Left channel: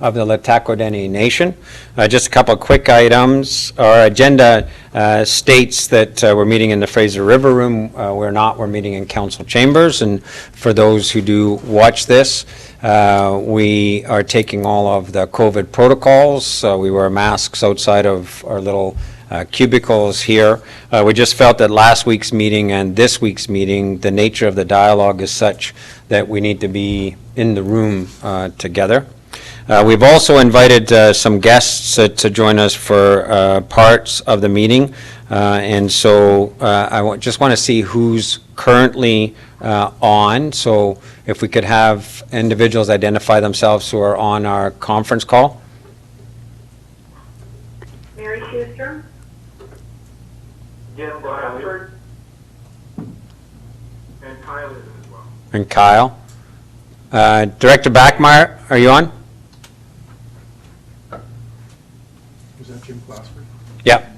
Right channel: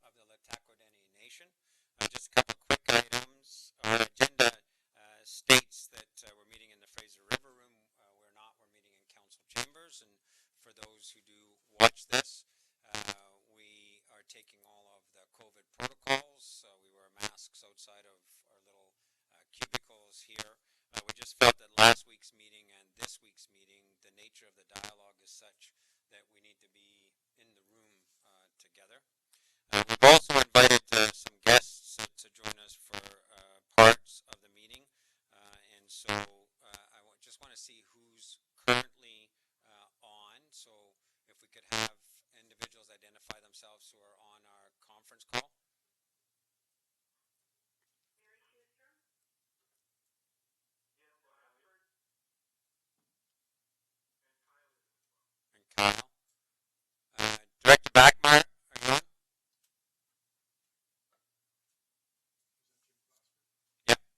of the LHTAKO DENE Nation. Just a couple of quick items. Our agenda states that we're meeting in the Fraser River Room. We're not. We're meeting in council chambers. And for those who do watch this, we are taking all of the COVID protocols. We wear masks outside of our little cubicles here. We just felt that last week's meeting and this week's meeting, the nature of the dialogue is such that we need to be in the room together. We've also invited some guests to join us for parts of the meeting. And so I just want to see who's currently on. So if we could have individuals identify themselves who are on our conference call. Mary Schuster. Jim Bradford. And Kyle is as well. And Kyle. Director Backmeyer, are you on? Was that Jim Glassford? Yep.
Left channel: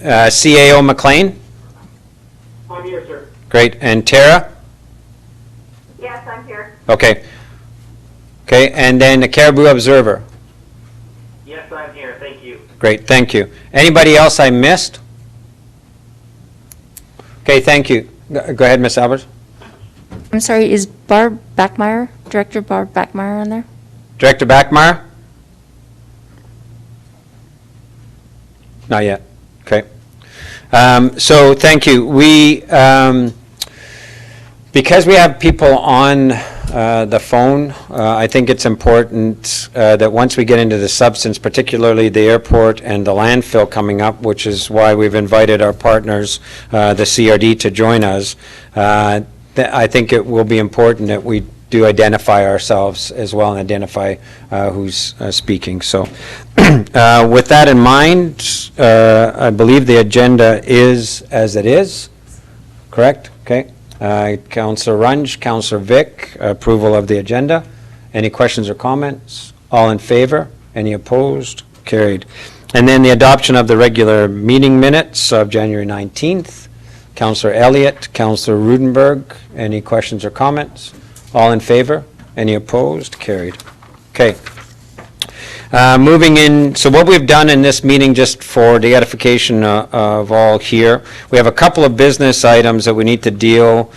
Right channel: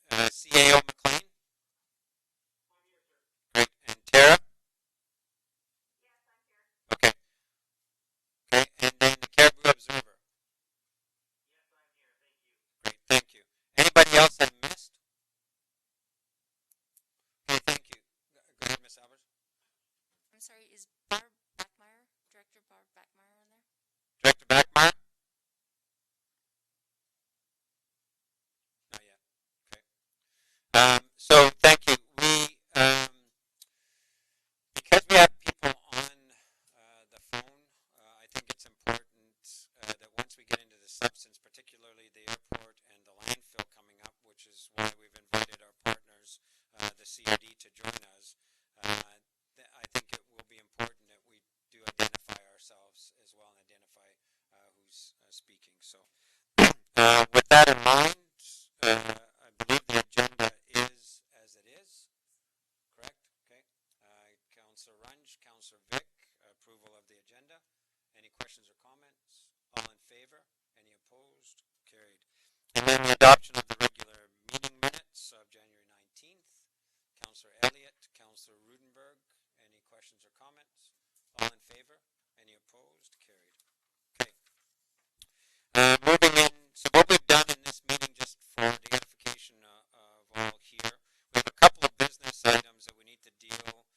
CAO McLean? I'm here, sir. Great. And Tara? Yes, I'm here. Okay. Okay, and then the Cariboo Observer. Yes, I'm here. Thank you. Great, thank you. Anybody else I missed? Okay, thank you. Go ahead, Ms. Albers. I'm sorry, is Barb Backmeyer, Director Barb Backmeyer on there? Director Backmeyer? Not yet. Okay. So thank you. We, because we have people on the phone, I think it's important that once we get into the substance, particularly the airport and the landfill coming up, which is why we've invited our partners, the CRD, to join us, I think it will be important that we do identify ourselves as well and identify who's speaking. So with that in mind, I believe the agenda is as it is, correct? Okay. Councillor Runge, Councillor Vic, approval of the agenda. Any questions or comments? All in favor? Any opposed? Carried. And then the adoption of the regular meeting minutes of January 19th. Councillor Elliott, Councillor Rudenberg, any questions or comments? All in favor? Any opposed? Carried. Okay. Moving in, so what we've done in this meeting, just for the edification of all here, we have a couple of business items that we need to deal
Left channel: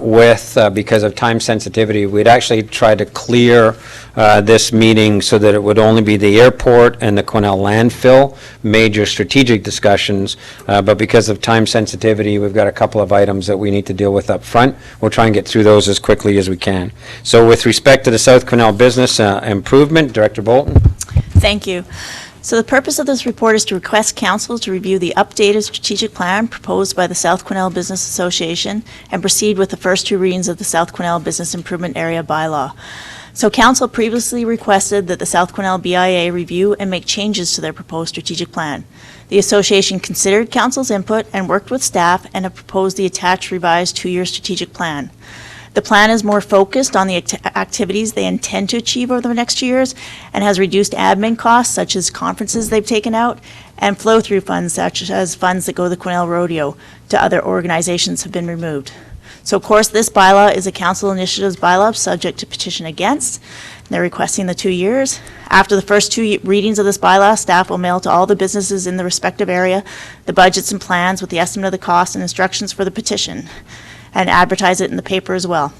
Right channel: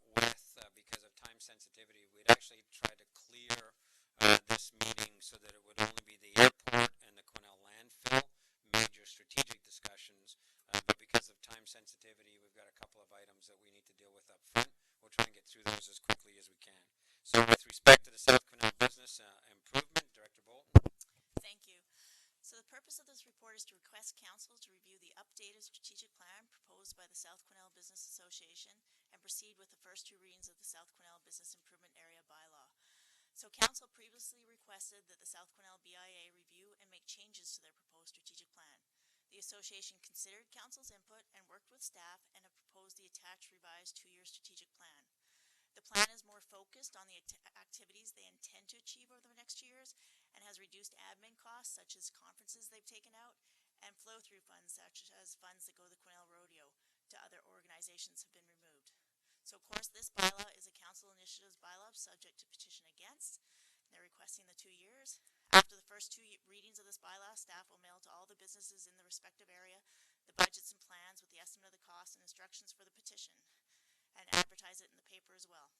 with because of time sensitivity. We'd actually tried to clear this meeting so that it would only be the airport and the Quesnel landfill, major strategic discussions, but because of time sensitivity, we've got a couple of items that we need to deal with up front. We'll try and get through those as quickly as we can. So with respect to the South Quesnel business improvement, Director Bolton. Thank you. So the purpose of this report is to request council to review the updated strategic plan proposed by the South Quesnel Business Association and proceed with the first two readings of the South Quesnel Business Improvement Area Bylaw. So council previously requested that the South Quesnel BIA review and make changes to their proposed strategic plan. The association considered council's input and worked with staff and have proposed the attached revised two-year strategic plan. The plan is more focused on the activities they intend to achieve over the next 2 years and has reduced admin costs, such as conferences they've taken out, and flow-through funds, such as funds that go to the Quesnel Rodeo to other organizations, have been removed. So, of course, this bylaw is a council initiatives bylaw subject to petition against. They're requesting the 2 years. After the first two readings of this bylaw, staff will mail to all the businesses in the respective area the budgets and plans with the estimate of the cost and instructions for the petition, and advertise it in the paper as well.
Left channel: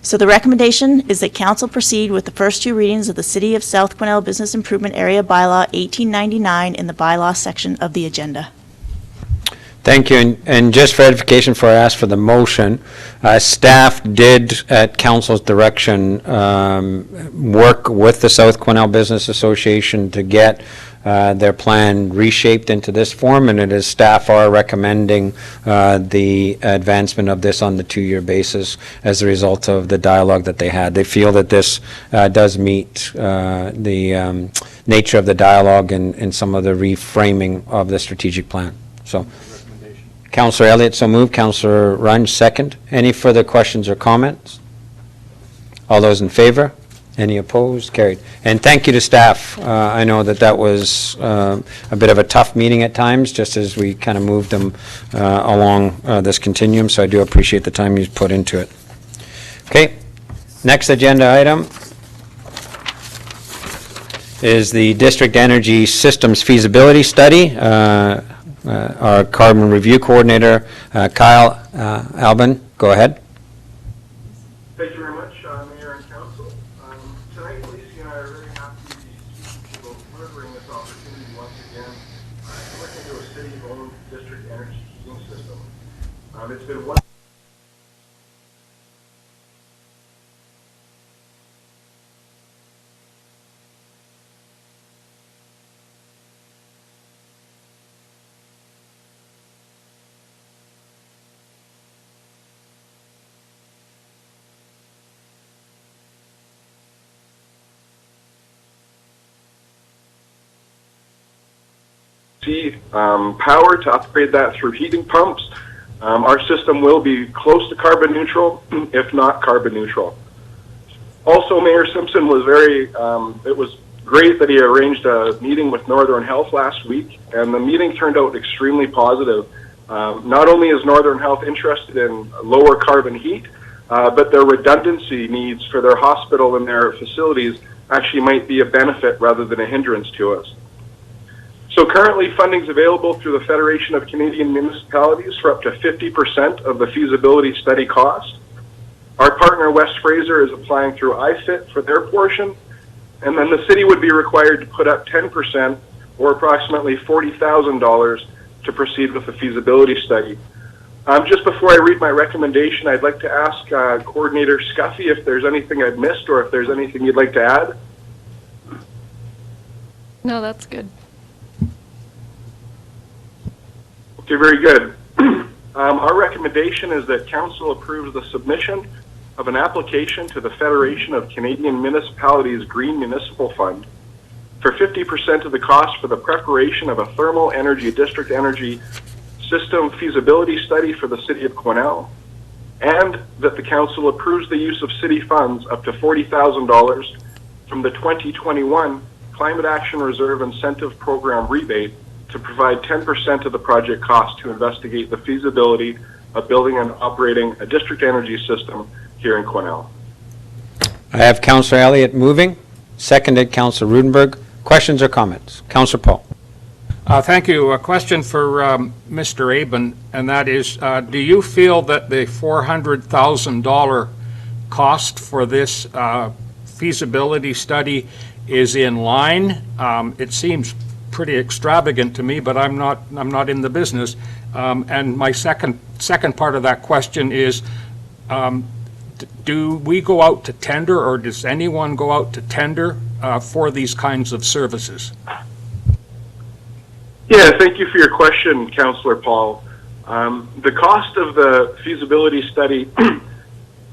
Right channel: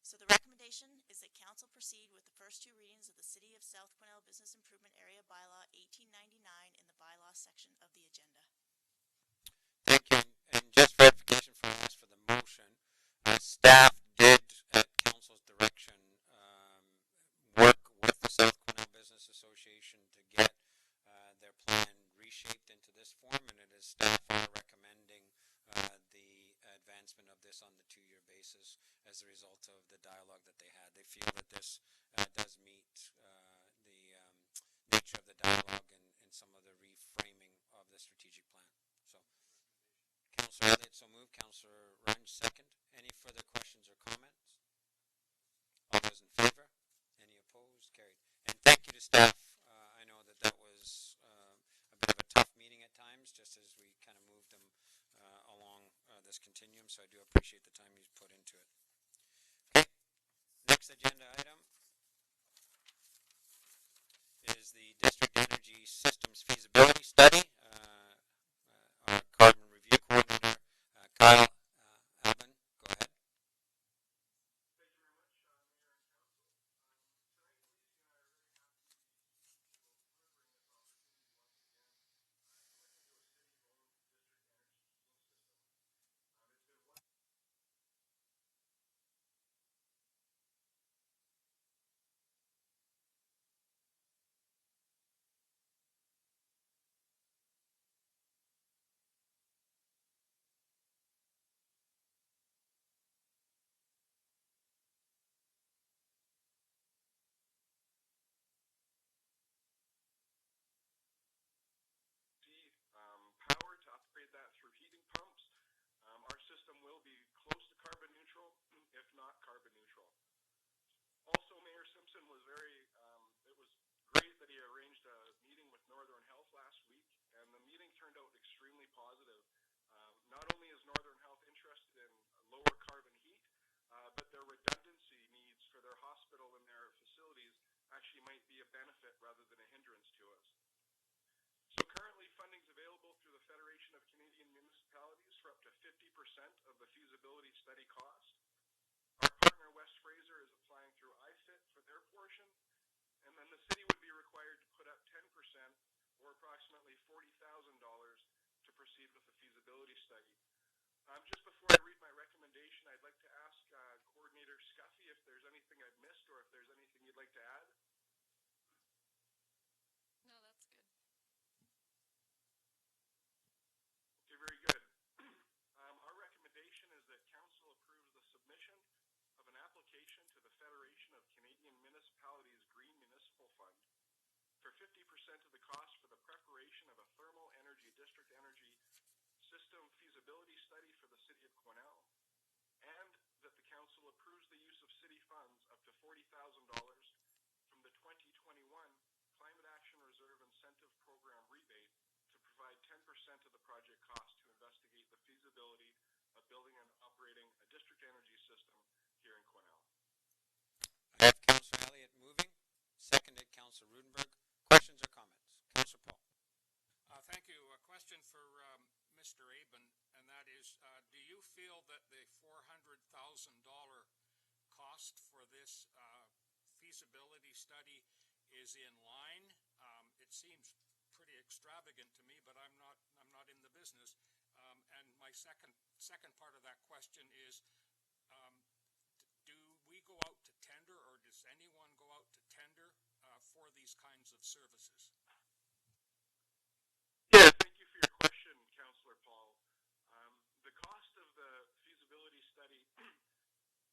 So the recommendation is that council proceed with the first two readings of the City of South Quesnel Business Improvement Area Bylaw 1899 in the bylaw section of the agenda. Thank you. And just for edification, before I ask for the motion, staff did, at council's direction, work with the South Quesnel Business Association to get their plan reshaped into this form, and it is staff are recommending the advancement of this on the 2-year basis as a result of the dialogue that they had. They feel that this does meet the nature of the dialogue and some of the reframing of the strategic plan. So, Councillor Elliott, so moved. Councillor Runge, second. Any further questions or comments? All those in favor? Any opposed? Carried. And thank you to staff. I know that was a bit of a tough meeting at times, just as we kind of moved them along this continuum, so I do appreciate the time you put into it. Okay, next agenda item. is the District Energy Systems Feasibility Study. Our Carbon Review Coordinator, Kyle Aben, go ahead. Thank you very much, Mayor and Council. Tonight, Lacey and I are very happy to be speaking about delivering this opportunity once again to look into a city-owned district energy heating system. It's been one. Power to upgrade that through heating pumps. Our system will be close to carbon neutral, if not carbon neutral. Also, Mayor Simpson was it was great that he arranged a meeting with Northern Health last week, and the meeting turned out extremely positive. Not only is Northern Health interested in lower carbon heat, but their redundancy needs for their hospital and their facilities actually might be a benefit rather than a hindrance to us. So currently, funding is available through the Federation of Canadian Municipalities for up to 50% of the feasibility study cost. Our partner, West Fraser, is applying through IFIT for their portion, and then the city would be required to put up 10%, or approximately $40,000, to proceed with the feasibility study. Just before I read my recommendation, I'd like to ask Coordinator Scuffi if there's anything I've missed or if there's anything you'd like to add. No, that's good. Okay, very good. Our recommendation is that Council approves the submission of an application to the Federation of Canadian Municipalities Green Municipal Fund for 50% of the cost for the preparation of a thermal energy district energy system feasibility study for the City of Quesnel, and that the Council approves the use of city funds up to $40,000 from the 2021 Climate Action Reserve Incentive Program rebate to provide 10% of the project cost to investigate the feasibility of building and operating a district energy system here in Quesnel. I have Councillor Elliott moving, seconded Councillor Rudenberg. Questions or comments? Councillor Paul. Thank you. A question for Mr. Aben, and that is, do you feel that the $400,000 cost for this feasibility study is in line? It seems pretty extravagant to me, but I'm not in the business. And my second part of that question is, do we go out to tender, or does anyone go out to tender for these kinds of services? Yeah, thank you for your question, Councillor Paul. The cost of the feasibility study,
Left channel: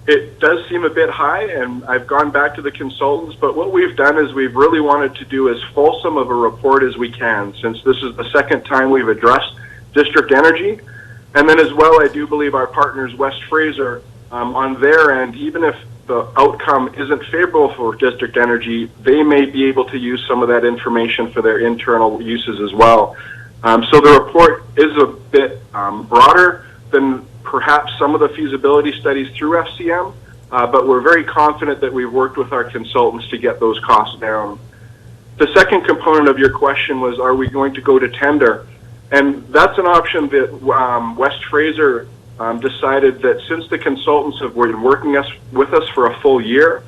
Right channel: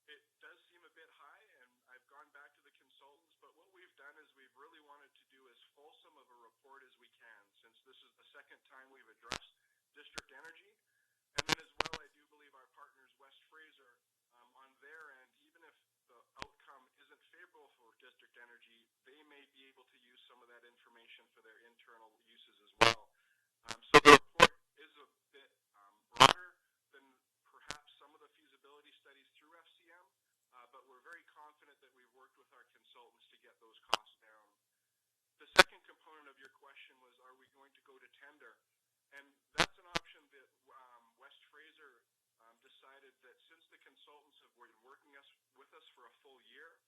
it does seem a bit high, and I've gone back to the consultants, but what we've done is we've really wanted to do as fulsome of a report as we can, since this is the second time we've addressed district energy. And then as well, I do believe our partners, West Fraser, on their end, even if the outcome isn't favorable for district energy, they may be able to use some of that information for their internal uses as well. So the report is a bit broader than perhaps some of the feasibility studies through FCM, but we're very confident that we've worked with our consultants to get those costs down. The second component of your question was, are we going to go to tender? And that's an option that West Fraser decided that since the consultants have been working with us for a full year,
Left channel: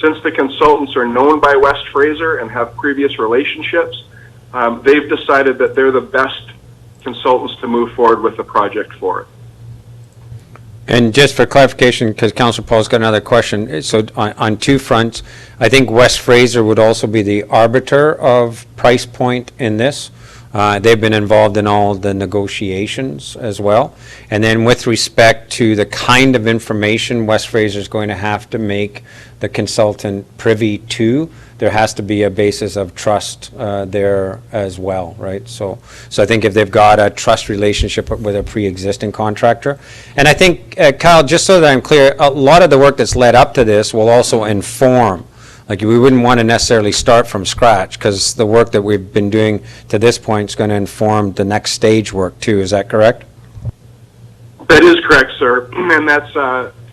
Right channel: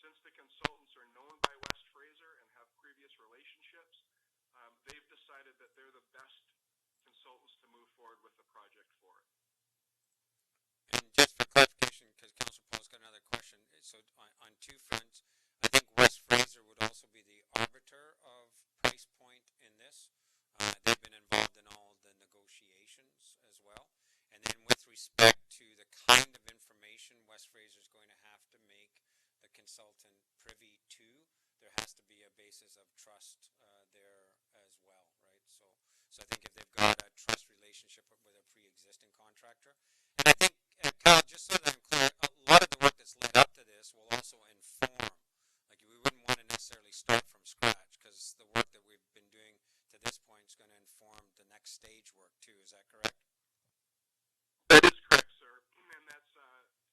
since the consultants are known by West Fraser and have previous relationships, they've decided that they're the best consultants to move forward with the project for it. And just for clarification, because Councillor Paul's got another question, so on two fronts, I think West Fraser would also be the arbiter of price point in this. They've been involved in all the negotiations as well. And then with respect to the kind of information West Fraser is going to have to make the consultant privy to, there has to be a basis of trust there as well, right? So I think if they've got a trust relationship with a pre-existing contractor, and I think, Kyle, just so that I'm clear, a lot of the work that's led up to this will also inform. Like, we wouldn't want to necessarily start from scratch, because the work that we've been doing to this point is going to inform the next stage work too. Is that correct? That is correct, sir. And that's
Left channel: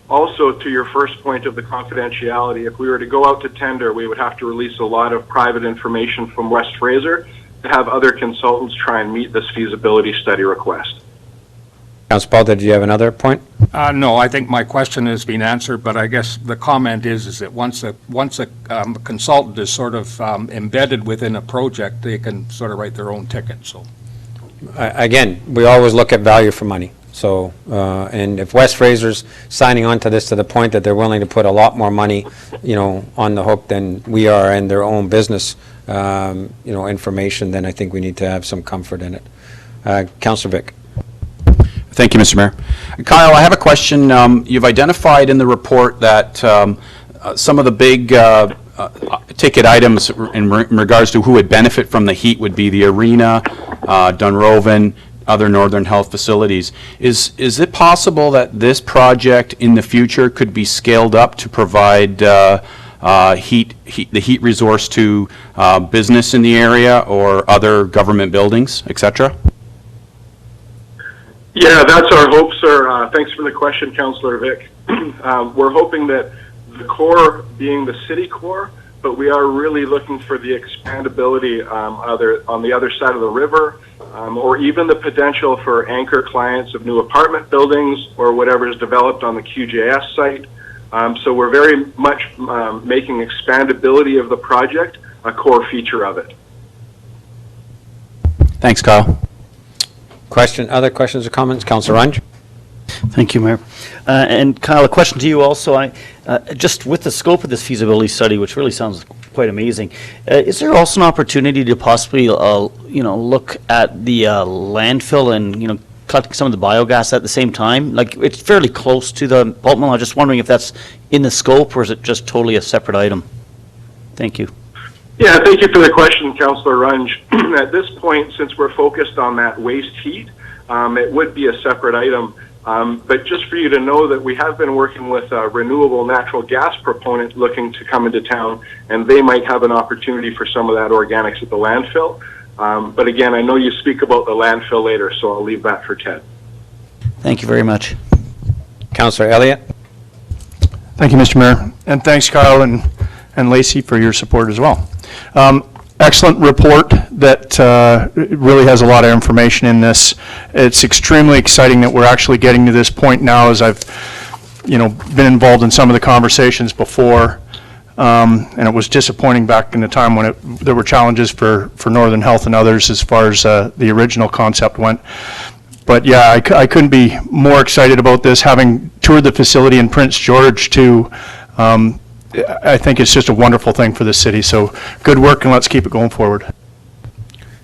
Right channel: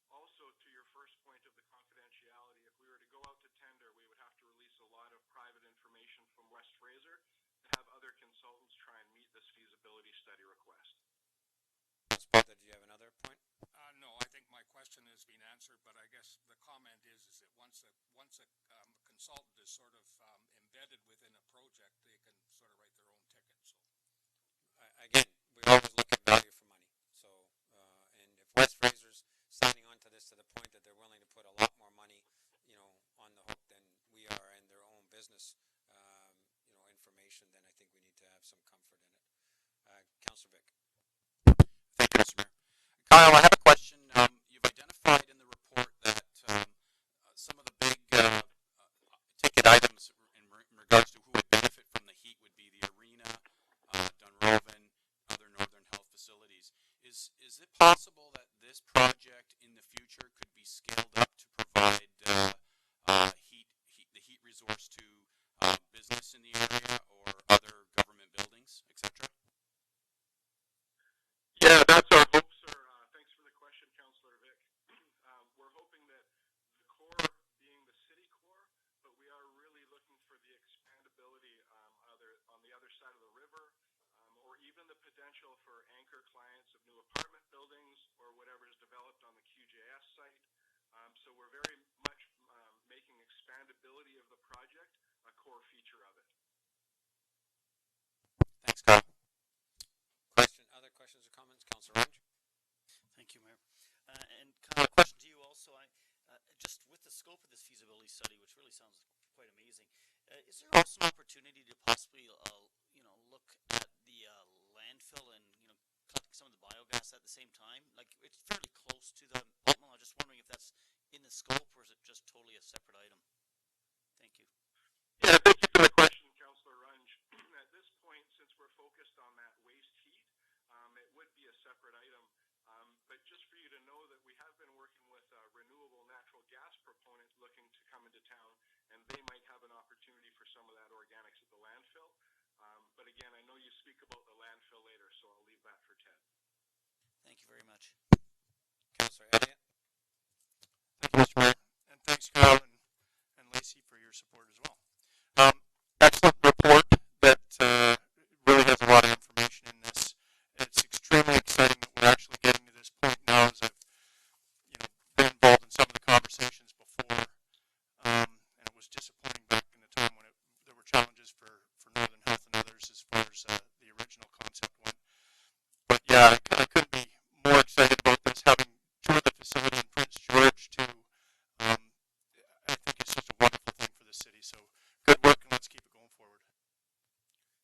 Also, to your first point of the confidentiality, if we were to go out to tender, we would have to release a lot of private information from West Fraser to have other consultants try and meet this feasibility study request. Councilor Paul, did you have another point? No, I think my question has been answered, but I guess the comment is that once a consultant is sort of embedded within a project, they can sort of write their own ticket, so. Again, we always look at value for money. So, and if West Fraser's signing on to this to the point that they're willing to put a lot more money, on the hook than we are in their own business, information, then I think we need to have some comfort in it. Councilor Vic. Thank you, Mr. Mayor. Kyle, I have a question. You've identified in the report that some of the big ticket items in regards to who would benefit from the heat would be the arena, Dunroven, other Northern Health facilities. Is it possible that this project in the future could be scaled up to provide the heat resource to business in the area or other government buildings, et cetera? Yeah, that's our hope, sir. Thanks for the question, Councillor Vic. We're hoping that the core being the city core, but we are really looking for the expandability either on the other side of the river, or even the potential for anchor clients of new apartment buildings or whatever is developed on the QJS site. So we're very much making expandability of the project a core feature of it. Thanks, Kyle. Other questions or comments? Councilor Runge? Thank you, Mayor. And Kyle, a question to you also. Just with the scope of this feasibility study, which really sounds quite amazing, is there also an opportunity to possibly, look at the landfill and, collecting some of the biogas at the same time? Like, it's fairly close to the pulp mill. I'm just wondering if that's in the scope, or is it just totally a separate item? Thank you. Yeah, thank you for the question, Councillor Runge. At this point, since we're focused on that waste heat, it would be a separate item. But just for you to know that we have been working with a renewable natural gas proponent looking to come into town, and they might have an opportunity for some of that organics at the landfill. But again, I know you speak about the landfill later, so I'll leave that for Ted. Thank you very much. Councilor Elliott? Thank you, Mr. Mayor. And thanks, Kyle and Lacey, for your support as well. Excellent report that really has a lot of information in this. It's extremely exciting that we're actually getting to this point now, as I've, been involved in some of the conversations before. And it was disappointing back in the time when there were challenges for Northern Health and others as far as the original concept went. But yeah, I couldn't be more excited about this. Having toured the facility in Prince George too, I think it's just a wonderful thing for the city. So good work, and let's keep it going forward.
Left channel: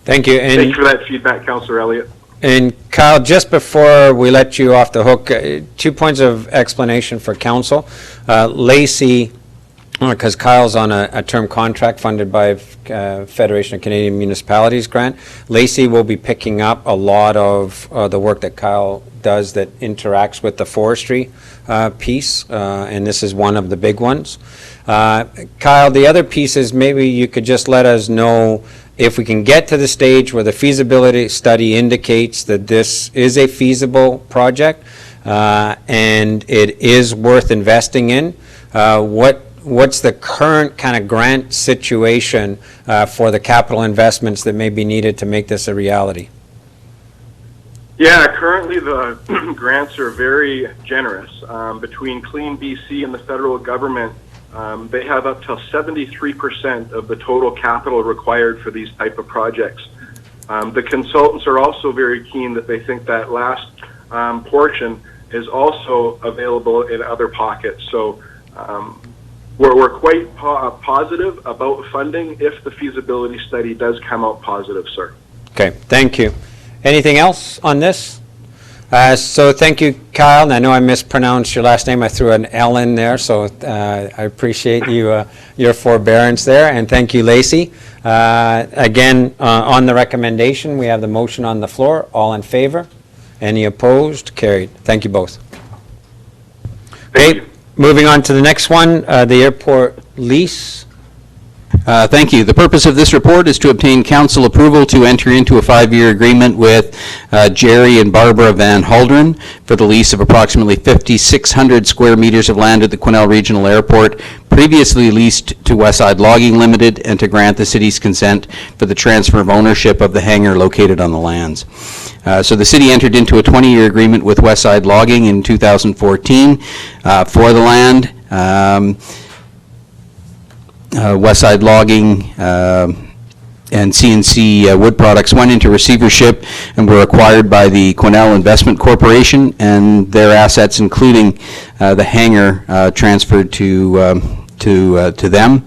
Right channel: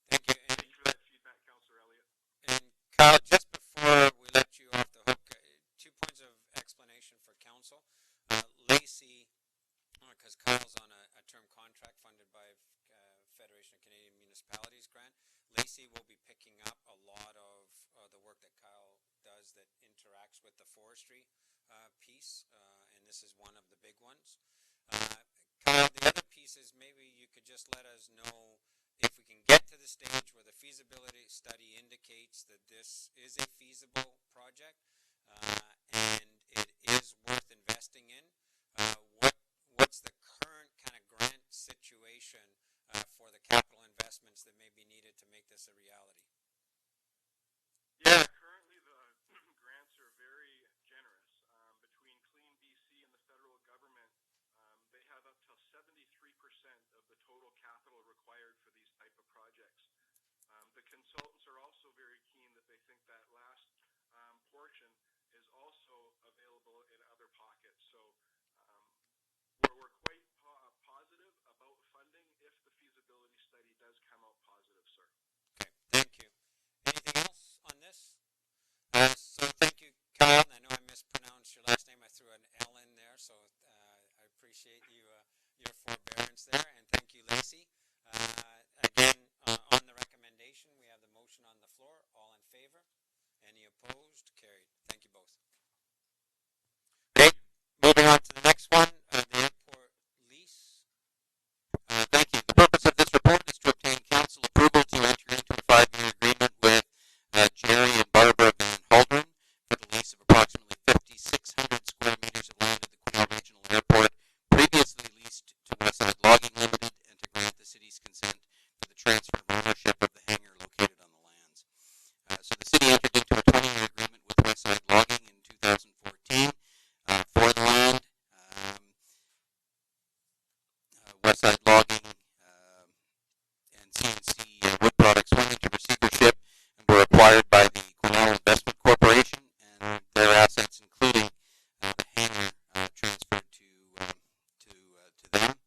Thank you. Thank you for that feedback, Councillor Elliott. And Kyle, just before we let you off the hook, 2 points of explanation for council. Lacey, because Kyle's on a term contract funded by Federation of Canadian Municipalities grant, Lacey will be picking up a lot of the work that Kyle does that interacts with the forestry piece, and this is one of the big ones. Kyle, the other piece is maybe you could just let us know if we can get to the stage where the feasibility study indicates that this is a feasible project and it is worth investing in. What's the current kind of grant situation for the capital investments that may be needed to make this a reality? Yeah, currently the grants are very generous. Between Clean BC and the federal government, they have up to 73% of the total capital required for these type of projects. The consultants are also very keen that they think that last portion is also available in other pockets. So we're quite positive about funding if the feasibility study does come out positive, sir. Okay, thank you. Anything else on this? So thank you, Kyle. And I know I mispronounced your last name. I threw an L in there, so I appreciate you your forbearance there. And thank you, Lacey. Again, on the recommendation, we have the motion on the floor. All in favor? Any opposed? Carried. Thank you both. Thank you. Moving on to the next one, the airport lease. Thank you. The purpose of this report is to obtain council approval to enter into a 5-year agreement with Jerry and Barbara Van Halderen for the lease of approximately 5,600 square meters of land at the Quesnel Regional Airport, previously leased to Westside Logging Limited, and to grant the city's consent for the transfer of ownership of the hangar located on the lands. So the city entered into a 20-year agreement with Westside Logging in 2014 for the land. Westside Logging and CNC Wood Products went into receivership and were acquired by the Quesnel Investment Corporation, and their assets, including the hangar, transferred to them.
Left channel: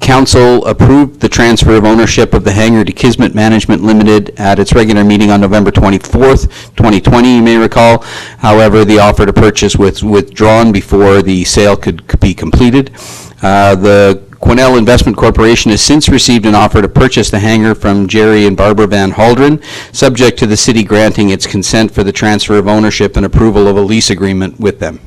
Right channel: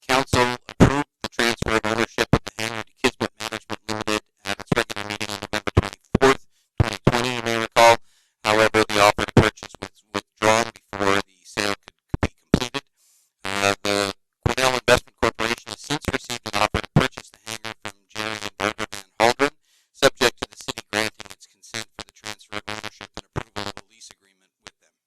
Council approved the transfer of ownership of the hangar to Kismet Management Limited at its regular meeting on November 24th, 2020, you may recall. However, the offer to purchase was withdrawn before the sale could be completed. The Quesnel Investment Corporation has since received an offer to purchase the hangar from Jerry and Barbara Van Halderen, subject to the city granting its consent for the transfer of ownership and approval of a lease agreement with them.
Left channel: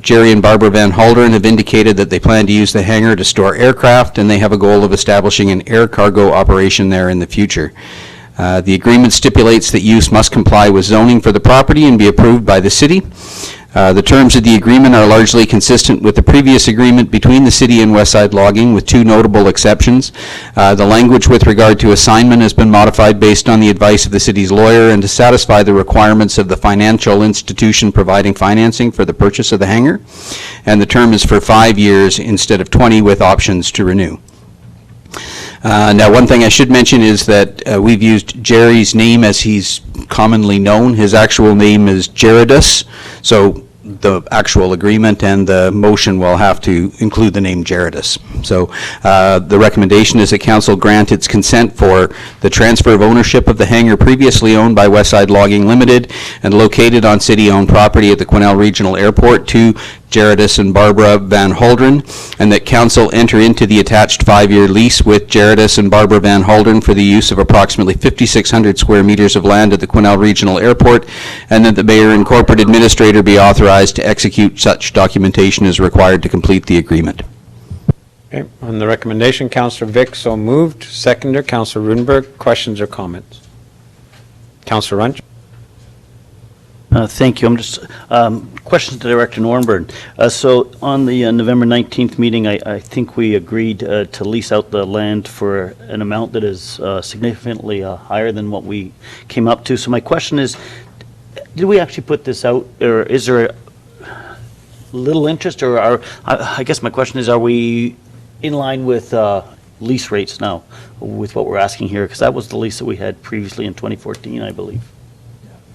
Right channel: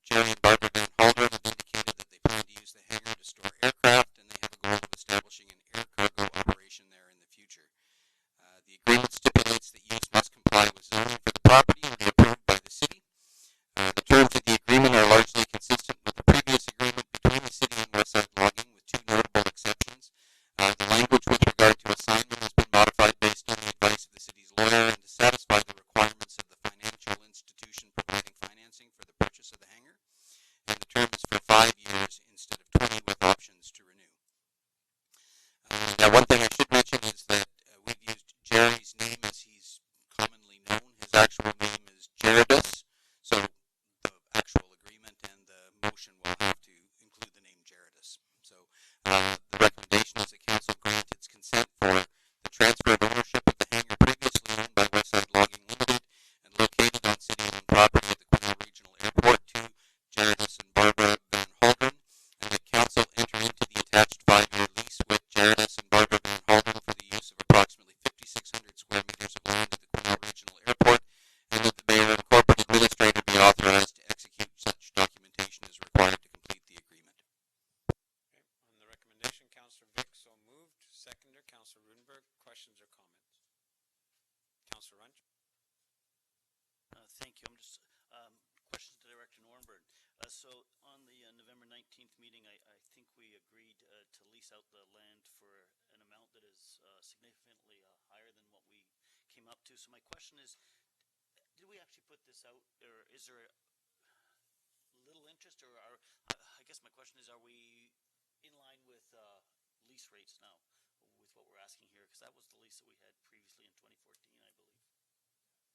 Jerry and Barbara Van Halderen have indicated that they plan to use the hangar to store aircraft, and they have a goal of establishing an air cargo operation there in the future. The agreement stipulates that use must comply with zoning for the property and be approved by the city. The terms of the agreement are largely consistent with the previous agreement between the city and Westside Logging, with two notable exceptions. The language with regard to assignment has been modified based on the advice of the city's lawyer and to satisfy the requirements of the financial institution providing financing for the purchase of the hangar. And the term is for 5 years instead of 20, with options to renew. Now, one thing I should mention is that we've used Jerry's name as he's commonly known. His actual name is Gerardus, so the actual agreement and the motion will have to include the name Gerardus. So the recommendation is that council grant its consent for the transfer of ownership of the hangar previously owned by Westside Logging Limited and located on city-owned property at the Quesnel Regional Airport to Gerardus and Barbara Van Halderen, and that council enter into the attached 5-year lease with Gerardus and Barbara Van Halderen for the use of approximately 5,600 square meters of land at the Quesnel Regional Airport, and that the mayor and corporate administrator be authorized to execute such documentation as required to complete the agreement. Okay, on the recommendation, Councillor Vic, so moved. Seconder, Councillor Rudenberg. Questions or comments? Councillor Runch? Thank you. I'm just, question to Director Norburn. So on the November 19th meeting, I think we agreed to lease out the land for an amount that is significantly higher than what we came up to. So my question is, did we actually put this out, or is there little interest, or I guess my question is, are we in line with lease rates now with what we're asking here? Because that was the lease that we had previously in 2014, I believe.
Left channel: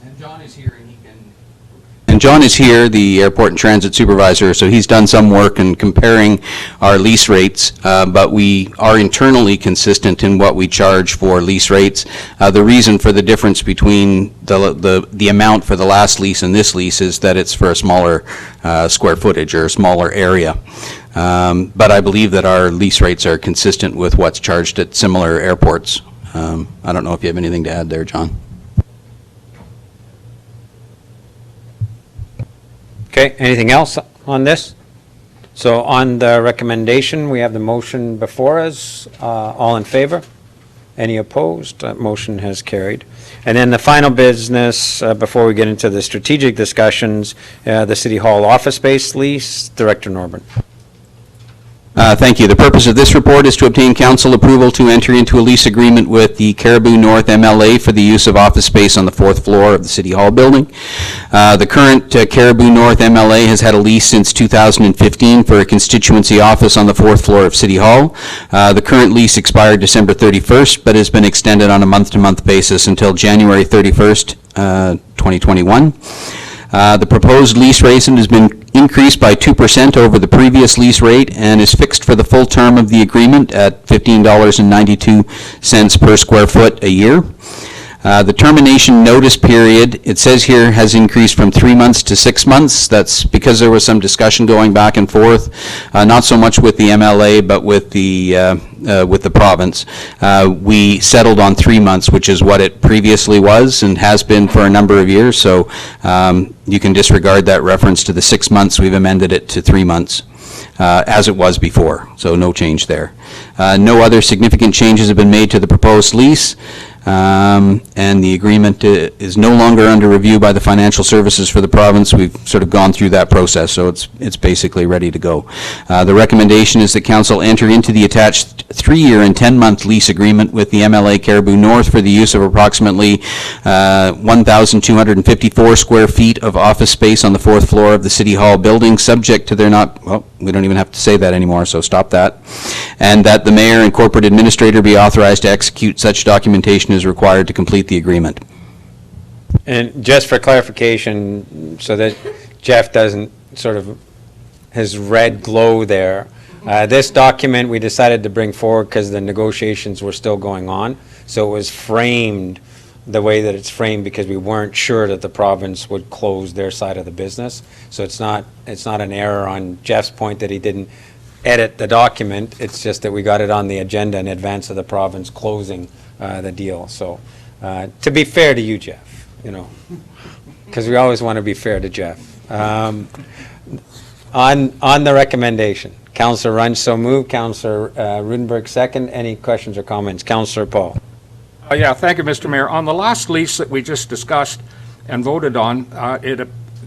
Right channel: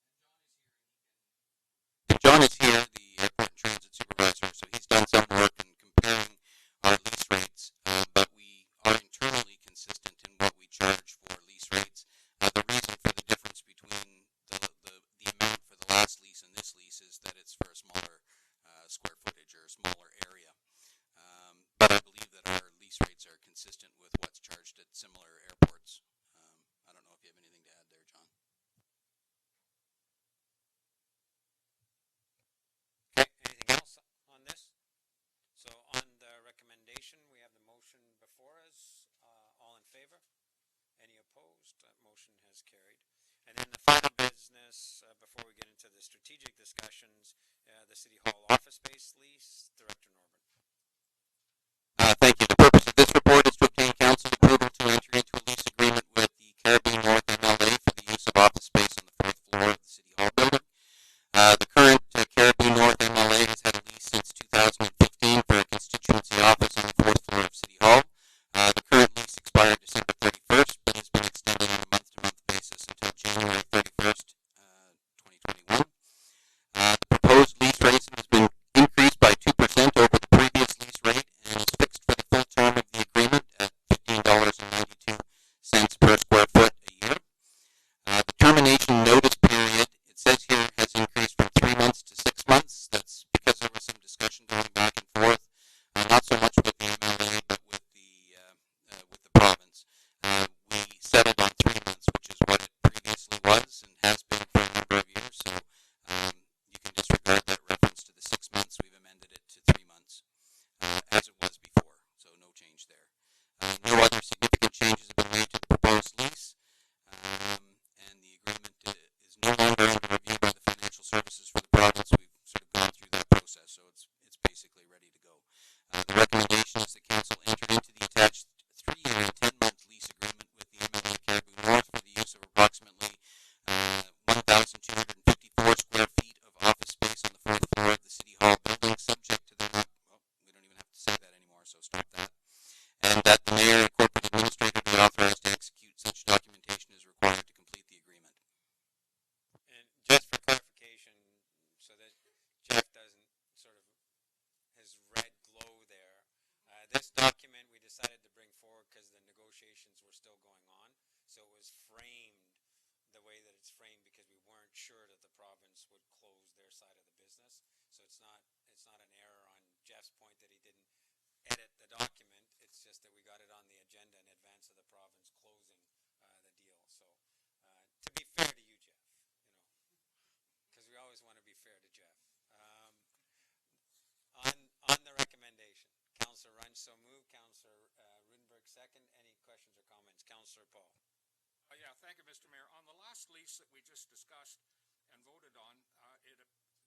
And John is here, and John is here, the airport and transit supervisor, so he's done some work in comparing our lease rates, but we are internally consistent in what we charge for lease rates. The reason for the difference between the amount for the last lease and this lease is that it's for a smaller square footage or a smaller area. But I believe that our lease rates are consistent with what's charged at similar airports. I don't know if you have anything to add there, John. Okay, anything else on this? So on the recommendation, we have the motion before us. All in favor? Any opposed? That motion has carried. And then the final business, before we get into the strategic discussions, the City Hall office space lease. Director Norburn. Thank you. The purpose of this report is to obtain council approval to enter into a lease agreement with the Cariboo North MLA for the use of office space on the 4th floor of the City Hall building. The current Cariboo North MLA has had a lease since 2015 for a constituency office on the 4th floor of City Hall. The current lease expired December 31st, but has been extended on a month-to-month basis until January 31st, 2021. The proposed lease rate has been increased by 2% over the previous lease rate and is fixed for the full term of the agreement at $15.92 per square foot a year. The termination notice period, it says here, has increased from 3 months to 6 months. That's because there was some discussion going back and forth, not so much with the MLA, but with the province. We settled on 3 months, which is what it previously was and has been for a number of years. So you can disregard that reference to the 6 months. We've amended it to 3 months. as it was before, so no change there. No other significant changes have been made to the proposed lease. And the agreement is no longer under review by the financial services for the province. We've sort of gone through that process, so it's basically ready to go. The recommendation is that council enter into the attached 3-year and 10-month lease agreement with the MLA Cariboo North for the use of approximately 1,254 square feet of office space on the 4th floor of the City Hall building, subject to their not, well, we don't even have to say that anymore, so stop that. And that the mayor and corporate administrator be authorized to execute such documentation as required to complete the agreement. And just for clarification, so that Jeff doesn't sort of, his red glow there, this document we decided to bring forward because the negotiations were still going on. So it was framed the way that it's framed because we weren't sure that the province would close their side of the business. So it's not an error on Jeff's point that he didn't edit the document. It's just that we got it on the agenda in advance of the province closing the deal. So to be fair to you, Jeff, you know, because we always want to be fair to Jeff. On the recommendation, Councillor Runge so moved, Councillor Rudenberg second. Any questions or comments? Councillor Paul. Yeah, thank you, Mr. Mayor. On the last lease that we just discussed and voted on,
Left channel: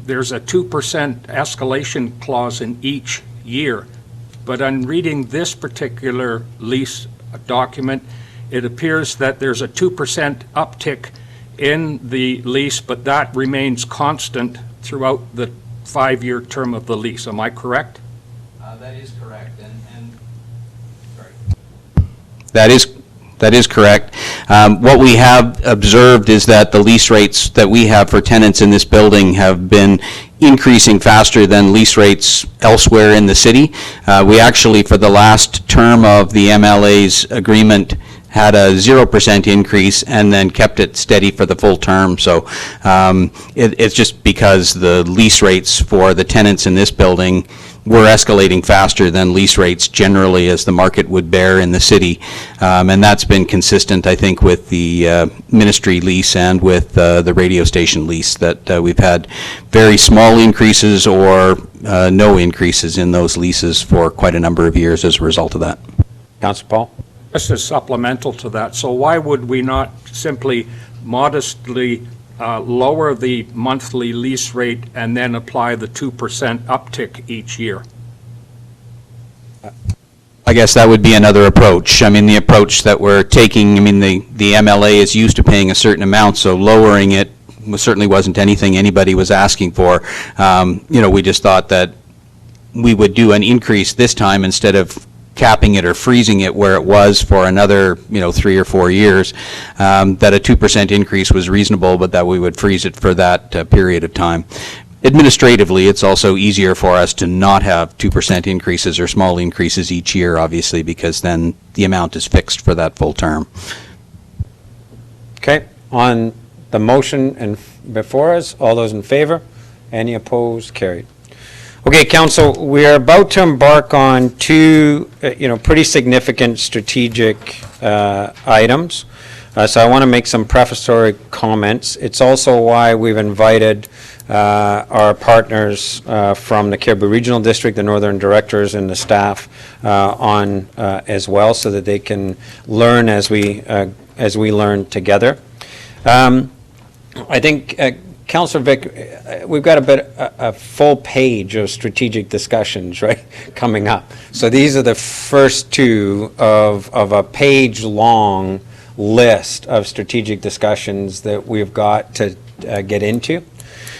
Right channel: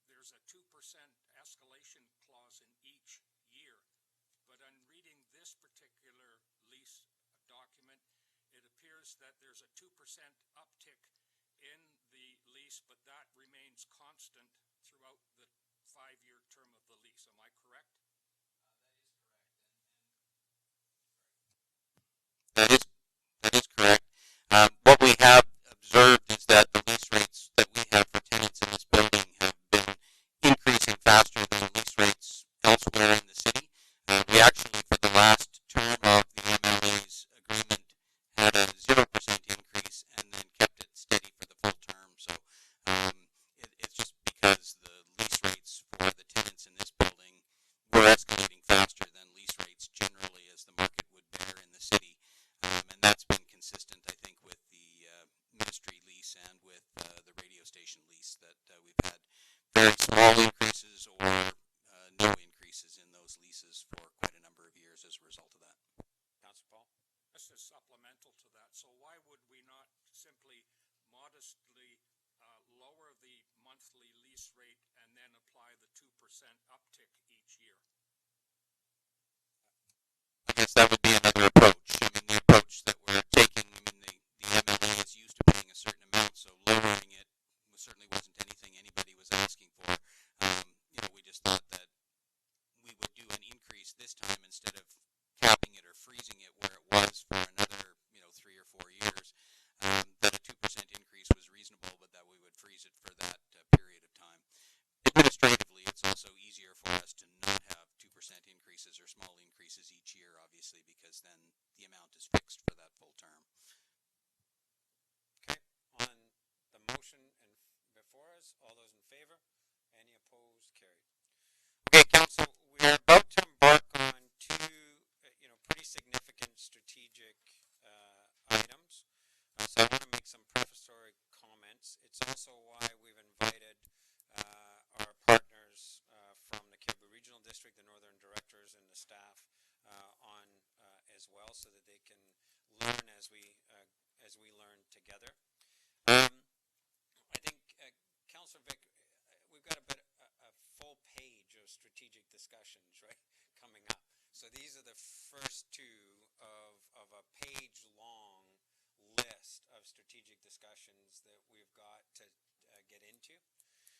there's a 2% escalation clause in each year. But on reading this particular lease document, it appears that there's a 2% uptick in the lease, but that remains constant throughout the 5-year term of the lease. Am I correct? That is correct. That is correct. What we have observed is that the lease rates that we have for tenants in this building have been increasing faster than lease rates elsewhere in the city. We actually, for the last term of the MLA's agreement, had a 0% increase and then kept it steady for the full term. So it's just because the lease rates for the tenants in this building were escalating faster than lease rates generally as the market would bear in the city. And that's been consistent, I think, with the ministry lease and with the radio station lease, that we've had very small increases or no increases in those leases for quite a number of years as a result of that. Councillor Paul. Just as supplemental to that, so why would we not simply modestly lower the monthly lease rate and then apply the 2% uptick each year? I guess that would be another approach. I mean, the approach that we're taking, I mean, the MLA is used to paying a certain amount, so lowering it certainly wasn't anything anybody was asking for. You know, we just thought that we would do an increase this time instead of capping it or freezing it where it was for another, 3 or 4 years, that a 2% increase was reasonable, but that we would freeze it for that period of time. Administratively, it's also easier for us to not have 2% increases or small increases each year, obviously, because then the amount is fixed for that full term. Okay, on the motion and before us, all those in favor? Any opposed? Carried. Okay, Council, we are about to embark on two, pretty significant strategic items. So I want to make some prefatory comments. It's also why we've invited our partners from the Cariboo Regional District, the Northern Directors, and the staff on as well, so that they can learn as we learn together. I think, Councillor Vic, we've got a full page of strategic discussions, right, coming up. So these are the first two of a page-long list of strategic discussions that we've got to get into.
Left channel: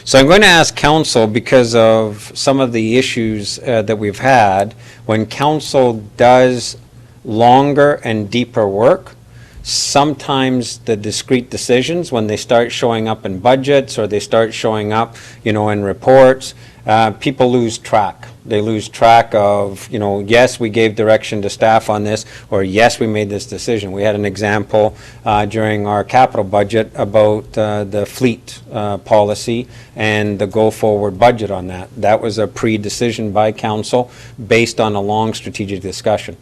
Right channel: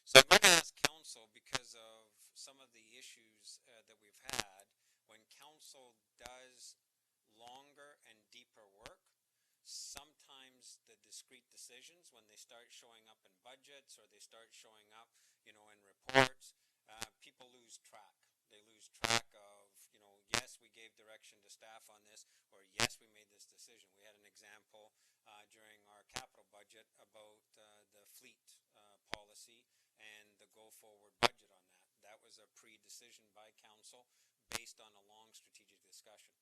So I'm going to ask Council, because of some of the issues that we've had, when Council does longer and deeper work, sometimes the discrete decisions, when they start showing up in budgets or they start showing up, in reports, people lose track. They lose track of, yes, we gave direction to staff on this, or yes, we made this decision. We had an example during our capital budget about the fleet policy and the go-forward budget on that. That was a pre-decision by Council based on a long strategic discussion.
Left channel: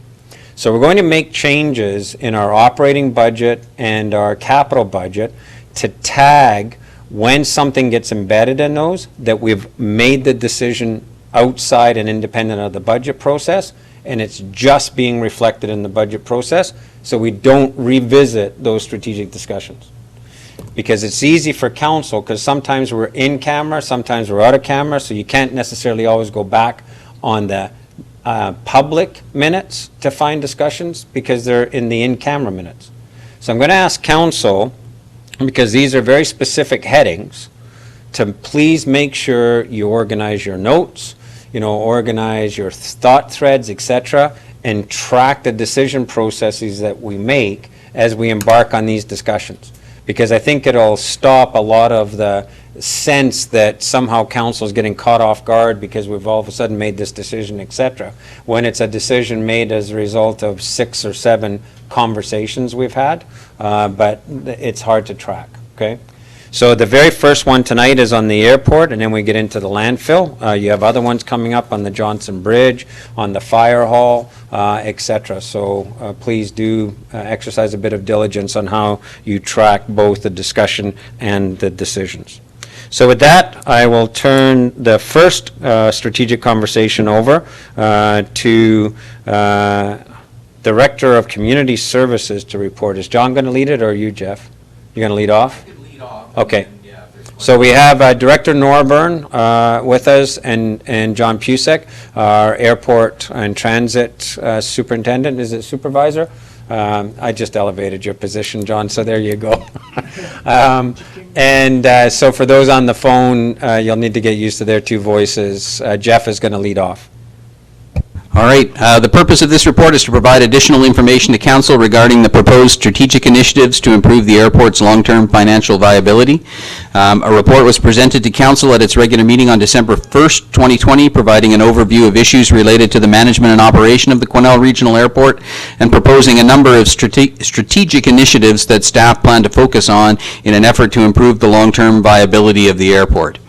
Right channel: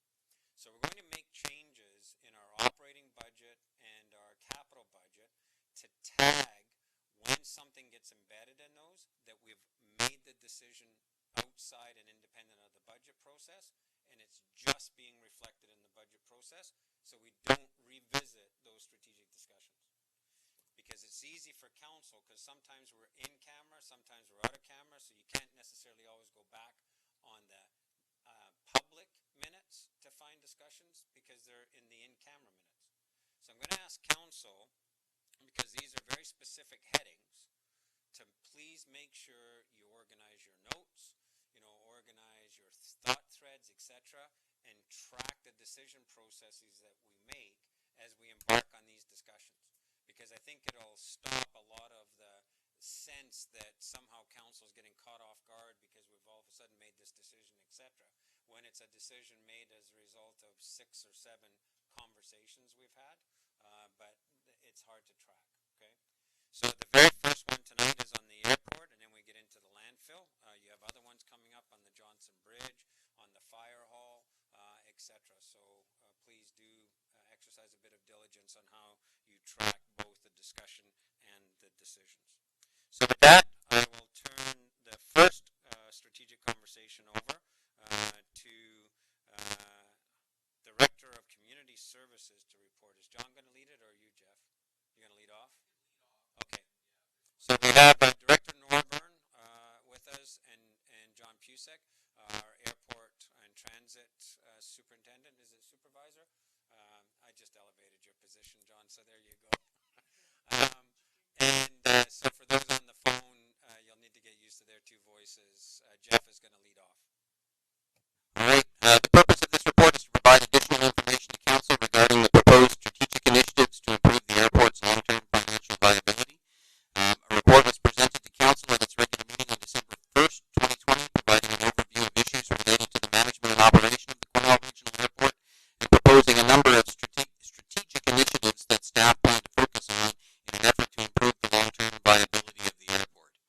So we're going to make changes in our operating budget and our capital budget to tag when something gets embedded in those, that we've made the decision outside and independent of the budget process, and it's just being reflected in the budget process, so we don't revisit those strategic discussions. Because it's easy for council, because sometimes we're in camera, sometimes we're out of camera, so you can't necessarily always go back on the public minutes to find discussions, because they're in the in-camera minutes. So I'm going to ask council, because these are very specific headings, to please make sure you organize your notes, organize your thought threads, etc., and track the decision processes that we make as we embark on these discussions. Because I think it'll stop a lot of the sense that somehow council is getting caught off guard because we've all of a sudden made this decision, etc., when it's a decision made as a result of 6 or 7 conversations we've had, but it's hard to track, okay? So the very first one tonight is on the airport, and then we get into the landfill. You have other ones coming up on the Johnson Bridge, on the fire hall, etc. So please do exercise a bit of diligence on how you track both the discussion and the decisions. So with that, I will turn the first strategic conversation over to Director of Community Services to report. Is John going to lead it, or are you, Jeff? You're going to lead off? Okay. So we have Director Norburn with us, and John Pusek, our airport and transit superintendent. Is it supervisor? I just elevated your position, John, so there you go. So for those on the phone, you'll need to get used to their 2 voices. Jeff is going to lead off. All right. The purpose of this report is to provide additional information to council regarding the proposed strategic initiatives to improve the airport's long-term financial viability. A report was presented to council at its regular meeting on December 1st, 2020, providing an overview of issues related to the management and operation of the Quesnel Regional Airport and proposing a number of strategic initiatives that staff plan to focus on in an effort to improve the long-term viability of the airport.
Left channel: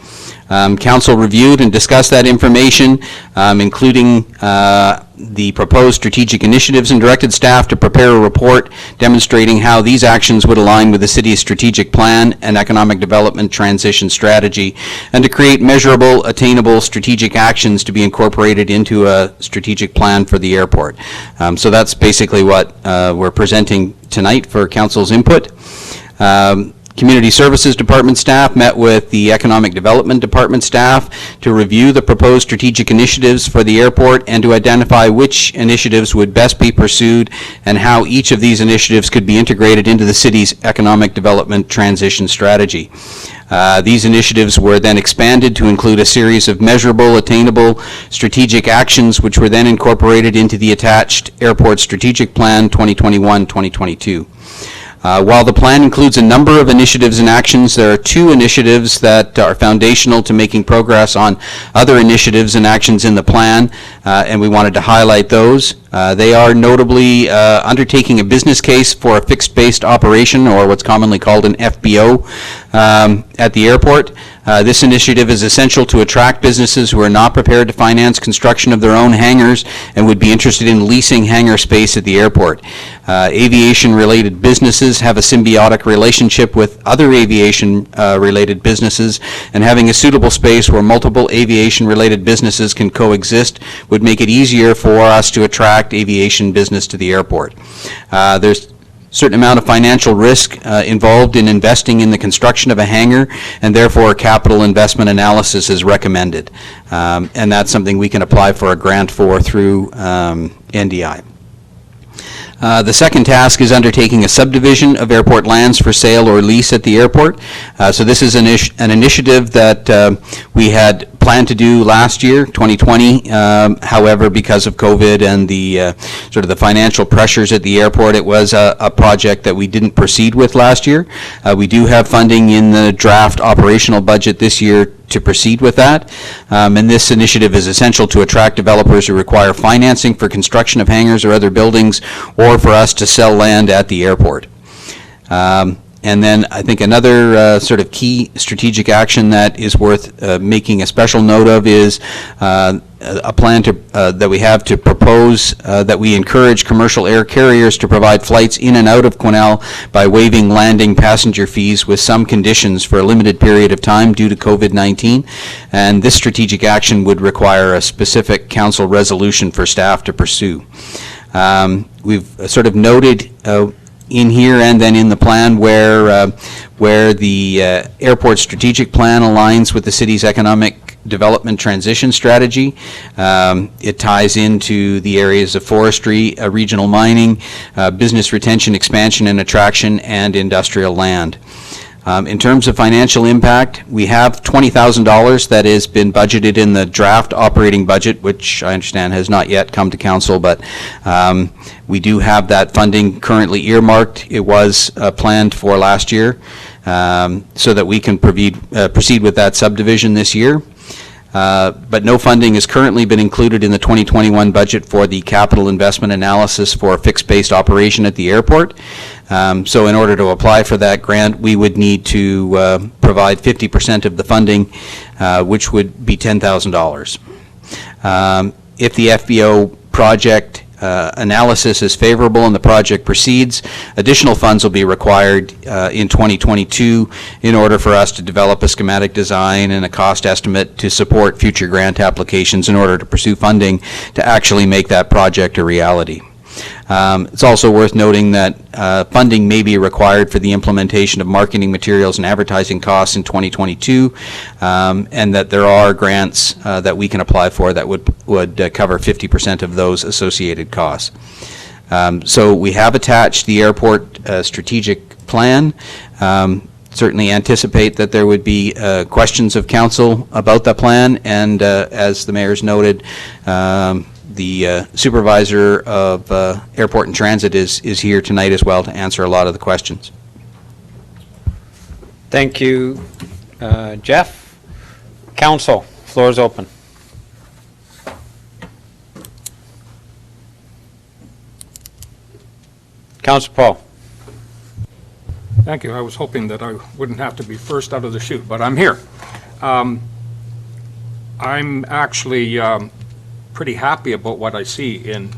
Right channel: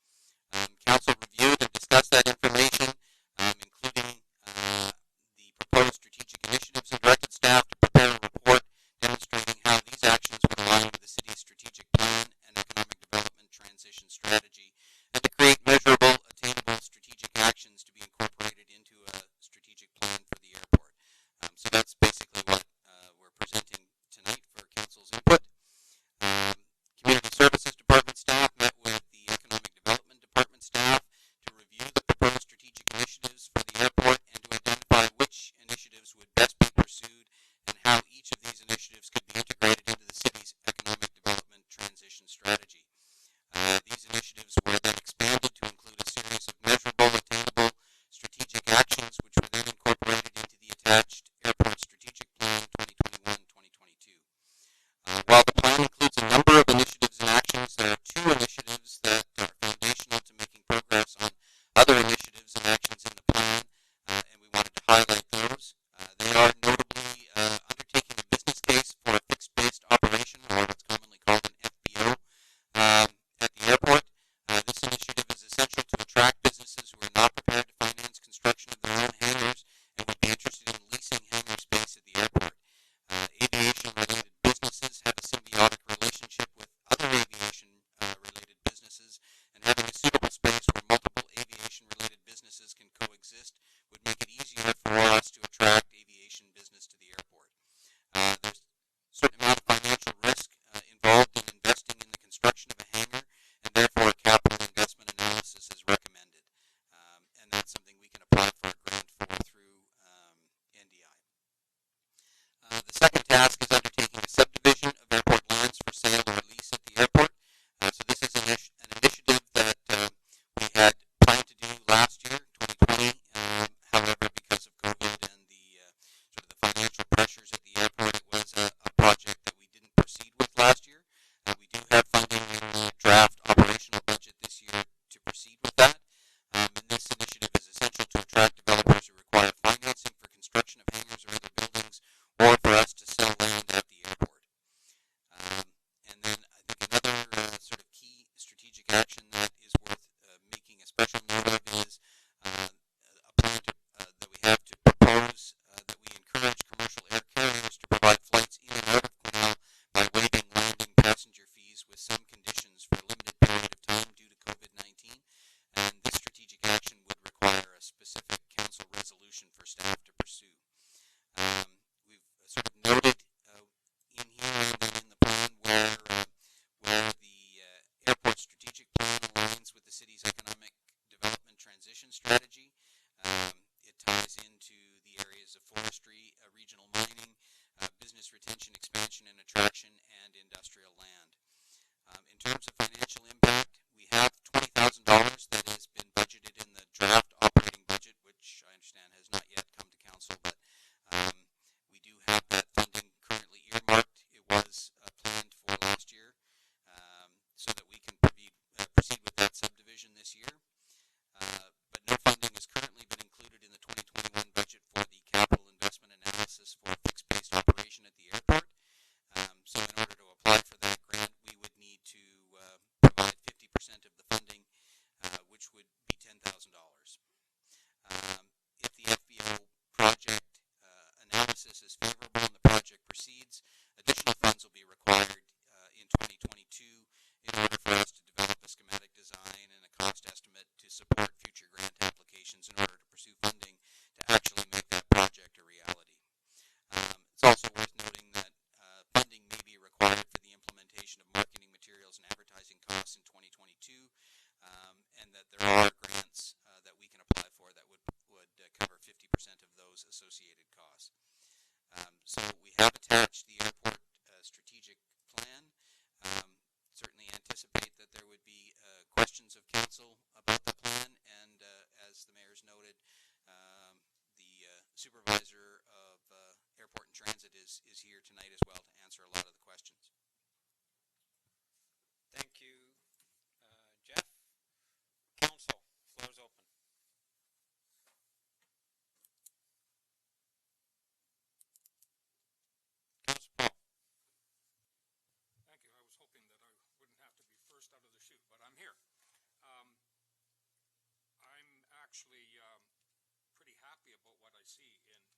Council reviewed and discussed that information, including the proposed strategic initiatives, and directed staff to prepare a report demonstrating how these actions would align with the city's strategic plan and economic development transition strategy, and to create measurable, attainable strategic actions to be incorporated into a strategic plan for the airport. So that's basically what we're presenting tonight for council's input. Community Services Department staff met with the Economic Development Department staff to review the proposed strategic initiatives for the airport and to identify which initiatives would best be pursued and how each of these initiatives could be integrated into the city's economic development transition strategy. These initiatives were then expanded to include a series of measurable, attainable strategic actions, which were then incorporated into the attached Airport Strategic Plan 2021-2022. While the plan includes a number of initiatives and actions, there are 2 initiatives that are foundational to making progress on other initiatives and actions in the plan, and we wanted to highlight those. They are notably undertaking a business case for a fixed-based operation, or what's commonly called an FBO, at the airport. This initiative is essential to attract businesses who are not prepared to finance construction of their own hangars and would be interested in leasing hangar space at the airport. Aviation-related businesses have a symbiotic relationship with other aviation-related businesses, and having a suitable space where multiple aviation-related businesses can coexist would make it easier for us to attract aviation business to the airport. There's certain amount of financial risk involved in investing in the construction of a hangar, and therefore capital investment analysis is recommended. And that's something we can apply for a grant for through NDI. The second task is undertaking a subdivision of airport lands for sale or lease at the airport. So this is an initiative that we had planned to do last year, 2020. However, because of COVID and the sort of the financial pressures at the airport, it was a project that we didn't proceed with last year. We do have funding in the draft operational budget this year to proceed with that. And this initiative is essential to attract developers who require financing for construction of hangars or other buildings, or for us to sell land at the airport. And then I think another sort of key strategic action that is worth making a special note of is a plan that we have to propose that we encourage commercial air carriers to provide flights in and out of Quesnel by waiving landing passenger fees with some conditions for a limited period of time due to COVID-19. And this strategic action would require a specific council resolution for staff to pursue. We've sort of noted in here and then in the plan where the airport strategic plan aligns with the city's economic development transition strategy. It ties into the areas of forestry, regional mining, business retention, expansion and attraction, and industrial land. In terms of financial impact, we have $20,000 that has been budgeted in the draft operating budget, which I understand has not yet come to council, but we do have that funding currently earmarked. It was planned for last year, so that we can proceed with that subdivision this year. But no funding has currently been included in the 2021 budget for the capital investment analysis for fixed-based operation at the airport. So in order to apply for that grant, we would need to provide 50% of the funding, which would be $10,000. If the FBO project analysis is favorable and the project proceeds, additional funds will be required in 2022 in order for us to develop a schematic design and a cost estimate to support future grant applications in order to pursue funding to actually make that project a reality. It's also worth noting that funding may be required for the implementation of marketing materials and advertising costs in 2022, and that there are grants that we can apply for that would cover 50% of those associated costs. So we have attached the airport strategic plan. Certainly anticipate that there would be questions of council about the plan, and as the mayor's noted, the supervisor of Airport and Transit is here tonight as well to answer a lot of the questions. Thank you, Jeff. Council, floor is open. Councilor Paul. Thank you. I was hoping that I wouldn't have to be first out of the chute, but I'm here. I'm actually pretty happy about what I see in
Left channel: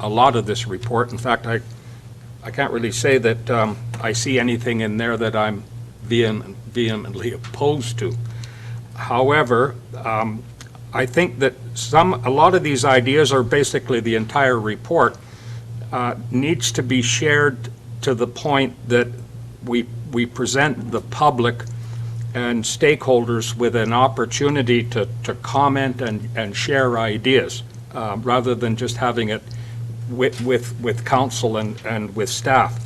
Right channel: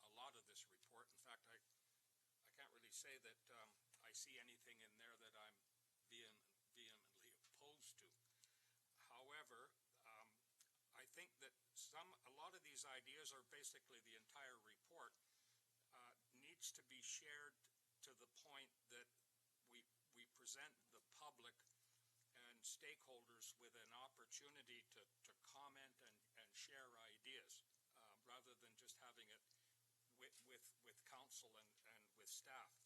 a lot of this report. In fact, I can't really say that I see anything in there that I'm vehemently opposed to. However, I think that a lot of these ideas, are basically the entire report, needs to be shared to the point that we present the public and stakeholders with an opportunity to comment and share ideas, rather than just having it with council and with staff.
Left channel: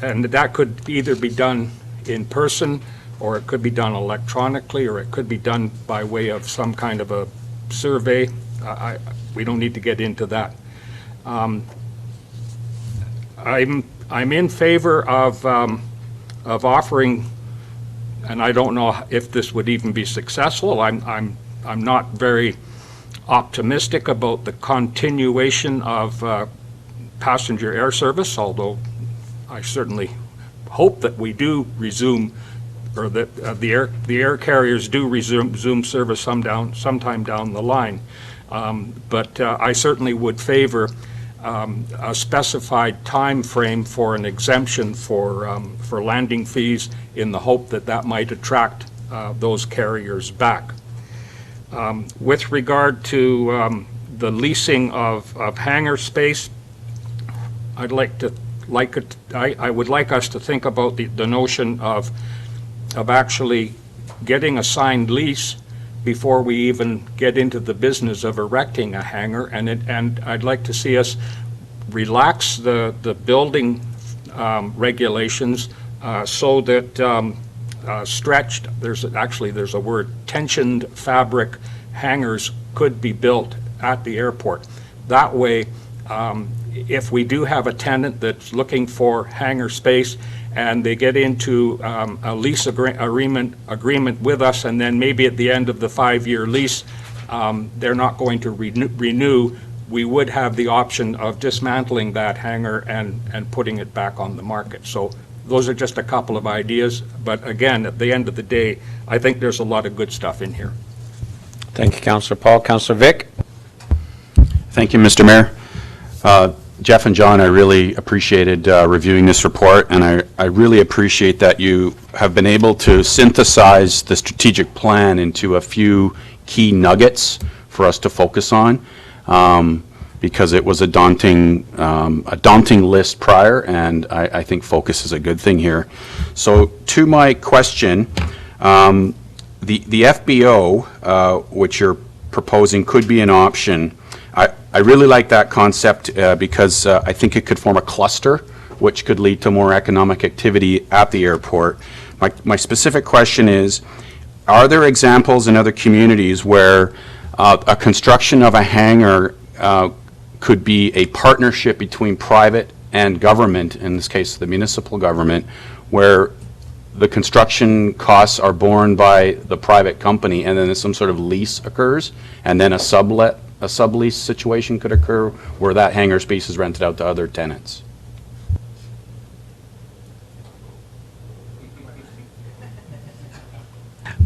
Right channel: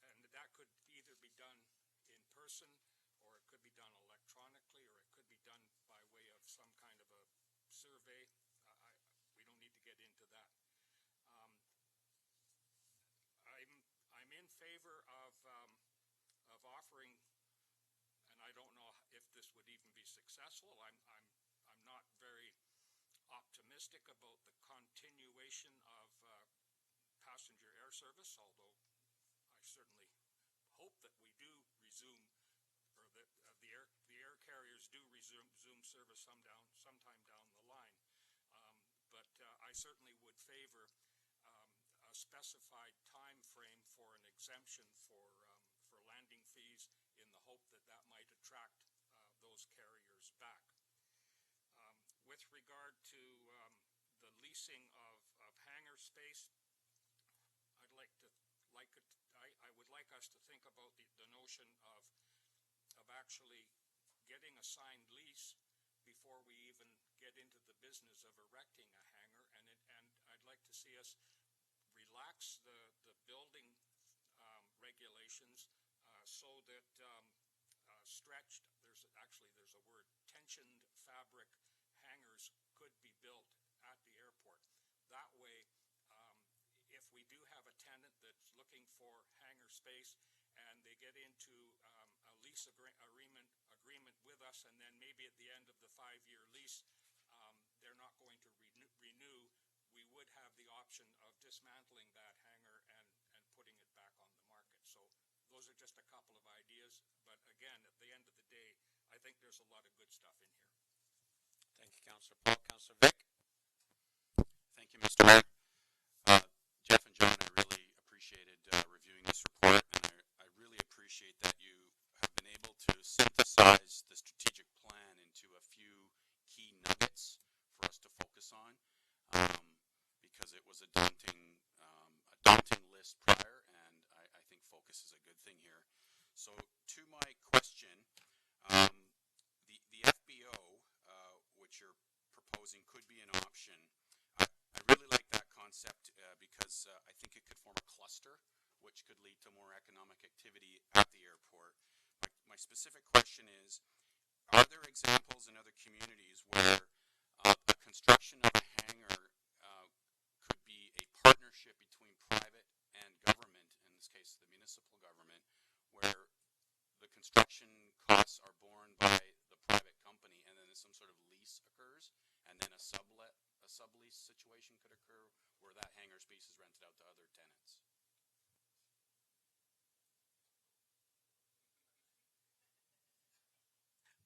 And that could either be done in person, or it could be done electronically, or it could be done by way of some kind of a survey. We don't need to get into that. I'm in favor of offering, and I don't know if this would even be successful. I'm not very optimistic about the continuation of passenger air service, although I certainly hope that we do resume, or that the air carriers do resume service sometime down the line. But I certainly would favor a specified time frame for an exemption for landing fees, in the hope that that might attract those carriers back. With regard to the leasing of hangar space, I would like us to think about the notion of actually getting a signed lease before we even get into the business of erecting a hangar, and I'd like to see us relax the building regulations so that stretched, there's a word, tensioned fabric hangars could be built at the airport. That way, if we do have a tenant that's looking for hangar space and they get into a lease agreement with us, and then maybe at the end of the 5-year lease, they're not going to renew, we would have the option of dismantling that hangar and putting it back on the market. So Those are just a couple of ideas, but again, at the end of the day, I think there's a lot of good stuff in here. Thank you, Councillor Paul. Councillor Vic? Thank you, Mr. Mayor. Jeff and John, I really appreciated reviewing this report, and I really appreciate that you have been able to synthesize the strategic plan into a few key nuggets for us to focus on, because it was a daunting list prior, and I think focus is a good thing here. So to my question, the FBO, which you're proposing, could be an option. I really like that concept because I think it could form a cluster, which could lead to more economic activity at the airport. My specific question is, are there examples in other communities where a construction of a hangar could be a partnership between private and government, in this case the municipal government, where the construction costs are borne by the private company, and then some sort of lease occurs, and then a sublease situation could occur where that hangar space is rented out to other tenants?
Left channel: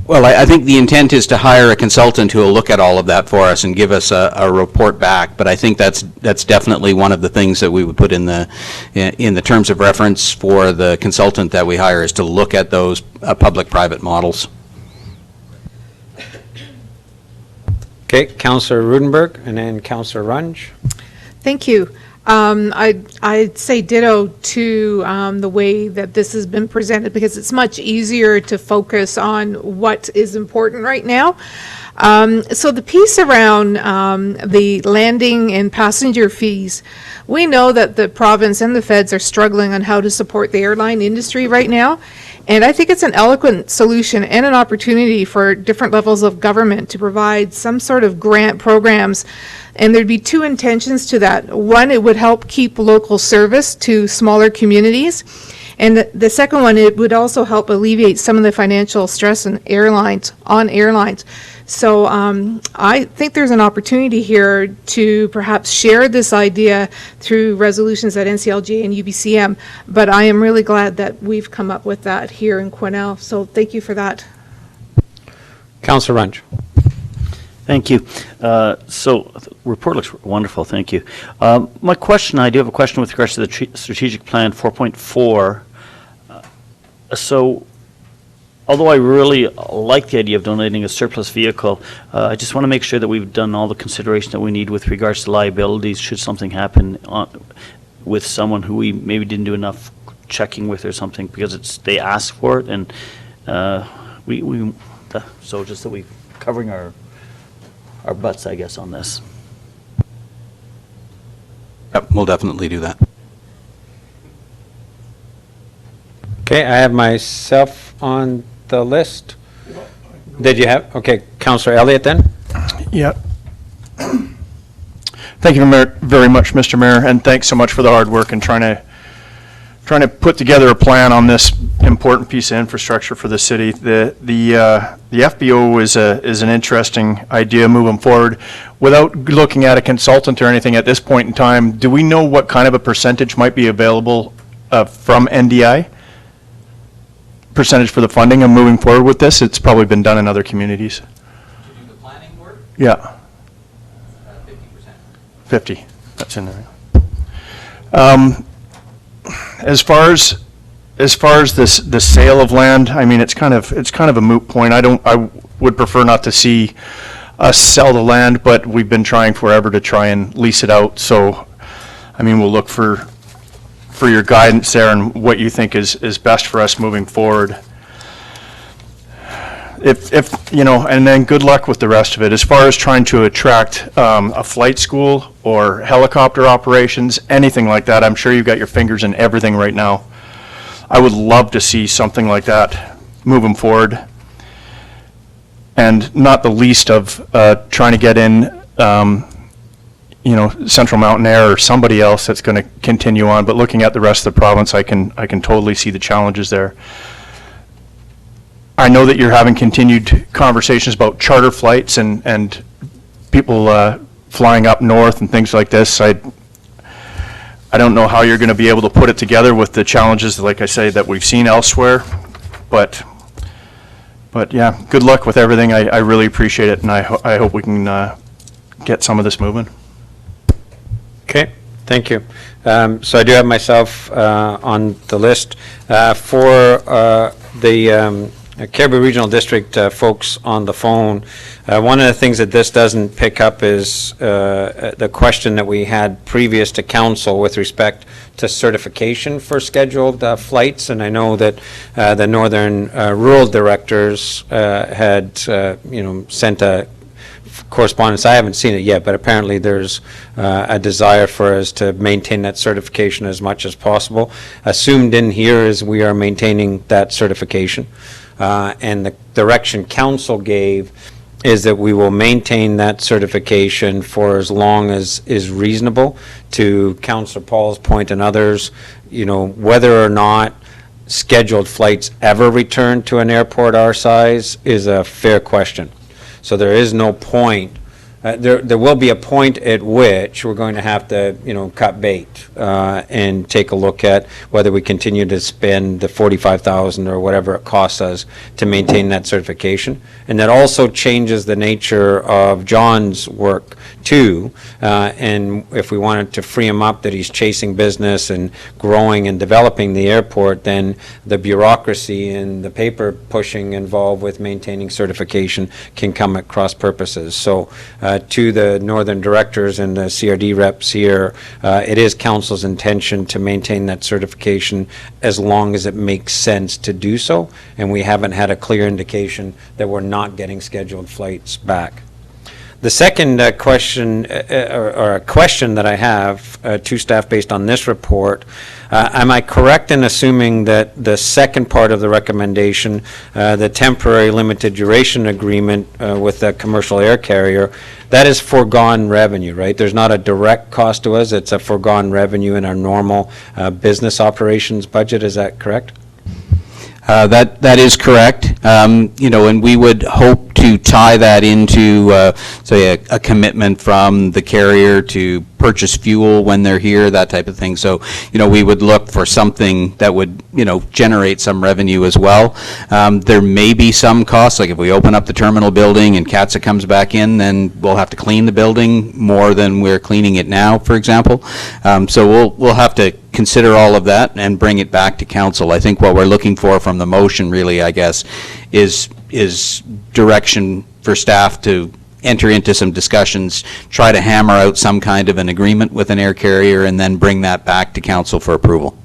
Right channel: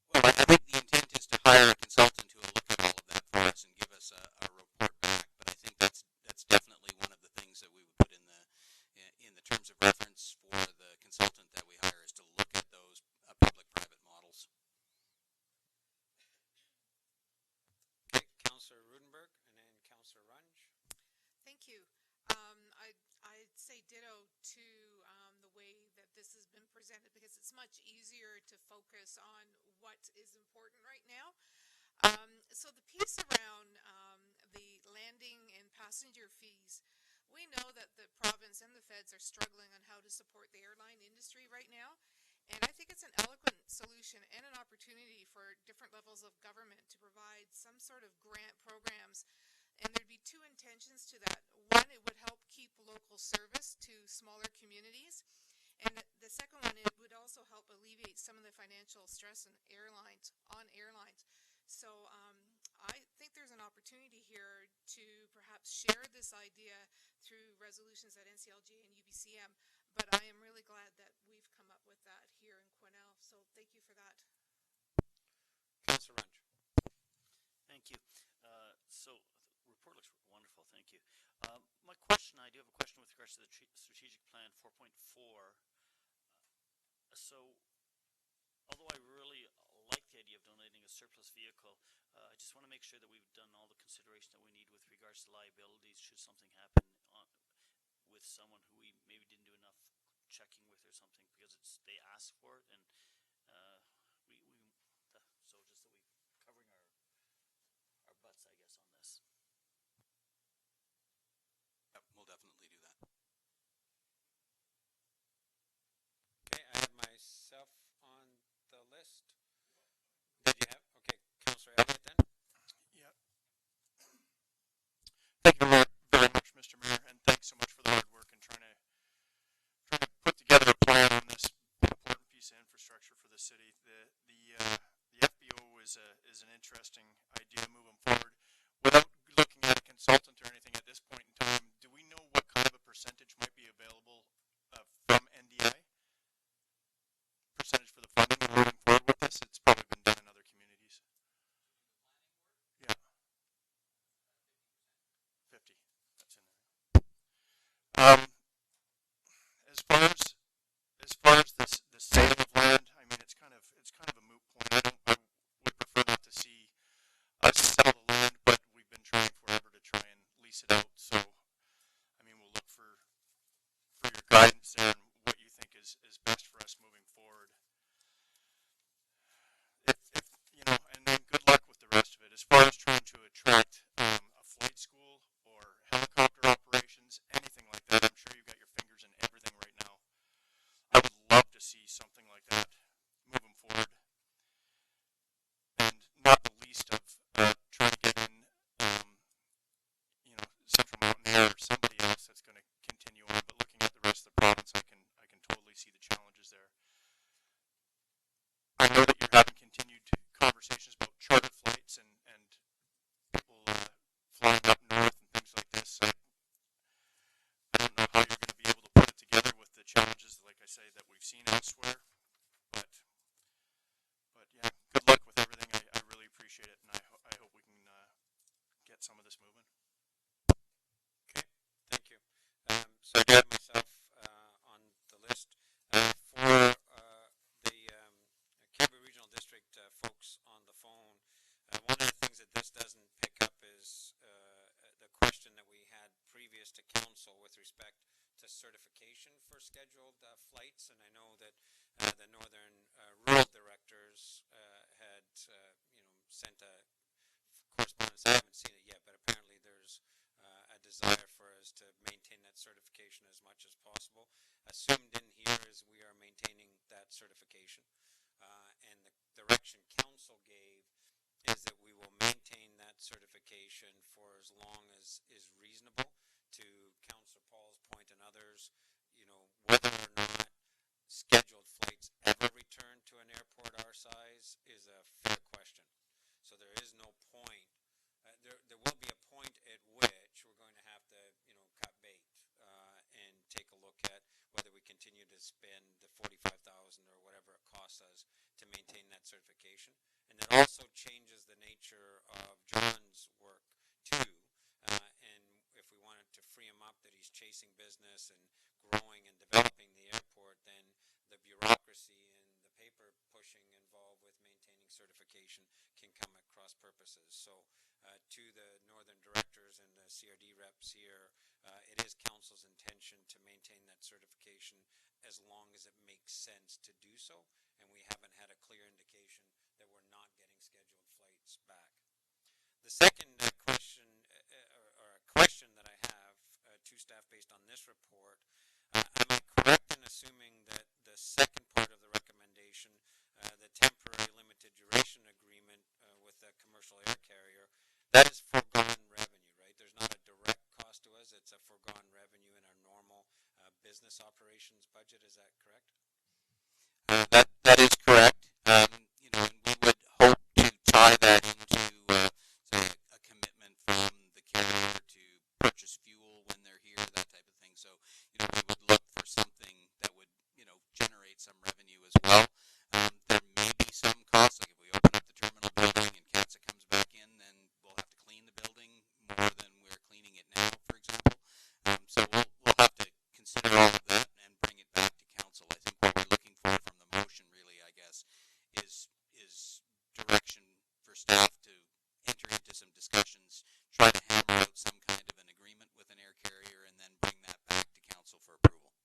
Well, I think the intent is to hire a consultant who will look at all of that for us and give us a report back. But I think that's definitely one of the things that we would put in the terms of reference for the consultant that we hire, is to look at those public-private models. Okay, Councillor Rudenberg, and then Councillor Runge. Thank you. I'd say ditto to the way that this has been presented, because it's much easier to focus on what is important right now. So the piece around the landing and passenger fees, we know that the province and the feds are struggling on how to support the airline industry right now. And I think it's an eloquent solution and an opportunity for different levels of government to provide some sort of grant programs. And there'd be two intentions to that. One, it would help keep local service to smaller communities. And the second one, it would also help alleviate some of the financial stress on airlines. So I think there's an opportunity here to perhaps share this idea through resolutions at NCLG and UBCM, but I am really glad that we've come up with that here in Quesnel. So thank you for that. Councillor Runge. Thank you. So the report looks wonderful. Thank you. My question, I do have a question with regards to the strategic plan 4.4. So although I really like the idea of donating a surplus vehicle, I just want to make sure that we've done all the consideration that we need with regards to liabilities should something happen with someone who we maybe didn't do enough checking with or something, because they ask for it, and so just that we're covering our butts, I guess, on this. Yep, we'll definitely do that. Okay, I have myself on the list. Did you have? Okay, Councillor Elliott then? Yeah. Thank you very much, Mr. Mayor, and thanks so much for the hard work in trying to put together a plan on this important piece of infrastructure for the city. The FBO is an interesting idea moving forward. Without looking at a consultant or anything at this point in time, do we know what kind of a percentage might be available from NDI? Percentage for the funding and moving forward with this? It's probably been done in other communities. To do the planning work? Yeah. 50%. 50, that's in there. As far as this, the sale of land, I mean, it's kind of a moot point. I would prefer not to see us sell the land, but we've been trying forever to try and lease it out. So, I mean, we'll look for your guidance there and what you think is best for us moving forward. If you know, and then good luck with the rest of it. As far as trying to attract a flight school or helicopter operations, anything like that, I'm sure you've got your fingers in everything right now. I would love to see something like that moving forward. And not the least of trying to get in, you know, Central Mountain Air or somebody else that's going to continue on. But looking at the rest of the province, I can totally see the challenges there. I know that you're having continued conversations about charter flights and people flying up north and things like this. I don't know how you're going to be able to put it together with the challenges, like I say, that we've seen elsewhere, but yeah, good luck with everything. I really appreciate it, and I hope we can get some of this moving. Okay, thank you. So I do have myself on the list. For the Cariboo Regional District folks on the phone, one of the things that this doesn't pick up is the question that we had previous to council with respect to certification for scheduled flights. And I know that the Northern Rural Directors had, sent a correspondence. I haven't seen it yet, but apparently there's a desire for us to maintain that certification as much as possible. Assumed in here is we are maintaining that certification. And the direction council gave is that we will maintain that certification for as long as is reasonable. To Councillor Paul's point and others, whether or not scheduled flights ever return to an airport our size is a fair question. So there is no point. There will be a point at which we're going to have to, cut bait and take a look at whether we continue to spend the $45,000 or whatever it costs us to maintain that certification. And that also changes the nature of John's work too. And if we wanted to free him up that he's chasing business and growing and developing the airport, then the bureaucracy and the paper pushing involved with maintaining certification can come at cross purposes. So to the Northern Directors and the CRD reps here, it is council's intention to maintain that certification as long as it makes sense to do so, and we haven't had a clear indication that we're not getting scheduled flights back. The second question, or a question that I have to staff based on this report, am I correct in assuming that the second part of the recommendation, the temporary limited duration agreement with the commercial air carrier, that is foregone revenue, right? There's not a direct cost to us, it's a foregone revenue in our normal business operations budget, is that correct? That is correct. And we would hope to tie that into, say, a commitment from the carrier to purchase fuel when they're here, that type of thing. So, we would look for something that would, generate some revenue as well. There may be some costs, like if we open up the terminal building and CATSA comes back in, then we'll have to clean the building more than we're cleaning it now, for example. So we'll have to consider all of that and bring it back to council. I think what we're looking for from the motion, really, I guess, is direction for staff to enter into some discussions, try to hammer out some kind of an agreement with an air carrier, and then bring that back to council for approval.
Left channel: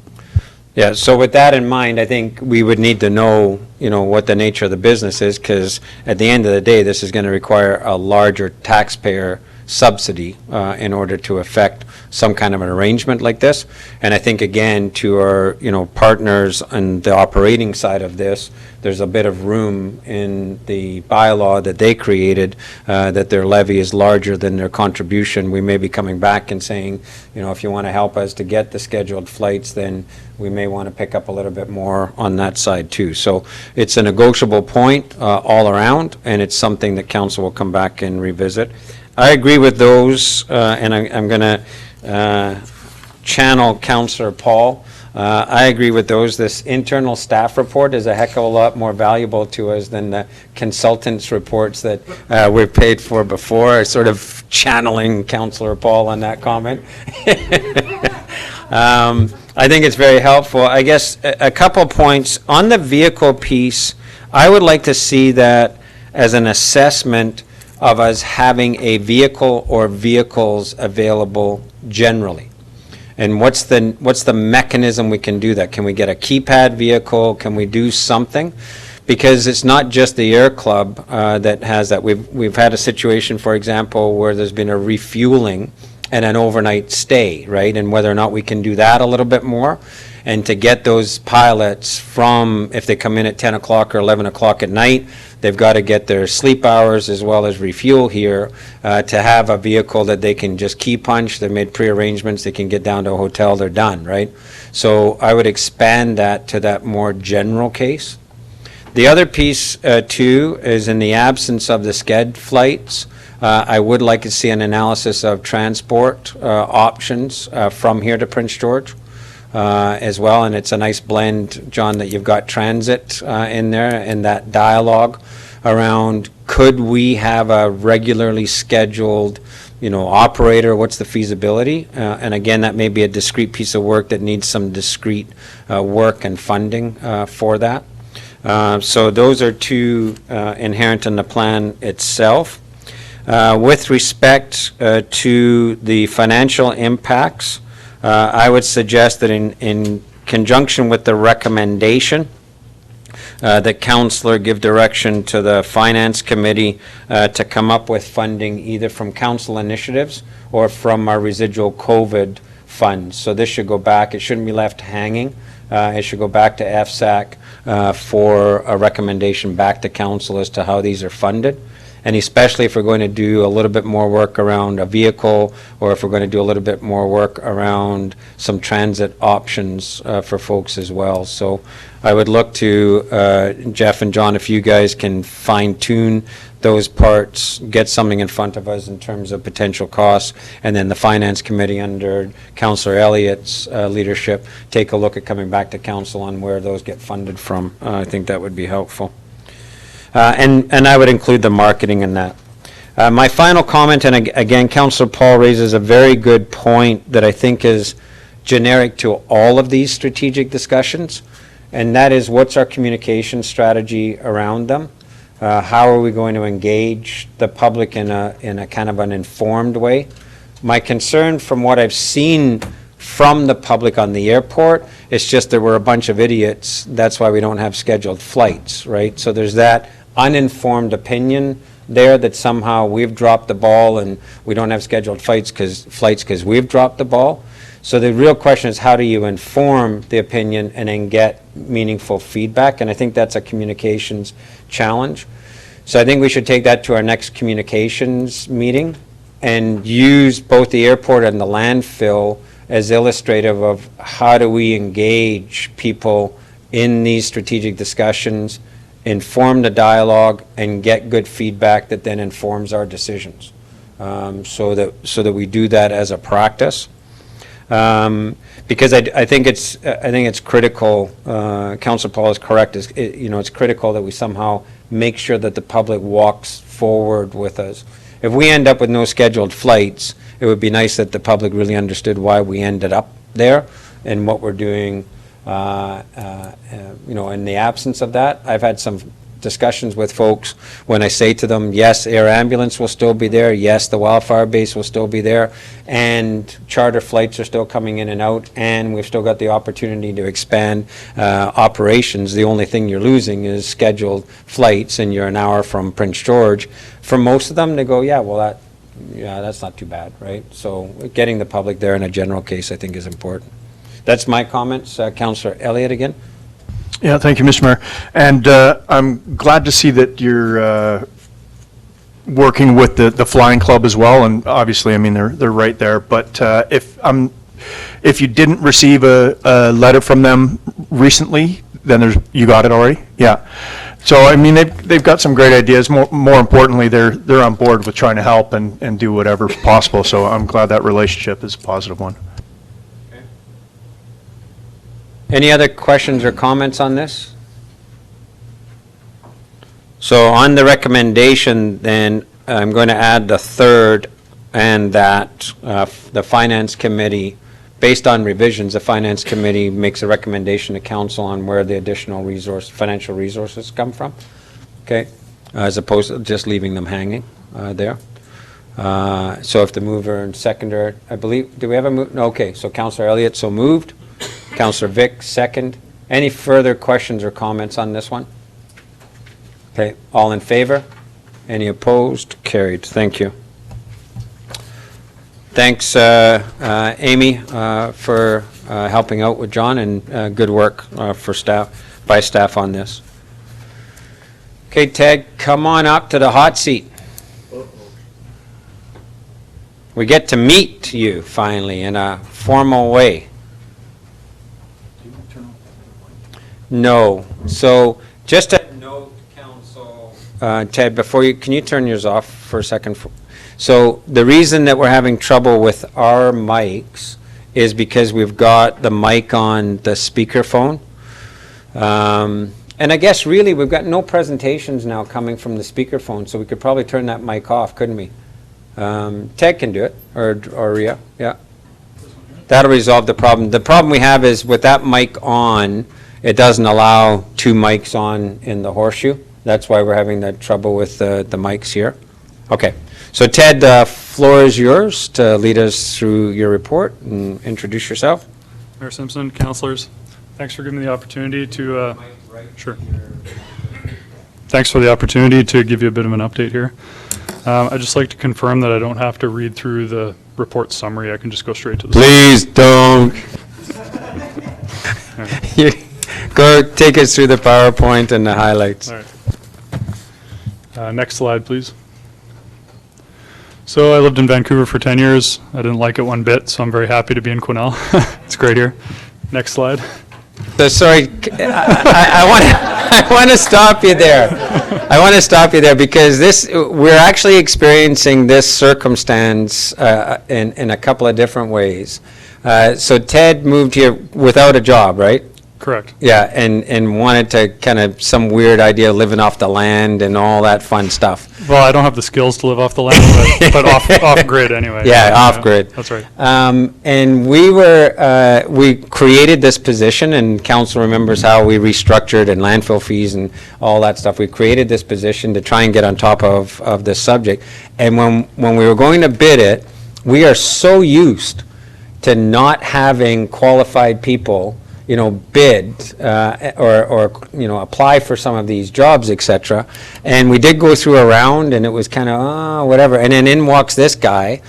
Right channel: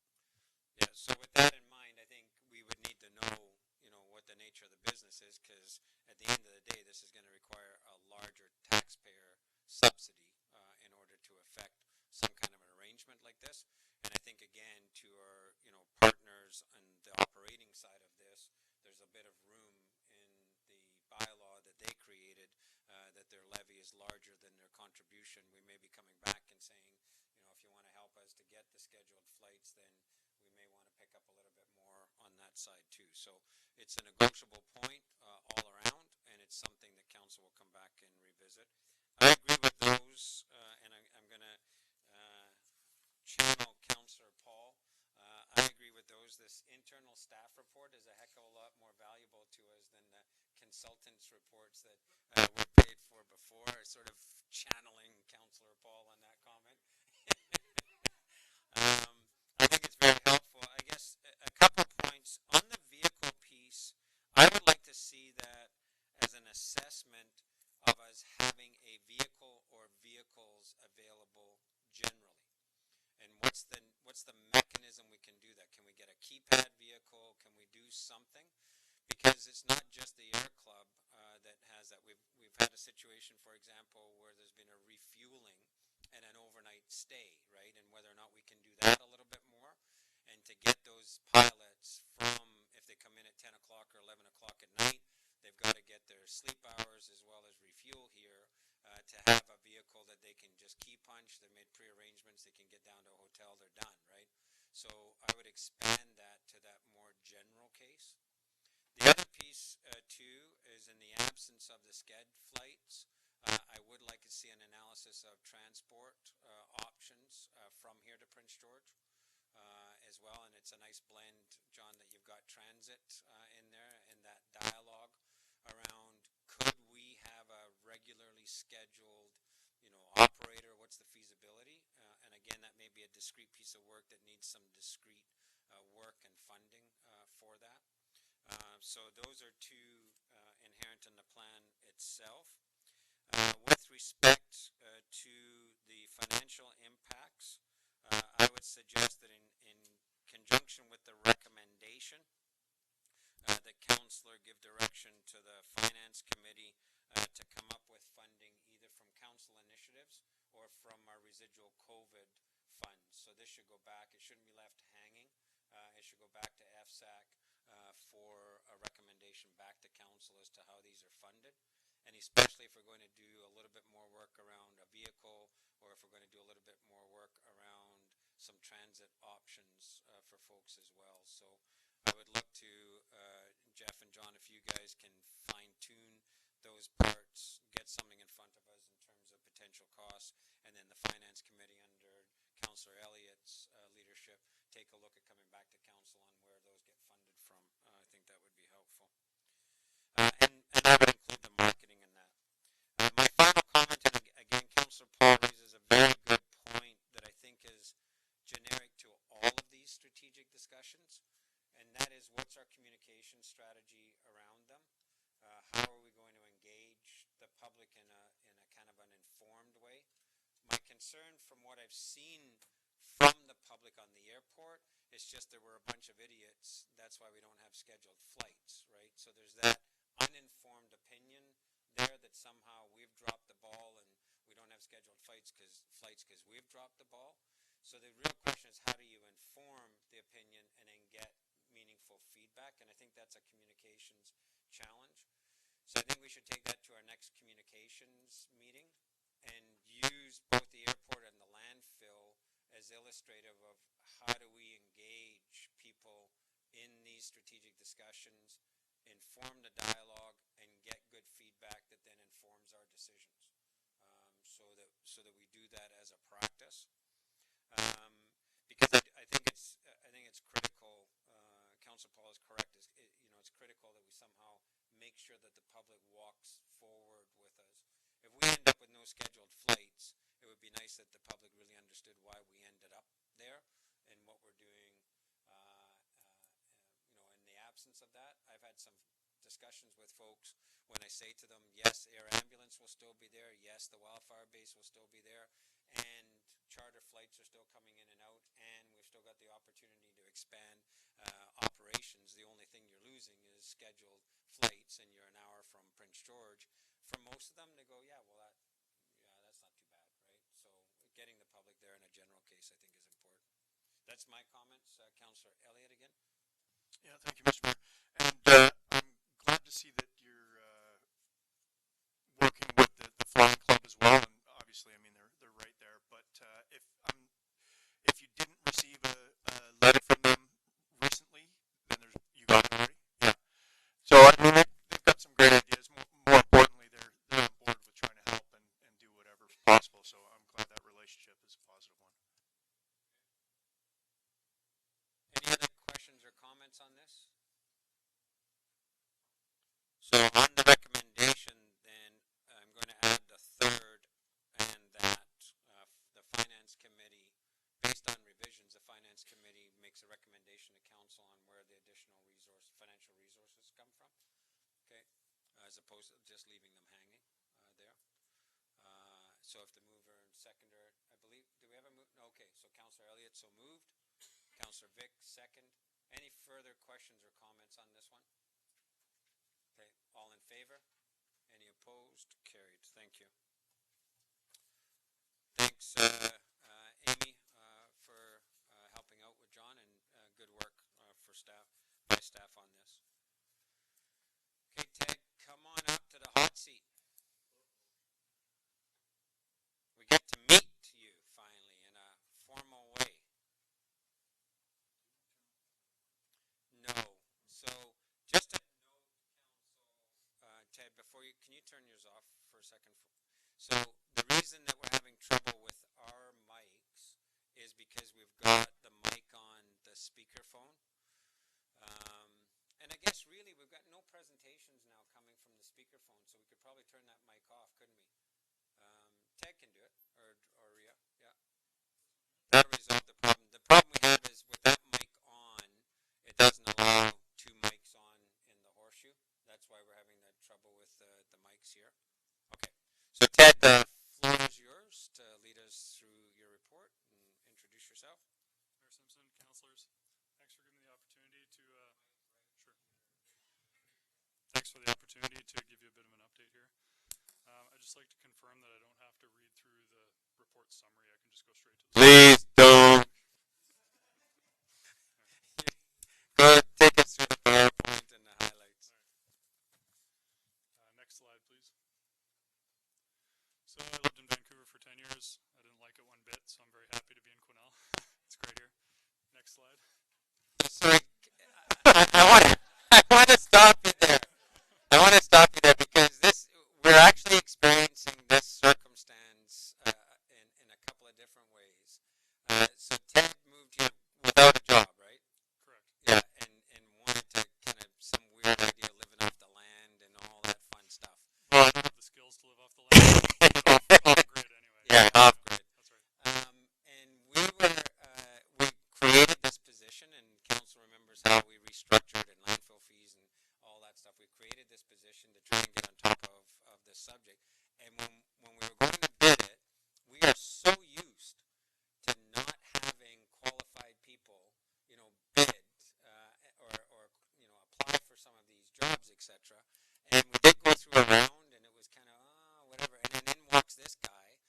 Yeah, so with that in mind, I think we would need to know, what the nature of the business is, because at the end of the day, this is going to require a larger taxpayer subsidy in order to affect some kind of an arrangement like this. And I think, again, to our, partners on the operating side of this, there's a bit of room in the bylaw that they created that their levy is larger than their contribution. We may be coming back and saying, if you want to help us to get the scheduled flights, then we may want to pick up a little bit more on that side too. So it's a negotiable point all around, and it's something that council will come back and revisit. I agree with those, and I'm going to channel Councillor Paul. I agree with those. This internal staff report is a heck of a lot more valuable to us than the consultants' reports that we've paid for before, sort of channeling Councillor Paul on that comment. I think it's very helpful. I guess a couple points. On the vehicle piece, I would like to see that as an assessment of us having a vehicle or vehicles available generally. And what's the mechanism we can do that? Can we get a keypad vehicle? Can we do something? Because it's not just the Air Club that has that. We've had a situation, for example, where there's been a refueling and an overnight stay, right? And whether or not we can do that a little bit more. And to get those pilots from, if they come in at 10 o'clock or 11 o'clock at night, they've got to get their sleep hours as well as refuel here to have a vehicle that they can just key punch. They've made pre-arrangements. They can get down to a hotel. They're done, right? So I would expand that to that more general case. The other piece, too, is in the absence of the sched flights, I would like to see an analysis of transport options from here to Prince George as well, and it's a nice blend, John, that you've got transit in there and that dialogue around could we have a regularly scheduled operator, what's the feasibility? And again, that may be a discrete piece of work that needs some discrete work and funding for that. So those are two inherent in the plan itself. With respect to the financial impacts, I would suggest that in conjunction with the recommendation, that Councillor give direction to the Finance Committee to come up with funding either from council initiatives or from our residual COVID funds. So this should go back, it shouldn't be left hanging. It should go back to FSAC for a recommendation back to council as to how these are funded. And especially if we're going to do a little bit more work around a vehicle, or if we're going to do a little bit more work around some transit options for folks as well. So I would look to Jeff and John, if you guys can fine tune those parts, get something in front of us in terms of potential costs, and then the Finance Committee under Councillor Elliott's leadership, take a look at coming back to council on where those get funded from. I think that would be helpful. And I would include the marketing in that. My final comment, and again, Councillor Paul raises a very good point that I think is generic to all of these strategic discussions, and that is what's our communication strategy around them? How are we going to engage the public in a kind of an informed way? My concern from what I've seen from the public on the airport, it's just that we're a bunch of idiots. That's why we don't have scheduled flights, right? So there's that uninformed opinion there that somehow we've dropped the ball and we don't have scheduled flights because we've dropped the ball. So the real question is, how do you inform the opinion and then get meaningful feedback? And I think that's a communications challenge. So I think we should take that to our next communications meeting and use both the airport and the landfill as illustrative of how do we engage people in these strategic discussions, inform the dialogue, and get good feedback that then informs our decisions. So that we do that as a practice. Because I think it's critical. Councillor Paul is correct. It's critical that we somehow make sure that the public walks forward with us. If we end up with no scheduled flights, it would be nice that the public really understood why we ended up there and what we're doing. In the absence of that, I've had some discussions with folks when I say to them, yes, air ambulance will still be there, yes, the wildfire base will still be there, and charter flights are still coming in and out, and we've still got the opportunity to expand operations. The only thing you're losing is scheduled flights, and you're an hour from Prince George. For most of them, they go, that's not too bad, right? So getting the public there in a general case, I think, is important. That's my comments. Councillor Elliott again. Yeah, thank you, Mr. Mayor. And I'm glad to see that you're working with the Flying Club as well. And obviously, I mean, they're right there. But if you didn't receive a letter from them recently, then you got it already. Yeah. So I mean, they've got some great ideas. More importantly, they're on board with trying to help and do whatever's possible. So I'm glad that relationship is a positive one. Any other questions or comments on this? So on the recommendation, then, I'm going to add the third, and that the Finance Committee, based on revisions, the Finance Committee makes a recommendation to Council on where the additional financial resources come from, okay, as opposed to just leaving them hanging there. So if the mover and seconder, I believe, do we have a move? No, okay, so Councillor Elliott, so moved. Councillor Vic, second. Any further questions or comments on this one? Okay, all in favor? Any opposed? Carried. Thank you. Thanks, Amy, for helping out with John, and good work by staff on this. Okay, Ted, come on up to the hot seat. We get to meet you finally in a formal way. No. So just a note, Council, Ted, before you, can you turn yours off for a second? So the reason that we're having trouble with our mics is because we've got the mic on the speakerphone. And I guess really, we've got no presentations now coming from the speakerphone, so we could probably turn that mic off, couldn't we? Ted can do it, or Rhea, yeah. That'll resolve the problem. The problem we have is with that mic on, it doesn't allow two mics on in the horseshoe. That's why we're having that trouble with the mics here. Okay, so Ted, the floor is yours to lead us through your report and introduce yourself. Mayor Simpson, councilors, thanks for giving me the opportunity to, sure. Thanks for the opportunity to give you a bit of an update here. I'd just like to confirm that I don't have to read through the report summary. I can just go straight to the. Please don't. You go take us through the PowerPoint and the highlights. All right. Next slide, please. So I lived in Vancouver for 10 years. I didn't like it one bit, so I'm very happy to be in Quesnel. It's great here. Next slide. So sorry, I want to stop you there. I want to stop you there because we're actually experiencing this circumstance in a couple of different ways. So Ted moved here without a job, right? Correct. Yeah, and wanted to kind of some weird idea of living off the land and all that fun stuff. Well, I don't have the skills to live off the land, but off grid anyway. Yeah, off grid. That's right. And we created this position, and council remembers how we restructured and landfill fees and all that stuff. We created this position to try and get on top of this subject. And when we were going to bid it, we are so used to not having qualified people bid or apply for some of these jobs, et cetera. And we did go through a round, and it was kind of, whatever. And then in walks this guy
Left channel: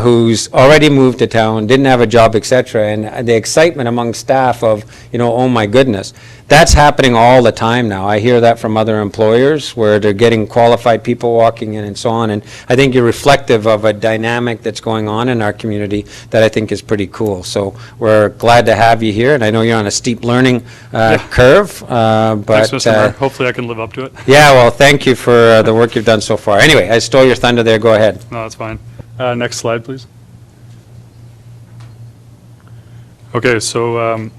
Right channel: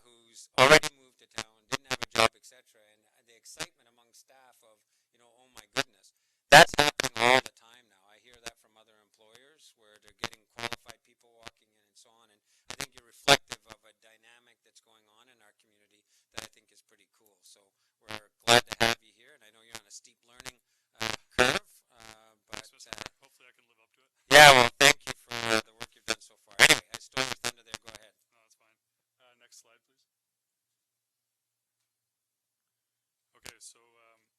who's already moved to town, didn't have a job, et cetera. And the excitement among staff of, oh my goodness. That's happening all the time now. I hear that from other employers where they're getting qualified people walking in and so on. And I think you're reflective of a dynamic that's going on in our community that I think is pretty cool. So we're glad to have you here. And I know you're on a steep learning curve. But Thanks, Mr. Mayor. Hopefully I can live up to it. Yeah, well, thank you for the work you've done so far. Anyway, I stole your thunder there. Go ahead. No, that's fine. Next slide, please. Okay, so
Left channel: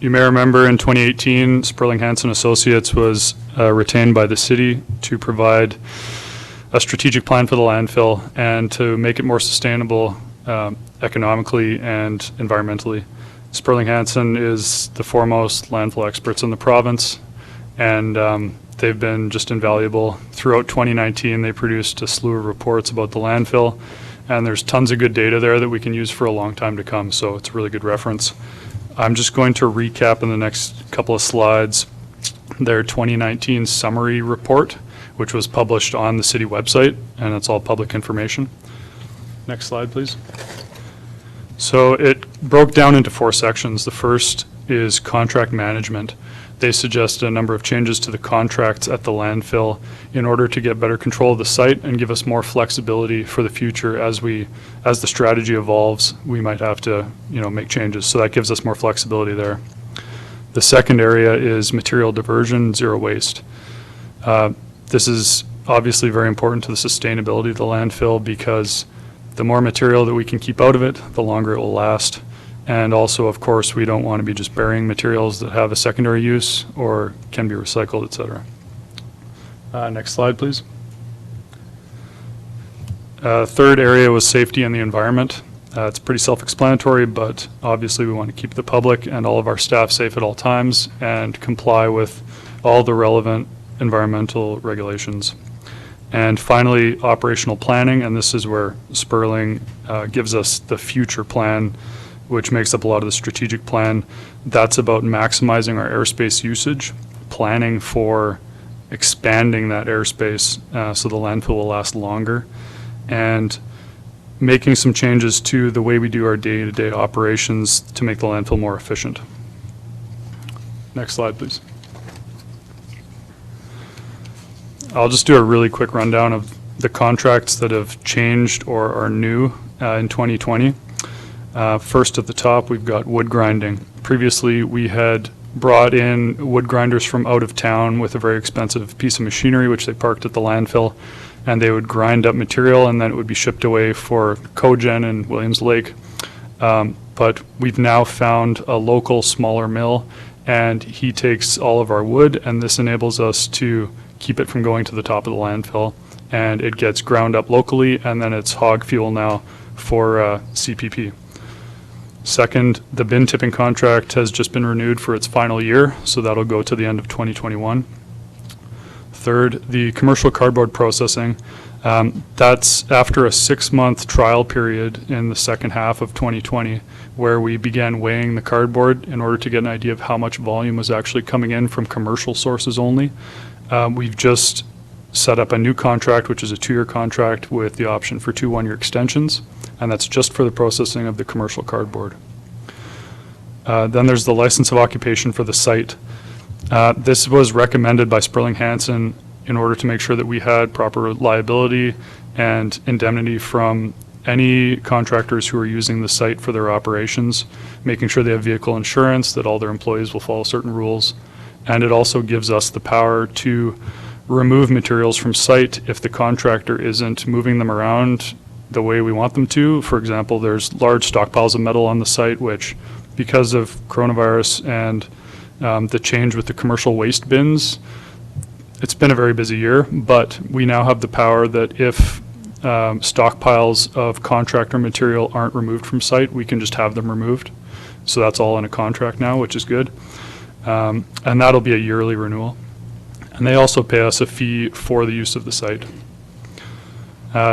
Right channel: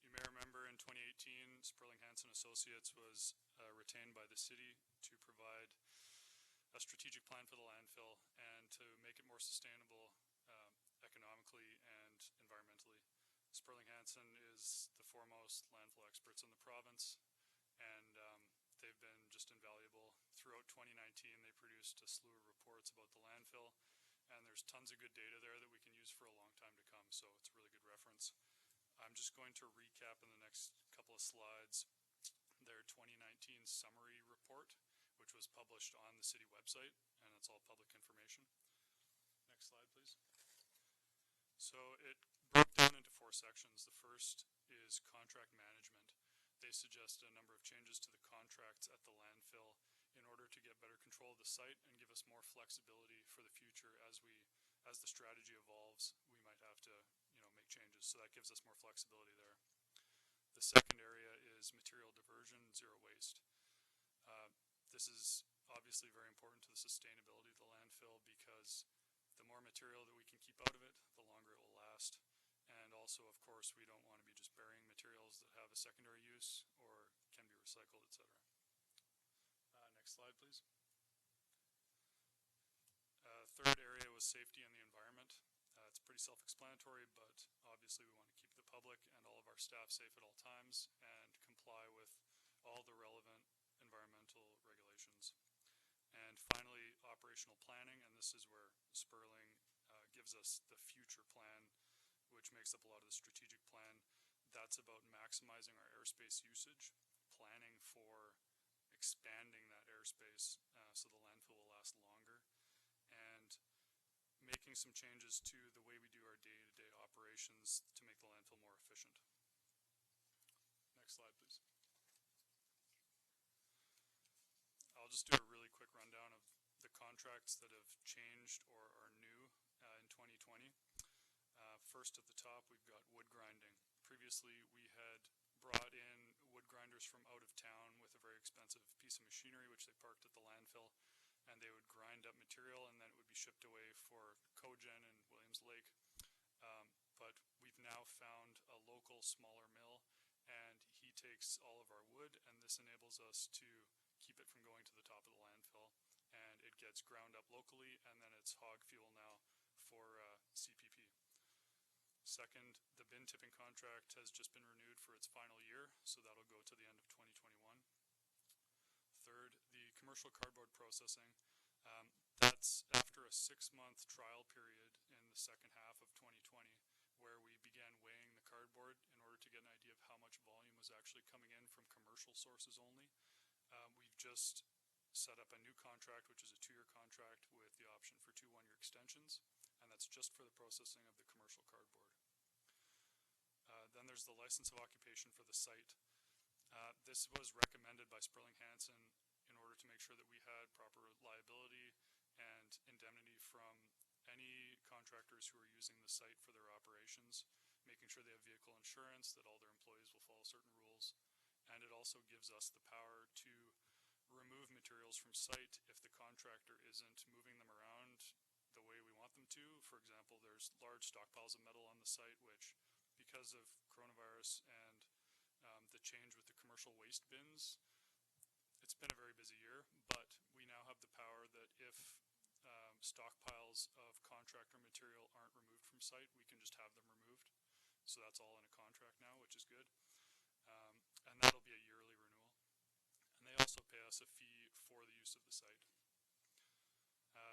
you may remember in 2018, Sperling Hansen Associates was retained by the city to provide a strategic plan for the landfill and to make it more sustainable economically and environmentally. Sperling Hansen is the foremost landfill experts in the province, and they've been just invaluable. Throughout 2019, they produced a slew of reports about the landfill, and there's tons of good data there that we can use for a long time to come, so it's a really good reference. I'm just going to recap in the next couple of slides their 2019 summary report, which was published on the city website, and it's all public information. Next slide, please. So it broke down into 4 sections. The first is contract management. They suggested a number of changes to the contracts at the landfill in order to get better control of the site and give us more flexibility for the future as the strategy evolves. We might have to, make changes. So that gives us more flexibility there. The second area is material diversion, zero waste. This is obviously very important to the sustainability of the landfill because the more material that we can keep out of it, the longer it will last. And also, of course, we don't want to be just burying materials that have a secondary use or can be recycled, et cetera. Next slide, please. Third area was safety and the environment. It's pretty self-explanatory, but obviously we want to keep the public and all of our staff safe at all times and comply with all the relevant environmental regulations. And finally, operational planning, and this is where Sperling gives us the future plan, which makes up a lot of the strategic plan. That's about maximizing our airspace usage, planning for expanding that airspace so the landfill will last longer, and making some changes to the way we do our day-to-day operations to make the landfill more efficient. Next slide, please. I'll just do a really quick rundown of the contracts that have changed or are new in 2020. First at the top, we've got wood grinding. Previously, we had brought in wood grinders from out of town with a very expensive piece of machinery, which they parked at the landfill. and they would grind up material, and then it would be shipped away for cogen in Williams Lake. But we've now found a local smaller mill, and he takes all of our wood, and this enables us to keep it from going to the top of the landfill. And it gets ground up locally, and then it's hog fuel now for CPP. Second, the bin tipping contract has just been renewed for its final year, so that'll go to the end of 2021. Third, the commercial cardboard processing. That's after a 6-month trial period in the second half of 2020, where we began weighing the cardboard in order to get an idea of how much volume was actually coming in from commercial sources only. We've just set up a new contract, which is a 2-year contract with the option for 2 1-year extensions, and that's just for the processing of the commercial cardboard. Then there's the license of occupation for the site. This was recommended by Sperling Hansen in order to make sure that we had proper liability and indemnity from any contractors who are using the site for their operations, making sure they have vehicle insurance, that all their employees will follow certain rules, and it also gives us the power to remove materials from site if the contractor isn't moving them around the way we want them to. For example, there's large stockpiles of metal on the site, which, because of coronavirus and the change with the commercial waste bins, it's been a very busy year, but we now have the power that if stockpiles of contractor material aren't removed from site, we can just have them removed. So that's all in a contract now, which is good. And that'll be a yearly renewal. And they also pay us a fee for the use of the site.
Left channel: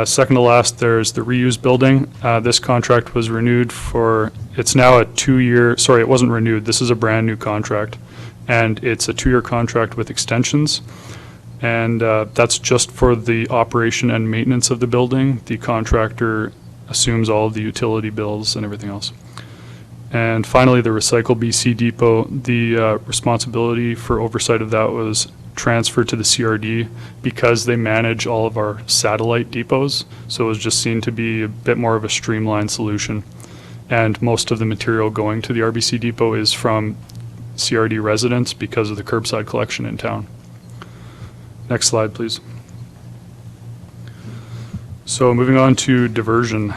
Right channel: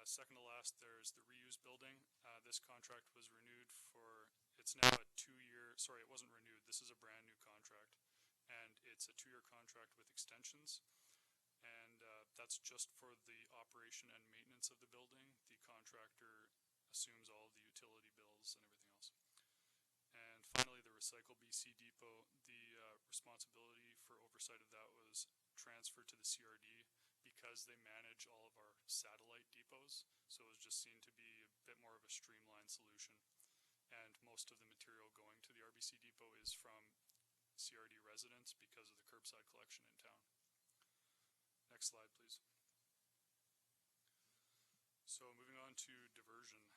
Second to last, there's the reuse building. This contract was renewed for, it's now a 2-year, sorry, it wasn't renewed. This is a brand new contract. And it's a 2-year contract with extensions. And that's just for the operation and maintenance of the building. The contractor assumes all of the utility bills and everything else. And finally, the Recycle BC Depot, the responsibility for oversight of that was transferred to the CRD because they manage all of our satellite depots. So it was just seen to be a bit more of a streamlined solution. And most of the material going to the RBC Depot is from CRD residents because of the curbside collection in town. Next slide, please. So moving on to diversion.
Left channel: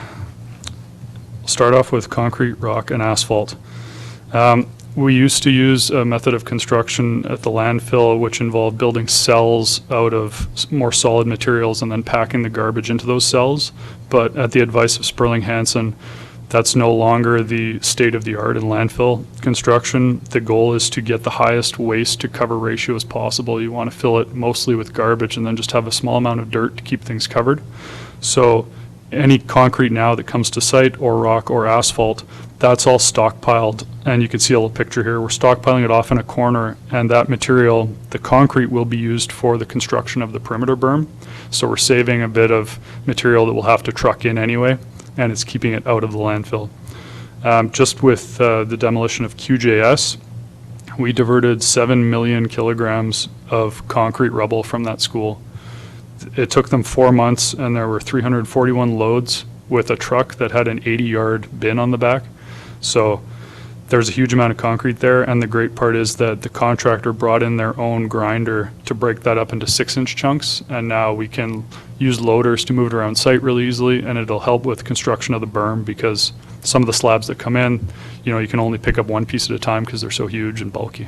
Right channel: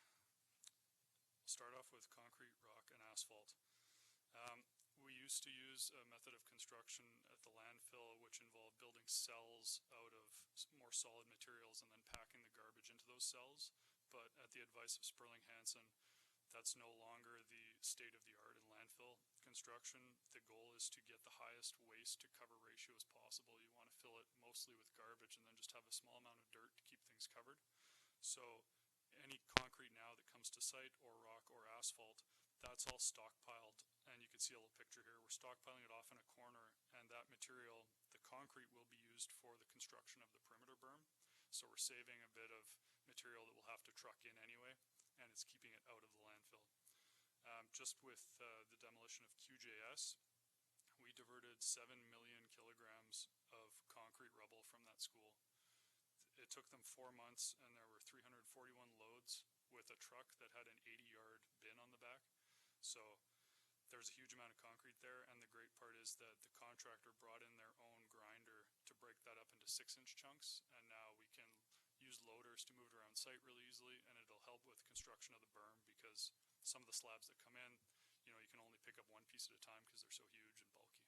We'll start off with concrete, rock, and asphalt. We used to use a method of construction at the landfill which involved building cells out of more solid materials and then packing the garbage into those cells. But at the advice of Sperling Hansen, that's no longer the state of the art in landfill construction. The goal is to get the highest waste to cover ratio as possible. You want to fill it mostly with garbage and then just have a small amount of dirt to keep things covered. So any concrete now that comes to site, or rock or asphalt, that's all stockpiled. And you can see a little picture here. We're stockpiling it off in a corner, and that material, the concrete, will be used for the construction of the perimeter berm. So we're saving a bit of material that we'll have to truck in anyway, and it's keeping it out of the landfill. Just with the demolition of QJS, we diverted 7 million kilograms of concrete rubble from that school. It took them 4 months, and there were 341 loads with a truck that had an 80-yard bin on the back. So there's a huge amount of concrete there, and the great part is that the contractor brought in their own grinder to break that up into 6-inch chunks, and now we can use loaders to move it around site really easily, and it'll help with construction of the berm because some of the slabs that come in, you can only pick up one piece at a time because they're so huge and bulky.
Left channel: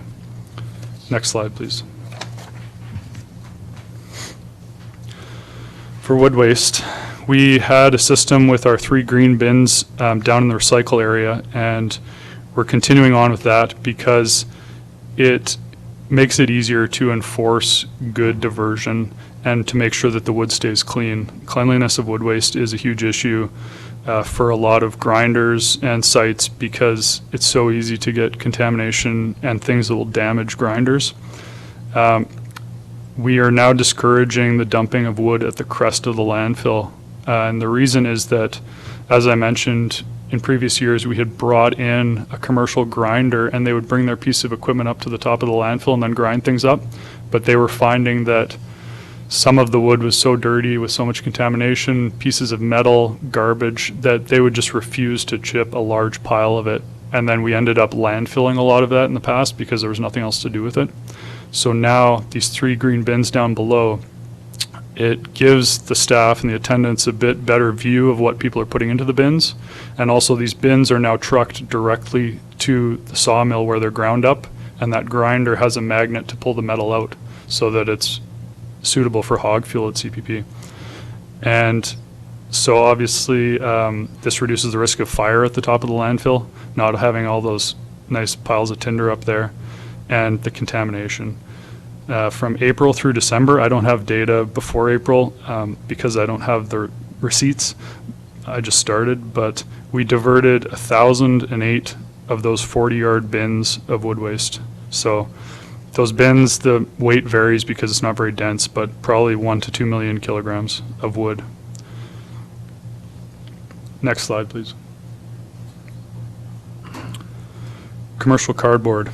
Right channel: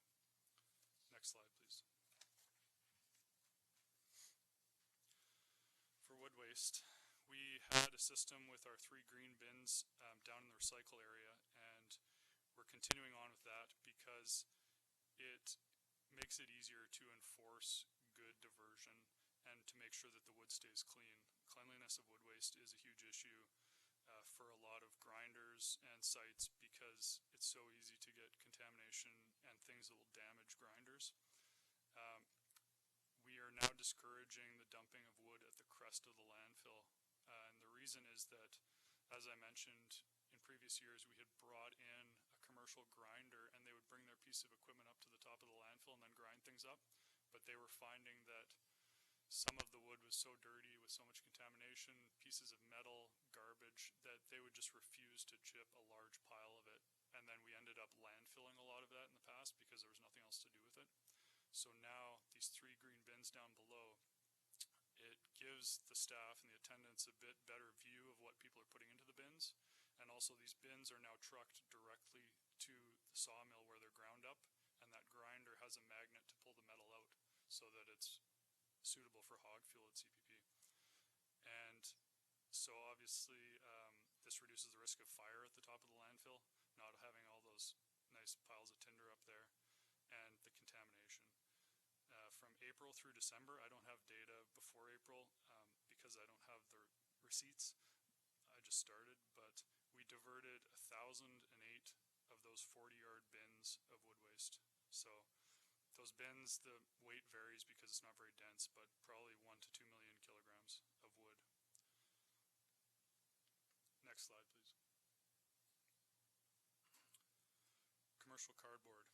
Next slide, please. For wood waste, we had a system with our 3 green bins down in the recycle area, and we're continuing on with that because it makes it easier to enforce good diversion and to make sure that the wood stays clean. Cleanliness of wood waste is a huge issue for a lot of grinders and sites because it's so easy to get contamination and things that will damage grinders. We are now discouraging the dumping of wood at the crest of the landfill. And the reason is that, as I mentioned, in previous years we had brought in a commercial grinder and they would bring their piece of equipment up to the top of the landfill and then grind things up. But they were finding that some of the wood was so dirty with so much contamination, pieces of metal, garbage, that they would just refuse to chip a large pile of it. And then we ended up landfilling a lot of that in the past because there was nothing else to do with it. So now these 3 green bins down below, It gives the staff and the attendants a bit better view of what people are putting into the bins. And also these bins are now trucked directly to the sawmill where they're ground up, and that grinder has a magnet to pull the metal out so that it's suitable for hog fuel at CPP. And so obviously this reduces the risk of fire at the top of the landfill, not having all those nice piles of tinder up there, and the contamination. From April through December, I don't have data before April because I don't have the receipts. I just started, but we diverted 1,008 of those 40-yard bins of wood waste. So those bins, the weight varies because it's not very dense, but probably 1 to 2 million kilograms of wood. Next slide, please. Commercial cardboard.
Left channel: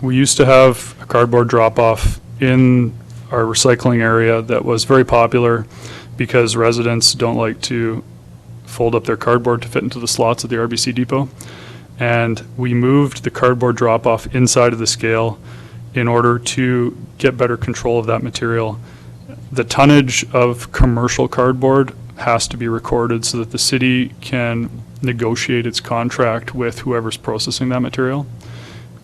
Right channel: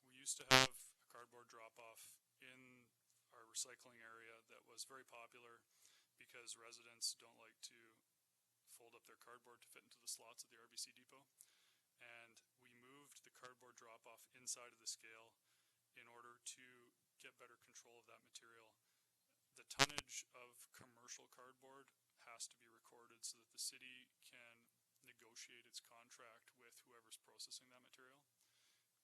We used to have a cardboard drop-off in our recycling area that was very popular because residents don't like to fold up their cardboard to fit into the slots at the RBC depot. And we moved the cardboard drop-off inside of the scale in order to get better control of that material. The tonnage of commercial cardboard has to be recorded so that the city can negotiate its contract with whoever's processing that material.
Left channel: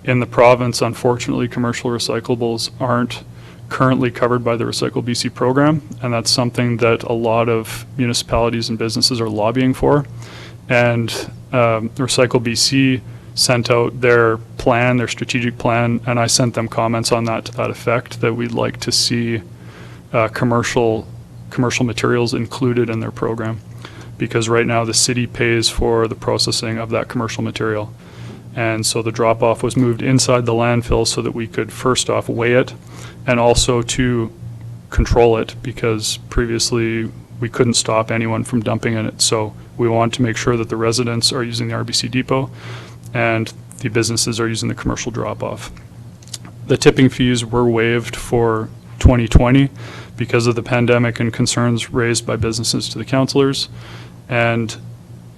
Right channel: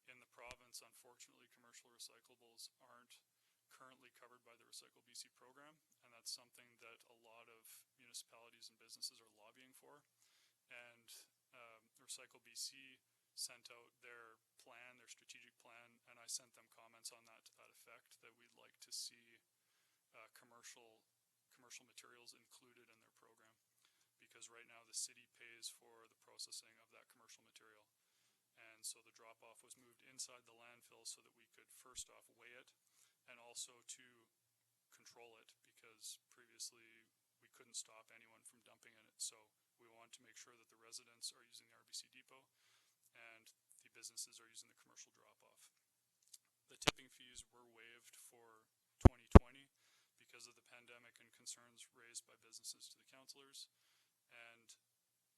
In the province, unfortunately, commercial recyclables aren't currently covered by the Recycle BC program, and that's something that a lot of municipalities and businesses are lobbying for. And Recycle BC sent out their plan, their strategic plan, and I sent them comments on that to that effect, that we'd like to see commercial materials included in their program, because right now the city pays for the processing of that commercial material. And so the drop-off was moved inside the landfill so that we could first off weigh it and also to control it, because previously we couldn't stop anyone from dumping in it. So we want to make sure that the residents are using the RBC depot and the businesses are using the commercial drop-off. The tipping fees were waived for 2020 because of the pandemic and concerns raised by businesses to the councillors. And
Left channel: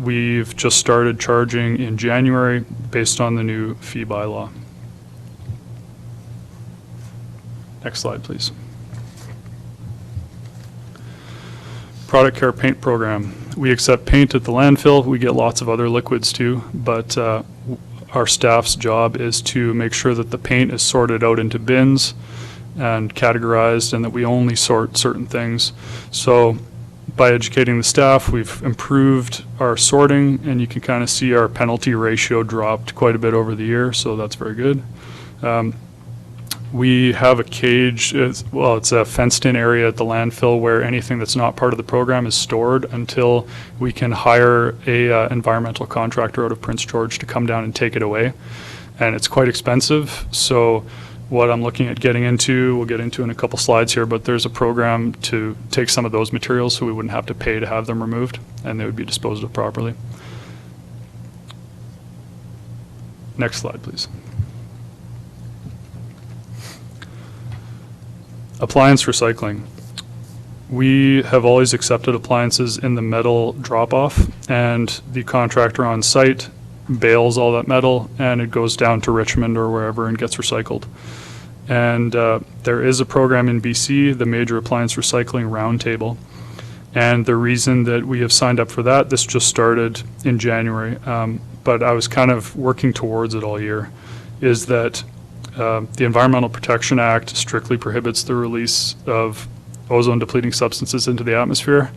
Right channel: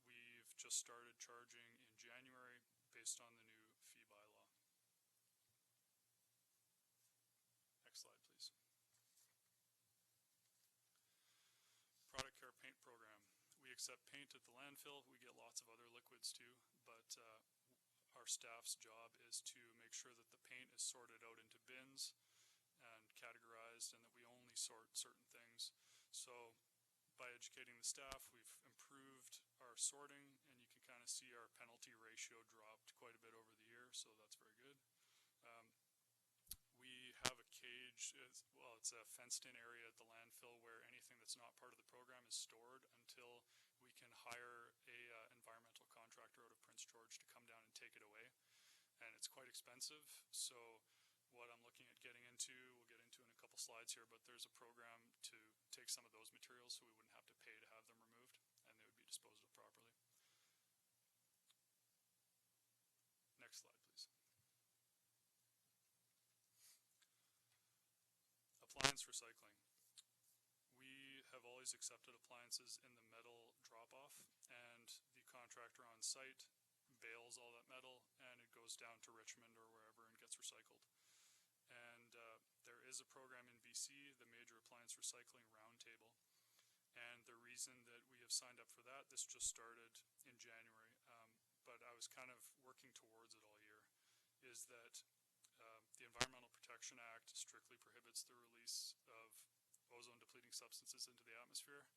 we've just started charging in January based on the new fee bylaw. Next slide, please. Product Care Paint Program. We accept paint at the landfill. We get lots of other liquids too, but our staff's job is to make sure that the paint is sorted out into bins and categorized, and that we only sort certain things. So by educating the staff, we've improved our sorting, and you can kind of see our penalty ratio dropped quite a bit over the year, so that's very good. We have a cage, it's a fenced-in area at the landfill where anything that's not part of the program is stored until we can hire a environmental contractor out of Prince George to come down and take it away. And it's quite expensive, so what I'm looking at getting into, we'll get into in a couple slides here, but there's a program to take some of those materials so we wouldn't have to pay to have them removed, and they would be disposed of properly. Next slide, please. Appliance recycling. We have always accepted appliances in the metal drop-off, and the contractor on site bales all that metal and it goes down to Richmond or wherever and gets recycled. And there is a program in BC, the Major Appliance Recycling Roundtable. And the reason that we have signed up for that, this just started in January, but I was kind of working towards it all year, is that the Environmental Protection Act strictly prohibits the release of ozone depleting substances into the atmosphere.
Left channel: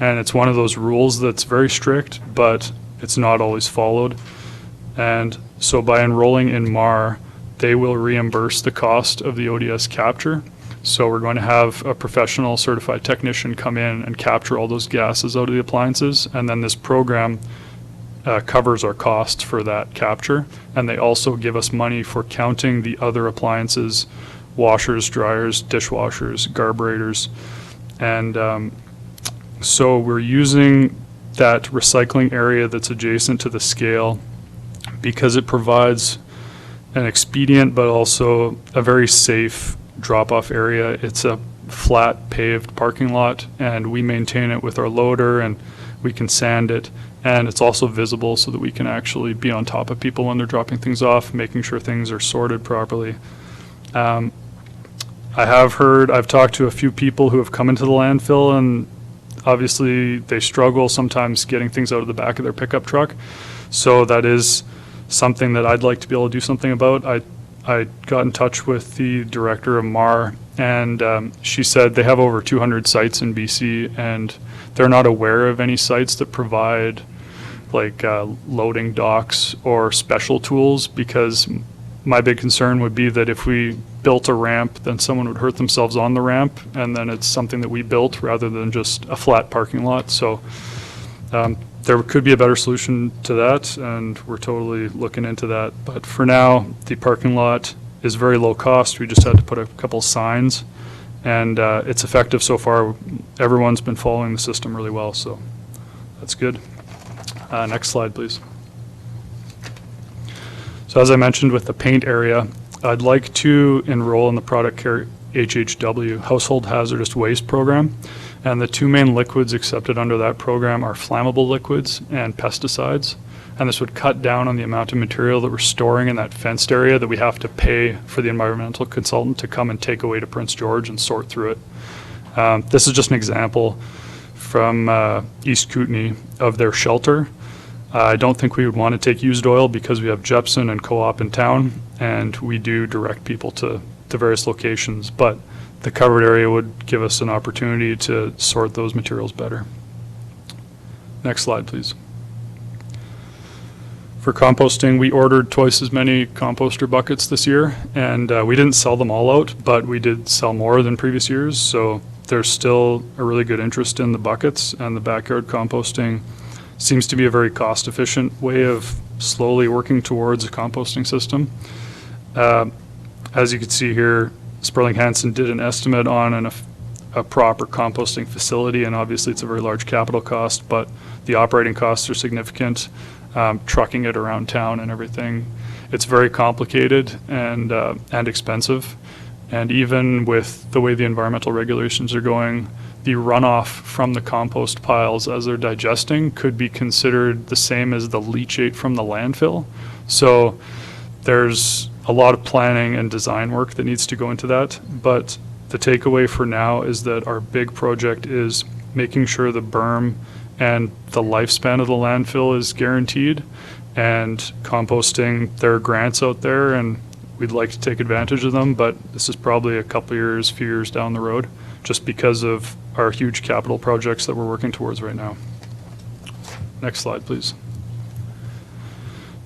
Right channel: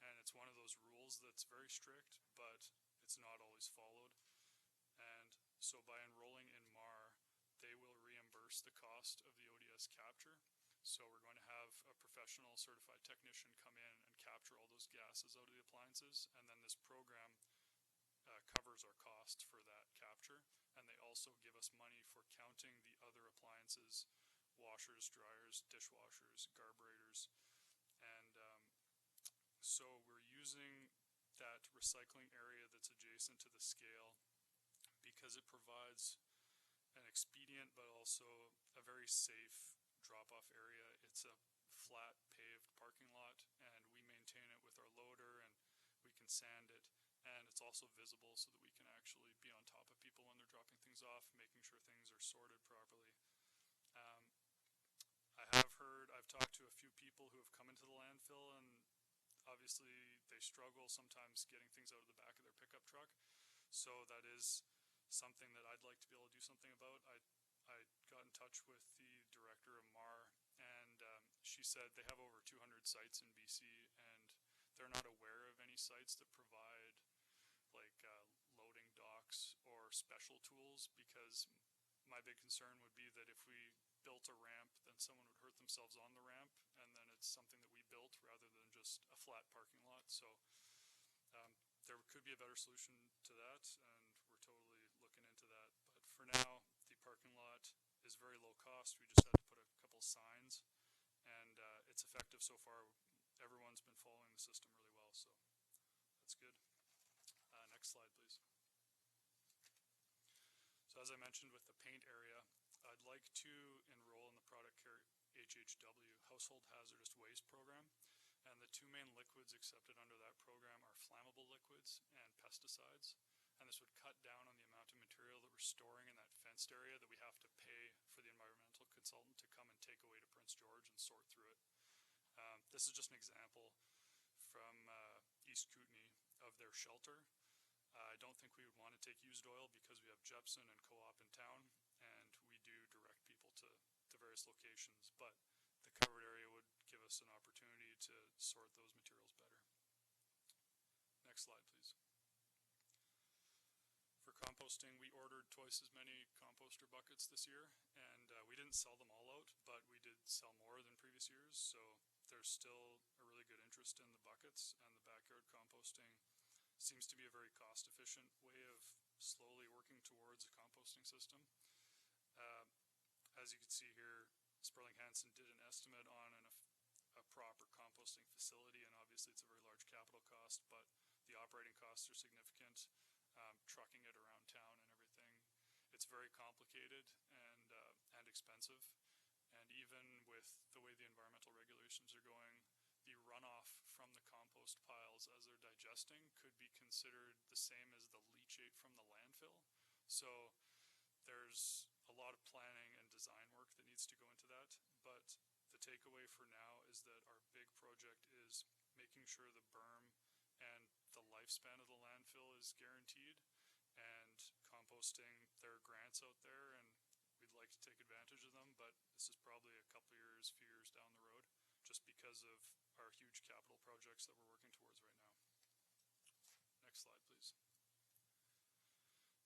And it's one of those rules that's very strict, but it's not always followed. And so by enrolling in MAR, they will reimburse the cost of the ODS capture. So we're going to have a professional certified technician come in and capture all those gases out of the appliances. And then this program covers our costs for that capture. And they also give us money for counting the other appliances, washers, dryers, dishwashers, carburetors. And so we're using that recycling area that's adjacent to the scale because it provides an expedient but also a very safe drop-off area. It's a flat paved parking lot, and we maintain it with our loader, and we can sand it, and it's also visible so that we can actually be on top of people when they're dropping things off, making sure things are sorted properly. I've talked to a few people who have come into the landfill, and obviously they struggle sometimes getting things out of the back of their pickup truck. So that is something that I'd like to be able to do something about. I got in touch with the director of MAR, and she said they have over 200 sites in BC, and they're not aware of any sites that provide like loading docks or special tools, because my big concern would be that if we built a ramp, then someone would hurt themselves on the ramp, and then it's something that we built rather than just a flat parking lot. So there could be a better solution to that, and we're totally looking into that. But for now, the parking lot is very low cost. We just had to put a couple signs, and it's effective so far. Everyone's been following the system really well, so that's good. Next slide, please. So as I mentioned with the paint area, I'd like to enroll in the Product Care HHW, Household Hazardous Waste Program. And the two main liquids accepted under that program are flammable liquids and pesticides. And this would cut down on the amount of material that we're storing in that fenced area that we have to pay for the environmental consultant to come and take away to Prince George and sort through it. This is just an example from East Kootenay of their shelter. I don't think we would want to take used oil because we have Jepson and Co-op in town, and we do direct people to various locations, but the covered area would give us an opportunity to sort those materials better. Next slide, please. For composting, we ordered twice as many composter buckets this year, and we didn't sell them all out, but we did sell more than previous years, so there's still a really good interest in the buckets, and the backyard composting seems to be a very cost-efficient way of slowly working towards a composting system. As you can see here, Sperling Hansen did an estimate on a proper composting facility, and obviously it's a very large capital cost, but the operating costs are significant. Trucking it around town and everything, it's very complicated and expensive. And even with the way the environmental regulations are going, the runoff from the compost piles as they're digesting could be considered the same as the leachate from the landfill. So there's a lot of planning and design work that needs to go into that. But the takeaway for now is that our big project is making sure the berm and the lifespan of the landfill is guaranteed, and composting. There are grants out there, and we'd like to take advantage of them, but this is probably a couple years, few years down the road, just because of our huge capital projects that we're working towards right now. Next slide, please.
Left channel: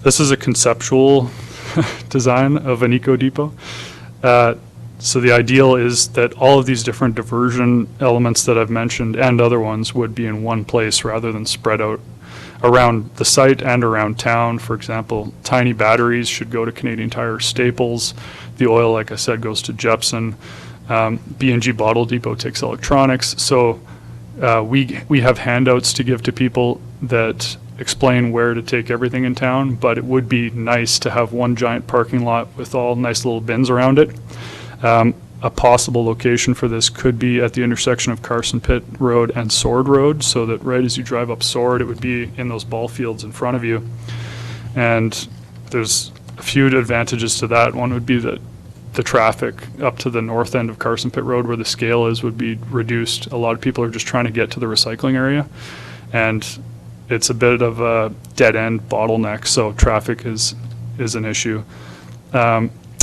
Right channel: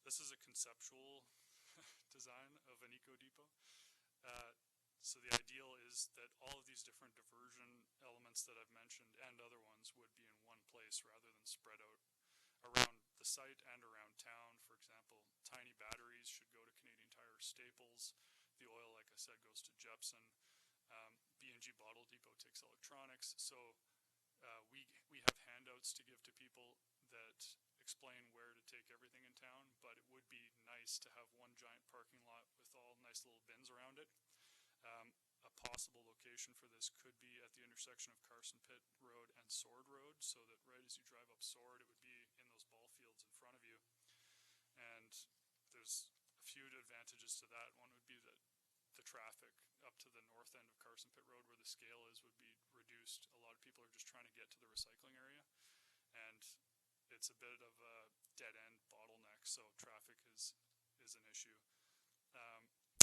This is a conceptual design of an eco depot. So the ideal is that all of these different diversion elements that I've mentioned and other ones would be in one place rather than spread out around the site and around town. For example, tiny batteries should go to Canadian Tire Staples. The oil, like I said, goes to Jepson. B&G Bottle Depot takes electronics. So we have handouts to give to people that explain where to take everything in town, but it would be nice to have one giant parking lot with all nice little bins around it. A possible location for this could be at the intersection of Carson Pit Road and Sword Road, so that right as you drive up Sword, it would be in those ball fields in front of you. And there's a few advantages to that. One would be that the traffic up to the north end of Carson Pit Road, where the scale is, would be reduced. A lot of people are just trying to get to the recycling area, and it's a bit of a dead-end bottleneck, so traffic is an issue.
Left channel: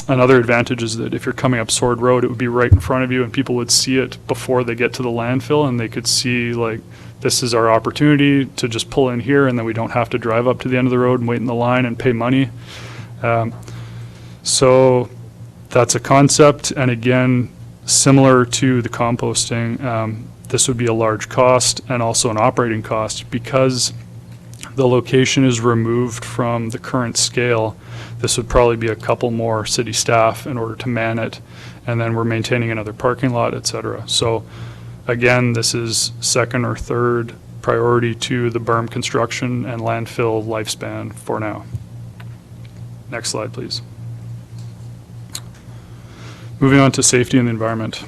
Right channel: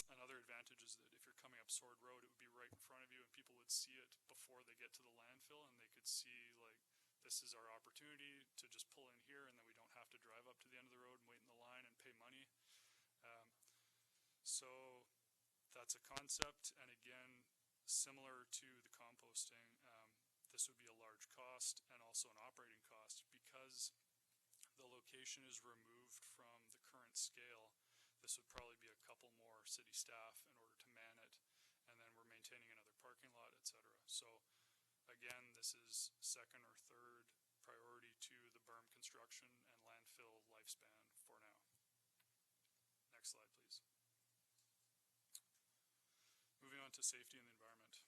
Another advantage is that if you're coming up Sword Road, it would be right in front of you, and people would see it before they get to the landfill, and they could see, like, this is our opportunity to just pull in here, and then we don't have to drive up to the end of the road and wait in the line and pay money. So that's a concept, and again, similar to the composting, this would be a large cost and also an operating cost because the location is removed from the current scale. This would probably be a couple more city staff in order to man it, and then we're maintaining another parking lot, et cetera. So again, this is second or third priority to the berm construction and landfill lifespan for now. Next slide, please. Moving on to safety and the environment.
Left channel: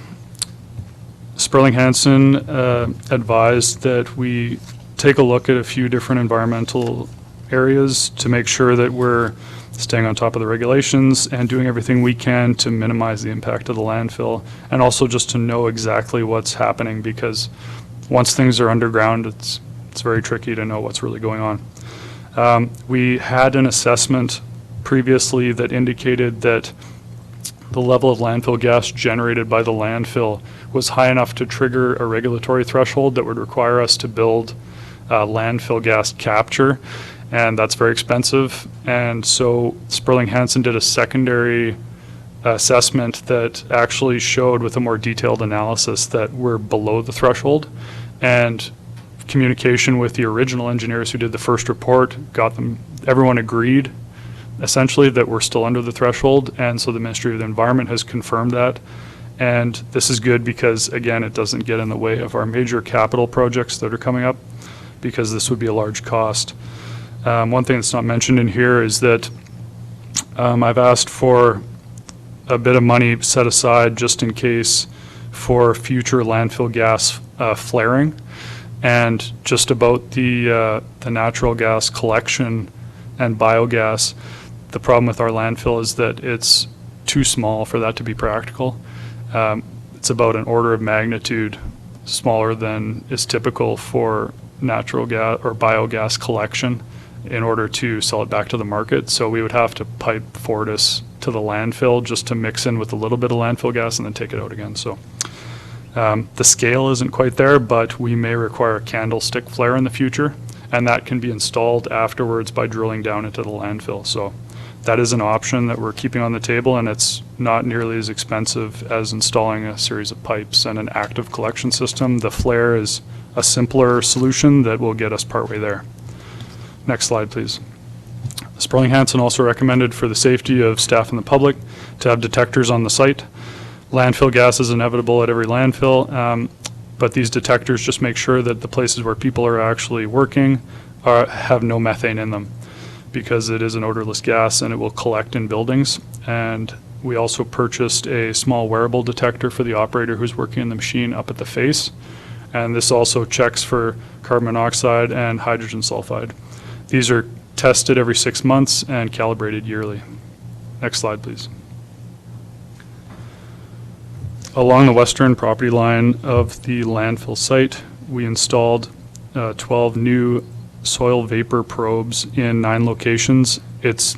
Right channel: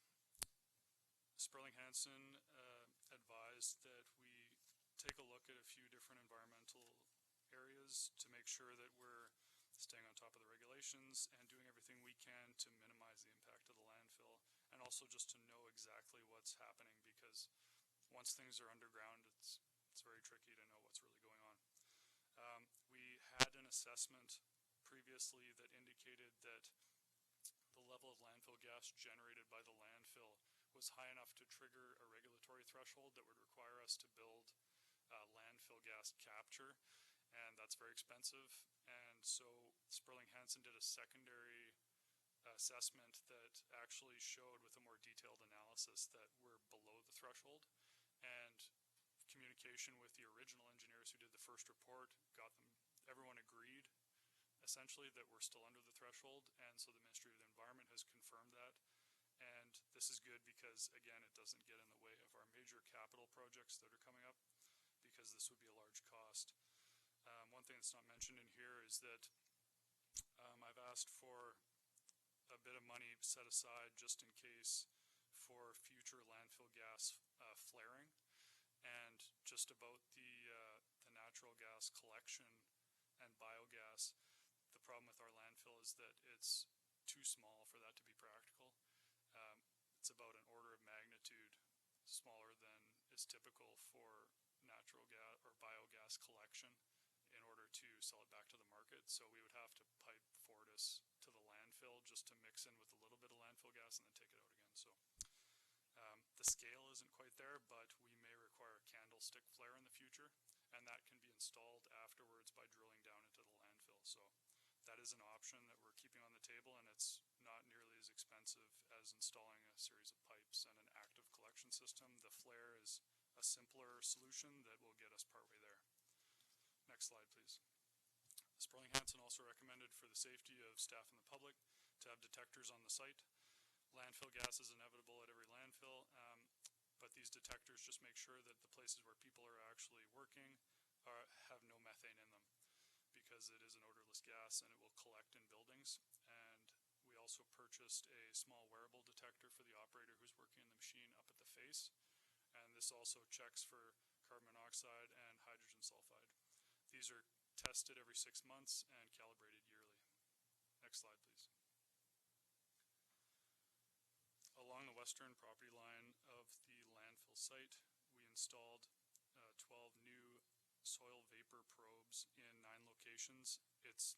Sperling Hansen advised that we take a look at a few different environmental areas to make sure that we're staying on top of the regulations and doing everything we can to minimize the impact of the landfill, and also just to know exactly what's happening, because once things are underground, it's very tricky to know what's really going on. We had an assessment previously that indicated that the level of landfill gas generated by the landfill was high enough to trigger a regulatory threshold that would require us to build landfill gas capture, and that's very expensive. And so Sperling Hansen did a secondary assessment that actually showed, with a more detailed analysis, that we're below the threshold. And communication with the original engineers who did the first report everyone agreed essentially that we're still under the threshold, and so the Ministry of the Environment has confirmed that. And this is good because, again, it doesn't get in the way of our major capital projects that are coming up, because this would be a large cost. One thing that's not mentioned in here is that I've asked for a bit of money set aside just in case for future landfill gas flaring, and just about the natural gas collection and biogas. The problem with our landfill is that it's too small for that to be practical. It's about an order of magnitude smaller than is typical for natural gas or biogas collection in order to sell it back to the market. So we would have to pipe Fortis to the landfill just to mix in with a little bit of landfill gas and then take it out again. So the scale isn't quite there, but we may require a candlestick flare in the future, and that can be installed afterwards by drilling down into the landfill. So that is an option that we're keeping on the table, and it's not nearly as expensive as installing a series of pipes and an active collection system. The flare is a simpler solution that will get us partway there. Next slide, please. Sperling Hansen also recommended, for the safety of staff and the public, to have detectors on the site. Landfill gas is inevitable at every landfill, but these detectors just make sure that the places where people are actually working have no methane in them, because it is an odorless gas and it will collect in buildings. And we also purchased a small wearable detector for the operator who's working in the machine up at the face. And this also checks for carbon monoxide and hydrogen sulfide. These are tested every 6 months and calibrated yearly. Next slide, please. Along the western property line of the landfill site, we installed 12 new soil vapor probes in 9 locations. It's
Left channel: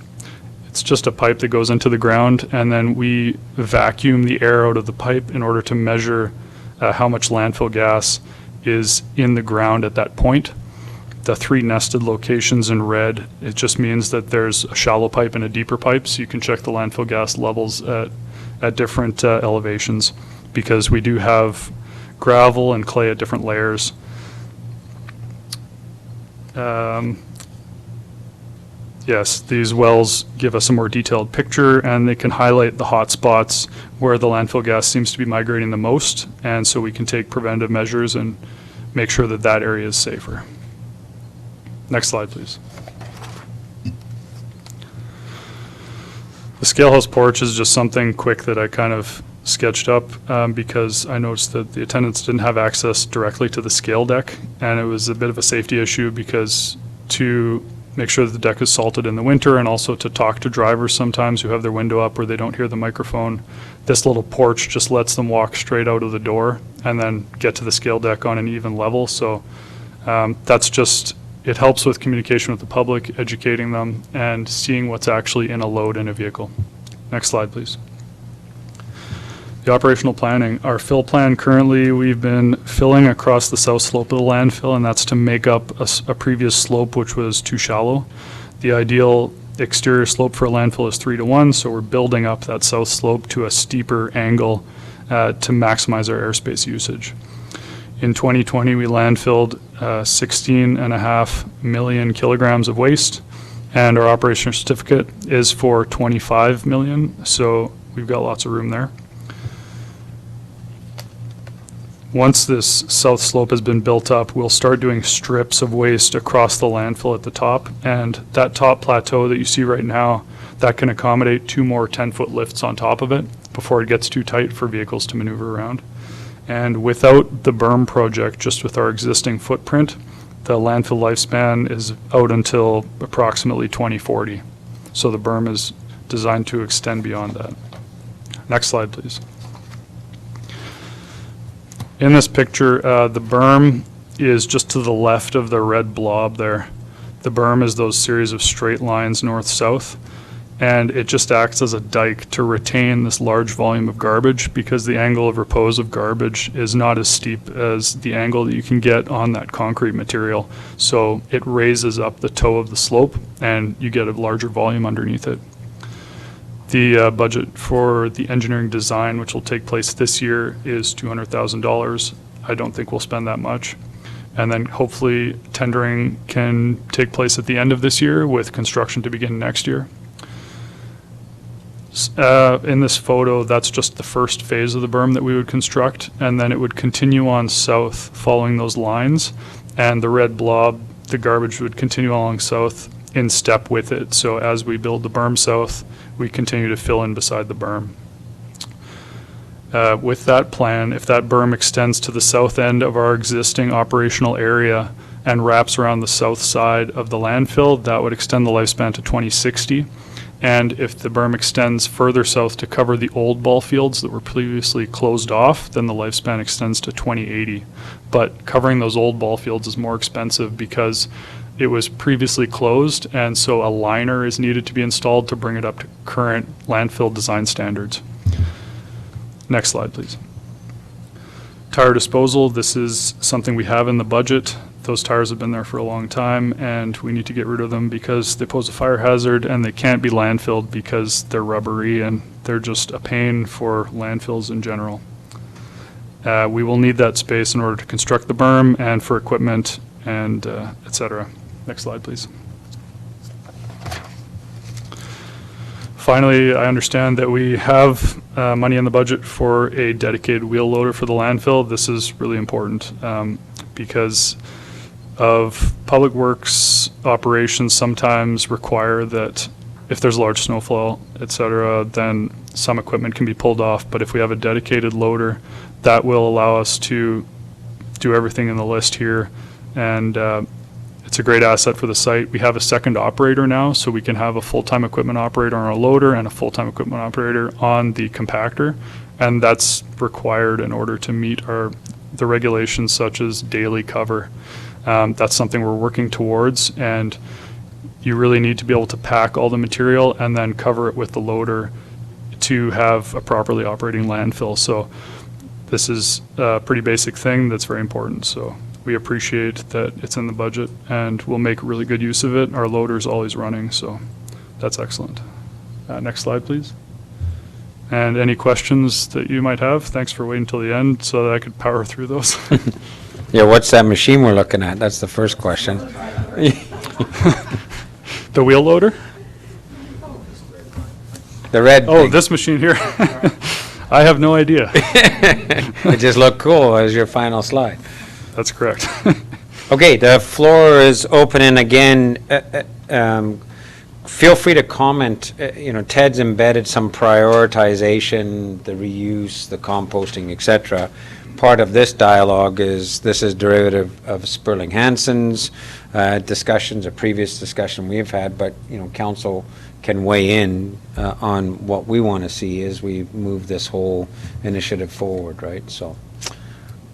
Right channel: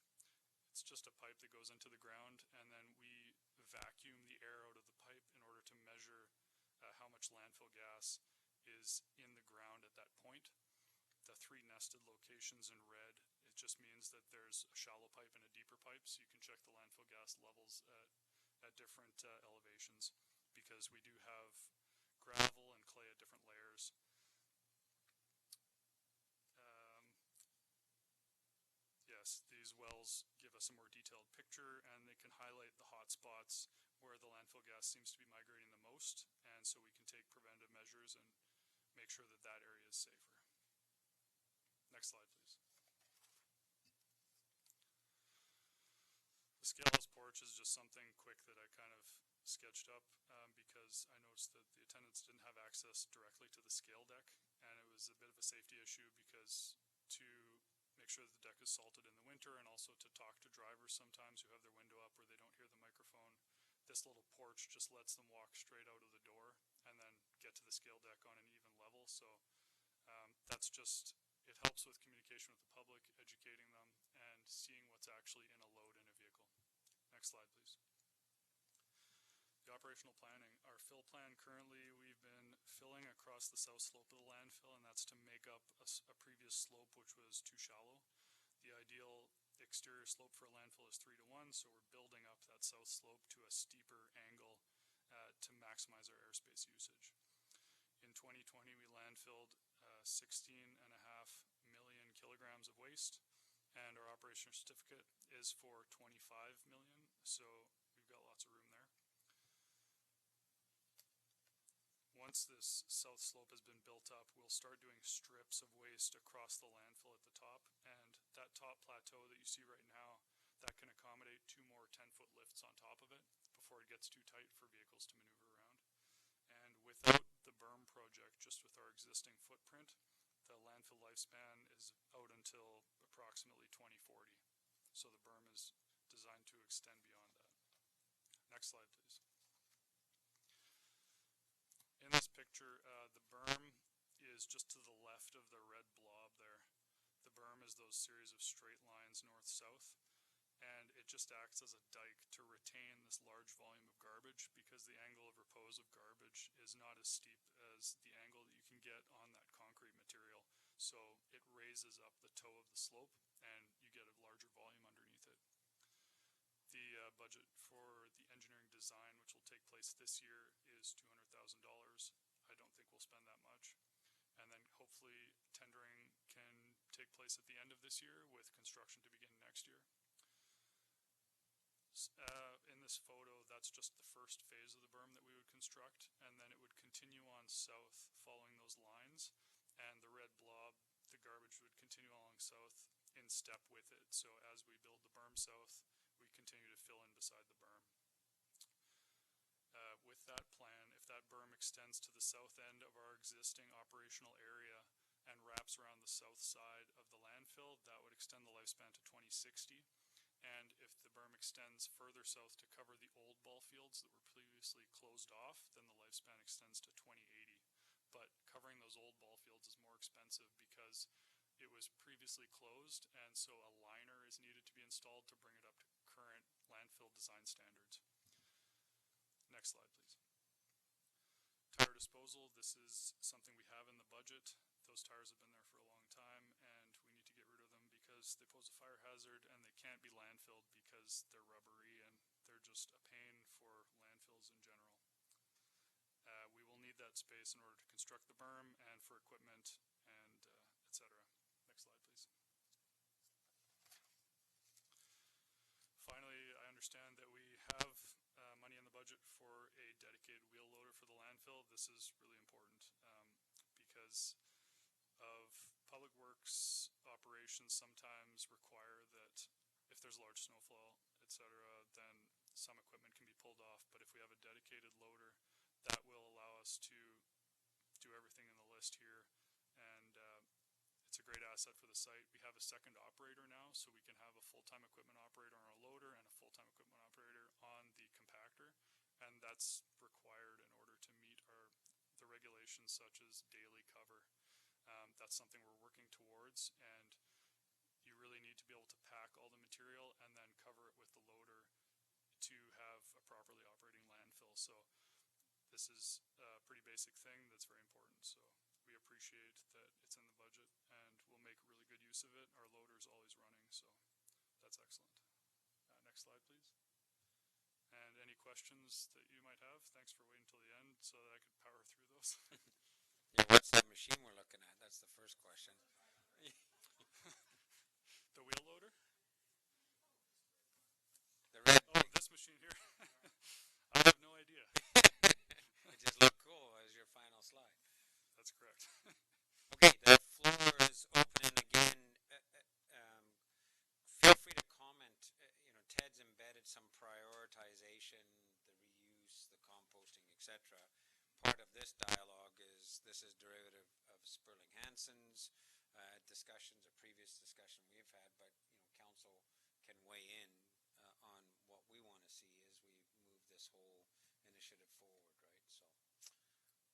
just a pipe that goes into the ground, and then we vacuum the air out of the pipe in order to measure how much landfill gas is in the ground at that point. The 3 nested locations in red, it just means that there's a shallow pipe and a deeper pipe, so you can check the landfill gas levels at different elevations, because we do have gravel and clay at different layers. Yes, these wells give us a more detailed picture, and they can highlight the hot spots where the landfill gas seems to be migrating the most, and so we can take preventive measures and make sure that that area is safer. Next slide, please. The scalehouse porch is just something quick that I kind of sketched up because I noticed that the attendants didn't have access directly to the scale deck, and it was a bit of a safety issue, because to make sure that the deck is salted in the winter, and also to talk to drivers sometimes who have their window up where they don't hear the microphone, this little porch just lets them walk straight out of the door and then get to the scale deck on an even level. So that's just, it helps with communication with the public, educating them, and seeing what's actually in a load in a vehicle. Next slide, please. The operational planning. Our fill plan currently, we've been filling across the south slope of the landfill, and that's to make up a previous slope which was too shallow. The ideal exterior slope for a landfill is 3:1, so we're building up that south slope to a steeper angle to maximize our airspace usage. In 2020, we landfilled 16.5 million kilograms of waste, and our operational certificate is for 25 million, so we've got lots of room there. Once this south slope has been built up, we'll start doing strips of waste across the landfill at the top, and that top plateau that you see right now, that can accommodate 2 more 10-foot lifts on top of it before it gets too tight for vehicles to maneuver around. And without the berm project, just with our existing footprint, the landfill lifespan is out until approximately 2040. So the berm is designed to extend beyond that. Next slide, please. In this picture, the berm is just to the left of the red blob there. The berm is those series of straight lines north-south, and it just acts as a dike to retain this large volume of garbage because the angle of repose of garbage is not as steep as the angle that you can get on that concrete material. So it raises up the toe of the slope and you get a larger volume underneath it. The budget for the engineering design, which will take place this year, is $200,000. I don't think we'll spend that much. And then hopefully tendering can take place at the end of this year with construction to begin next year. In this photo, that's just the first phase of the berm that we would construct, and then it would continue on south following those lines, and the red blob, the garbage would continue along south in step with it. So as we build the berm south, we continue to fill in beside the berm. With that plan, if that berm extends to the south end of our existing operational area and wraps around the south side of the landfill, that would extend the lifespan to 2060. And if the berm extends further south to cover the old ball fields that were previously closed off, then the lifespan extends to 2080. But covering those old ball fields is more expensive because it was previously closed, and so a liner is needed to be installed to bring it up to current landfill design standards. Next slide, please. Tire disposal, this is something we have in the budget. Those tires have been there for a long time, and we need to get rid of them because they pose a fire hazard and they can't be landfilled because they're rubbery and they're just a pain for landfills in general. We will need that space in order to construct the berm and for equipment and et cetera. Next slide, please. Finally, I understand that we have money in the budget for a dedicated wheel loader for the landfill. This is really important because of public works operations sometimes require that if there's large snowfall, et cetera, then some equipment can be pulled off. But if we have a dedicated loader, that will allow us to do everything in the list here. And it's a great asset for the site. We have a second operator now, so we can have a full-time equipment operator on our loader and a full-time equipment operator on the compactor. And that's required in order to meet the regulations such as daily cover. That's something we're working towards, and you really need to be able to pack all the material and then cover it with the loader to have a properly operating landfill. So this is a pretty basic thing that's very important. So we appreciate that it's in the budget, and we'll make really good use of it. Our loader's always running, so that's excellent. Next slide, please. And any questions that you might have? Thanks for waiting until the end so that I could power through those. Yeah, what's that machine we're looking at? That's the first question. The wheel loader? The red. Oh, thing. this machine here? I have no idea. It just looked cool as your final slide. That's correct. Okay, the floor is open, and again, feel free to comment. Ted's embedded some prioritization, the reuse, the composting, et cetera. Part of this dialogue is derivative of Sperling Hansen's discussions, a previous discussion we've had, but council can weigh in on what we want to see as we move this whole initiative forward, right? So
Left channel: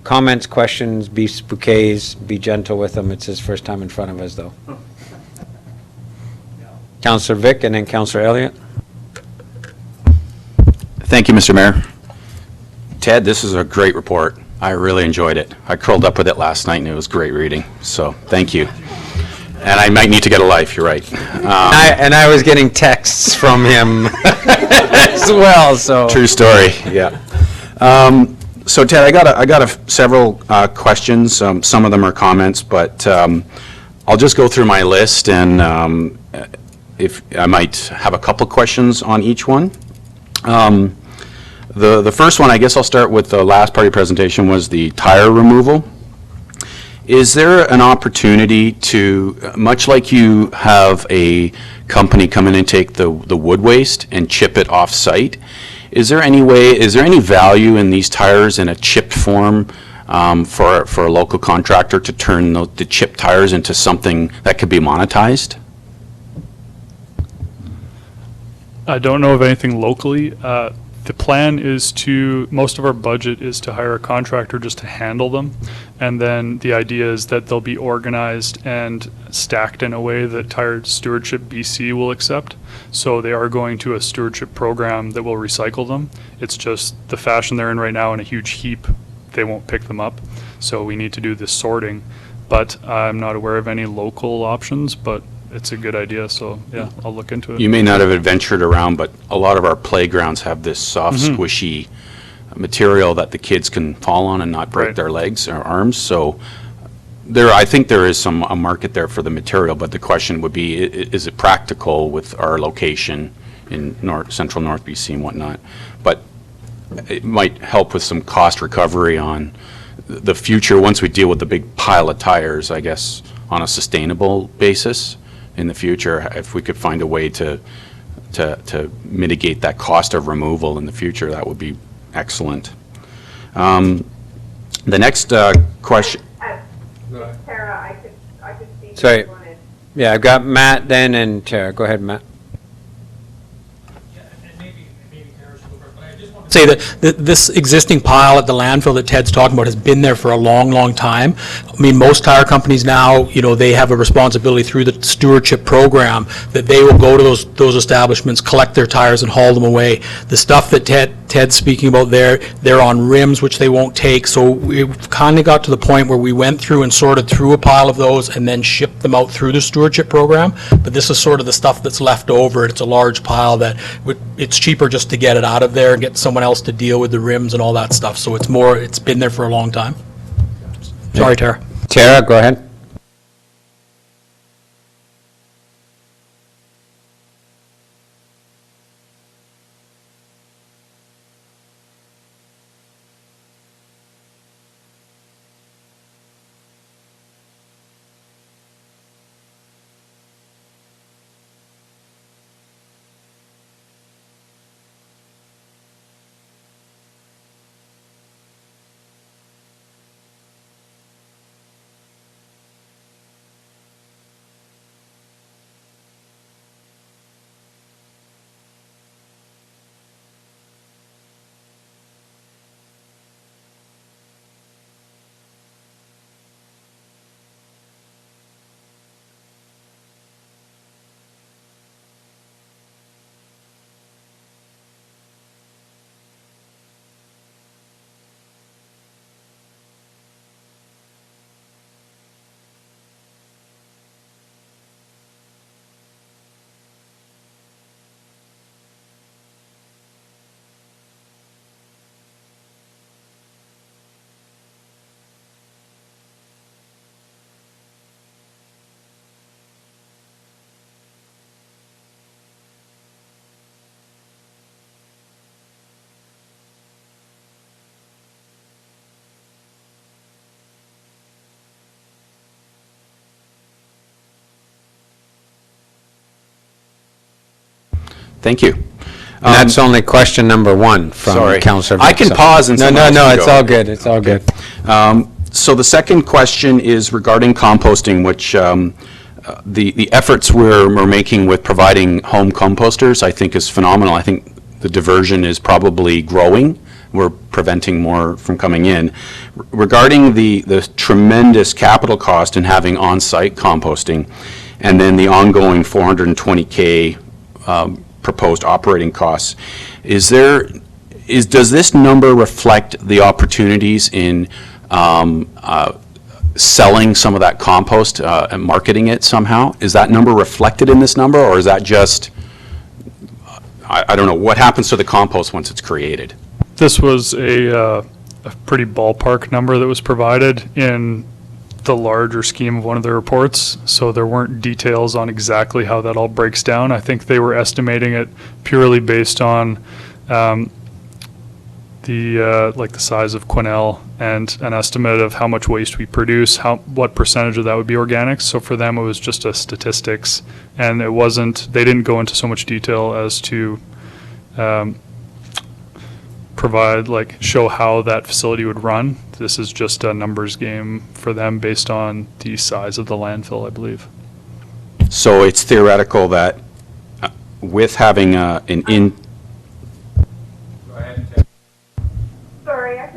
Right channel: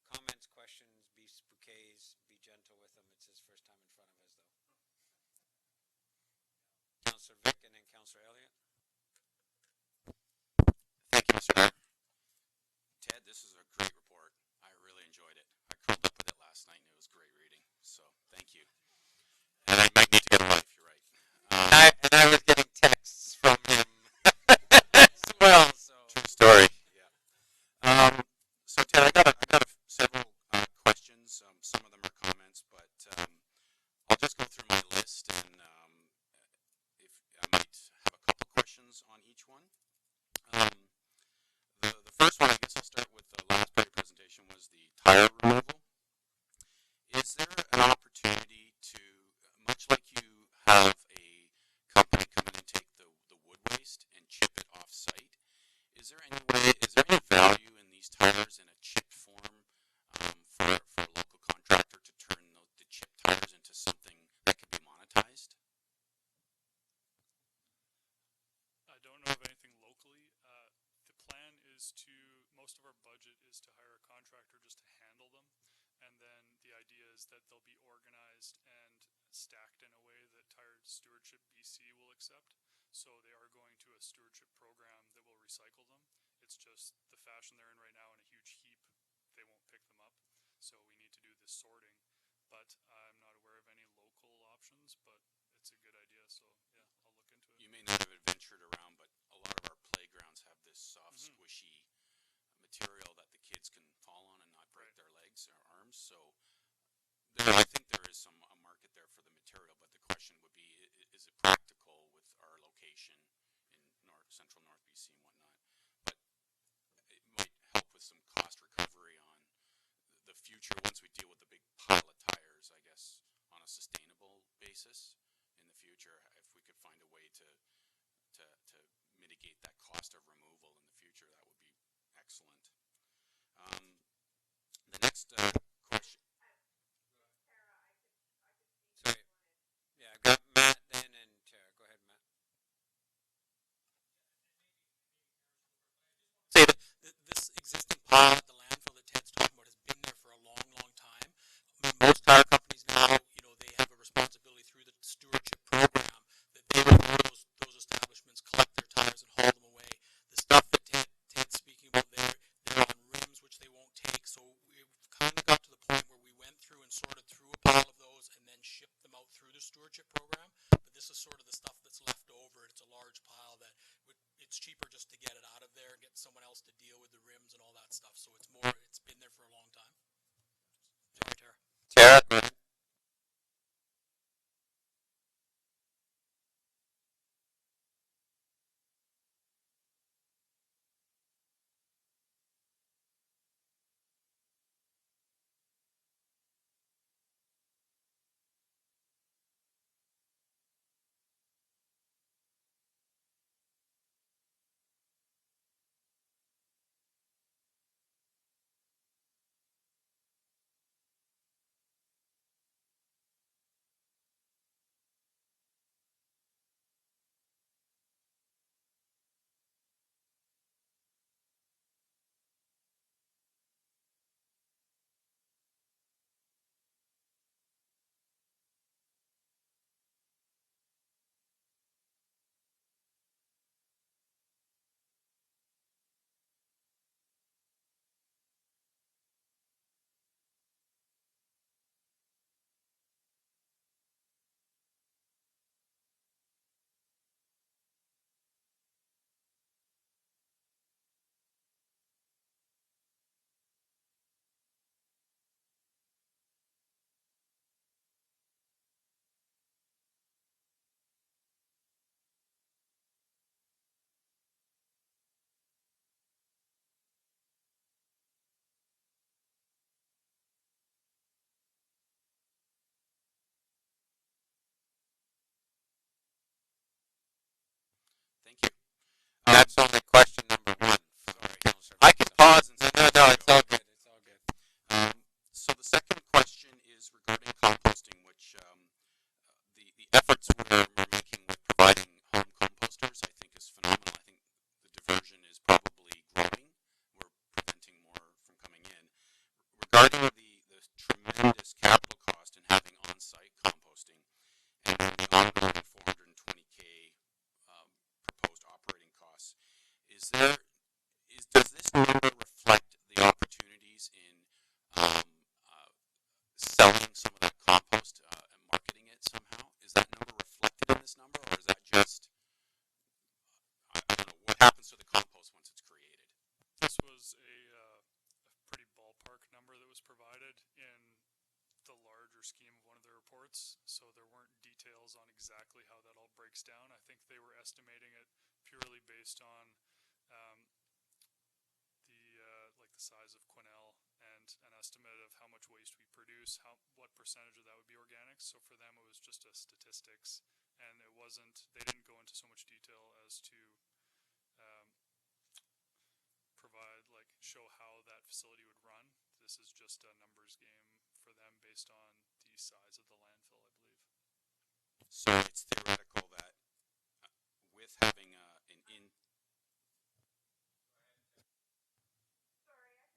comments, questions, bouquets, be gentle with him. It's his first time in front of us, though. Councillor Vic and then Councillor Elliott. Thank you, Mr. Mayor. Ted, this is a great report. I really enjoyed it. I curled up with it last night, and it was great reading. So thank you. And I might need to get a life, you're right. And I was getting texts from him as well, so. True story, yeah. So Ted, I got several questions. Some of them are comments, but I'll just go through my list, and if I might have a couple questions on each one. The first one, I guess I'll start with the last part of your presentation, was the tire removal. Is there an opportunity to, much like you have a company come in and take the wood waste and chip it off-site, is there any value in these tires in a chipped form for a local contractor to turn the chipped tires into something that could be monetized? I don't know of anything locally. The plan is most of our budget is to hire a contractor just to handle them. And then the idea is that they'll be organized and stacked in a way that Tire Stewardship BC will accept. So they are going to a stewardship program that will recycle them. It's just the fashion they're in right now in a huge heap, they won't pick them up. So we need to do this sorting. But I'm not aware of any local options, but it's a good idea, so yeah, I'll look into it. You may not have adventured around, but a lot of our playgrounds have this soft, squishy material that the kids can fall on and not break Right. their legs or arms. So I think there is a market there for the material, but the question would be, is it practical with our location in central North BC and whatnot? But it might help with some cost recovery on the future once we deal with the big pile of tires, I guess, on a sustainable basis. In the future, if we could find a way to mitigate that cost of removal in the future, that would be excellent. The next question. Tara, I could speak. Sorry. if you wanted. Yeah, I've got Matt then and Tara. Go ahead, Matt. Say that this existing pile at the landfill that Ted's talking about has been there for a long, long time. I mean, most tire companies now, they have a responsibility through the stewardship program that they will go to those establishments, collect their tires and haul them away. The stuff that Ted's speaking about there, they're on rims, which they won't take. So we kind of got to the point where we went through and sorted through a pile of those and then shipped them out through the stewardship program. But this is sort of the stuff that's left over. It's a large pile that it's cheaper just to get it out of there and get someone else to deal with the rims and all that stuff. So it's been there for a long time. Sorry, Tara. Tara, go ahead. Thank you. And that's only question number one from Sorry. Councillor I can Vic, so- pause and someone else No, can it's go. all good, it's all good. So the second question is regarding composting, which the efforts we're making with providing home composters, I think, is phenomenal. I think the diversion is probably growing. We're preventing more from coming in. Regarding the tremendous capital cost in having on-site composting, and then the ongoing $420K proposed operating costs, does this number reflect the opportunities in selling some of that compost and marketing it somehow? Is that number reflected in this number, or is that just, I don't know, what happens to the compost once it's created? This was a pretty ballpark number that was provided in the larger scheme of one of the reports, so there weren't details on exactly how that all breaks down. I think they were estimating it purely based on the size of Quesnel and an estimate of how much waste we produce, what percentage of that would be organic. So for them, it was just a statistics, and they didn't go into so much detail as to show how that facility would run. This is just a numbers game for them based on the size of the landfill, I believe. So it's theoretical that with having an in. Sorry,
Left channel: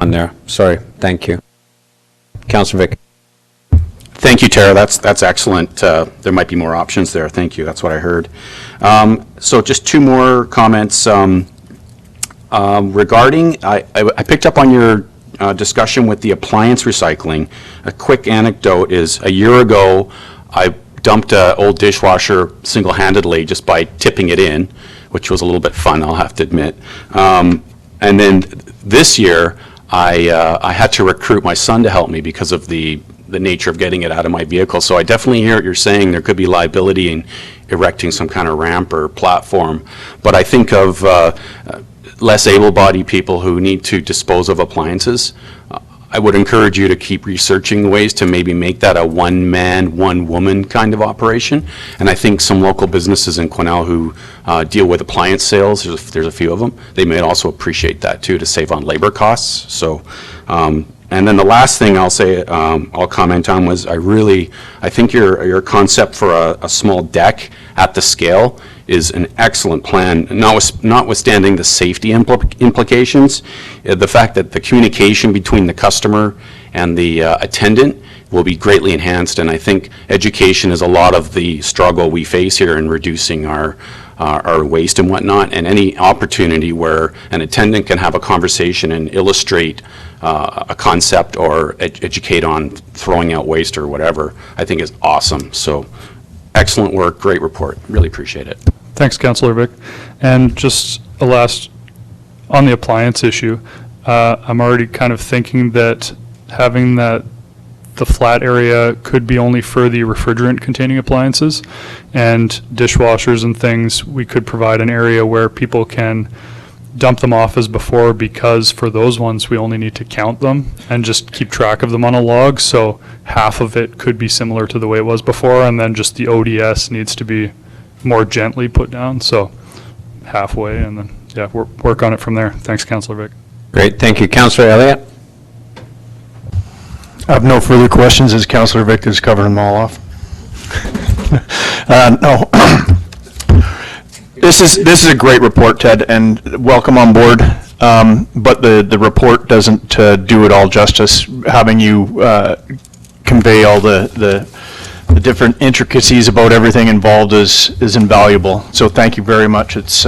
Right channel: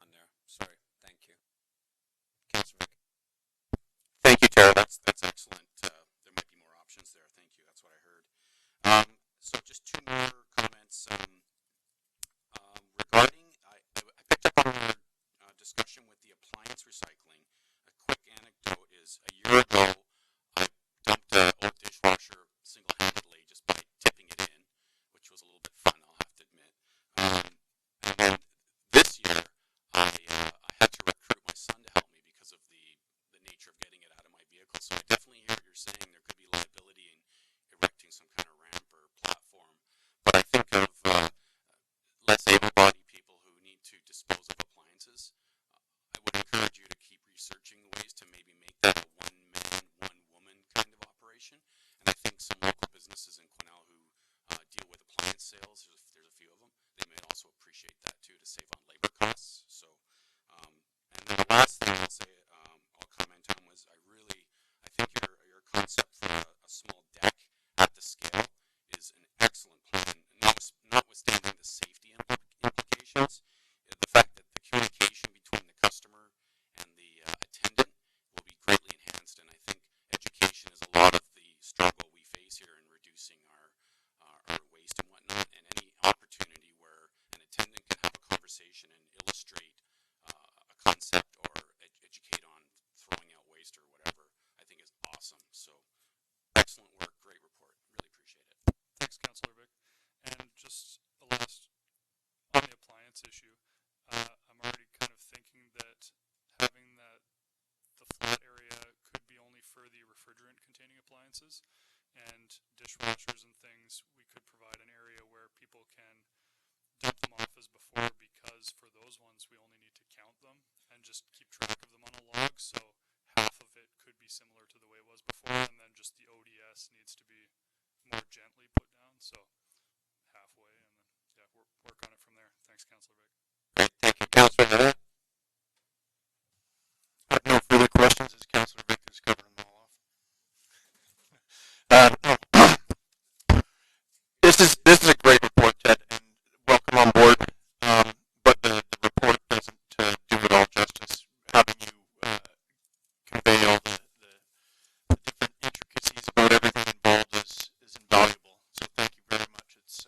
On there, sorry, thank you. Councilor Vic. Thank you, Tara. That's excellent. There might be more options there. Thank you. That's what I heard. So just two more comments regarding. I picked up on your discussion with the appliance recycling. A quick anecdote is a year ago, I dumped an old dishwasher single-handedly just by tipping it in, which was a little bit fun, I'll have to admit. And then this year, I had to recruit my son to help me because of the nature of getting it out of my vehicle. So I definitely hear what you're saying. There could be liability in erecting some kind of ramp or platform. But I think of less able-bodied people who need to dispose of appliances. I would encourage you to keep researching ways to maybe make that a one-man, one-woman kind of operation. And I think some local businesses in Quesnel who deal with appliance sales, there's a few of them, they may also appreciate that too, to save on labor costs. So, and then the last thing I'll say, I'll comment on was I think your concept for a small deck at the scale is an excellent plan, notwithstanding the safety implications. The fact that the communication between the customer and the attendant will be greatly enhanced, and I think education is a lot of the struggle we face here in reducing our our waste and whatnot, and any opportunity where an attendant can have a conversation and illustrate a concept or educate on throwing out waste or whatever, I think is awesome. So excellent work, great report, really appreciate it. Thanks, Councillor Vic. And just a last, on the appliance issue, I'm already kind of thinking that having the flat area could be only for the refrigerant-containing appliances, and dishwashers and things, we could provide an area where people can dump them off as before, because for those ones, we only need to count them and just keep track of them on a log. So half of it could be similar to the way it was before, and then just the ODS needs to be more gently put down, so halfway, and then, yeah, work on it from there. Thanks, Councillor Vic. Great, thank you. Councillor Elliott? I have no further questions, as Councillor Vic has covered them all off. No. This is a great report, Ted, and welcome on board. But the report doesn't do it all justice. Having you convey all the different intricacies about everything involved is invaluable. So thank you very much. It's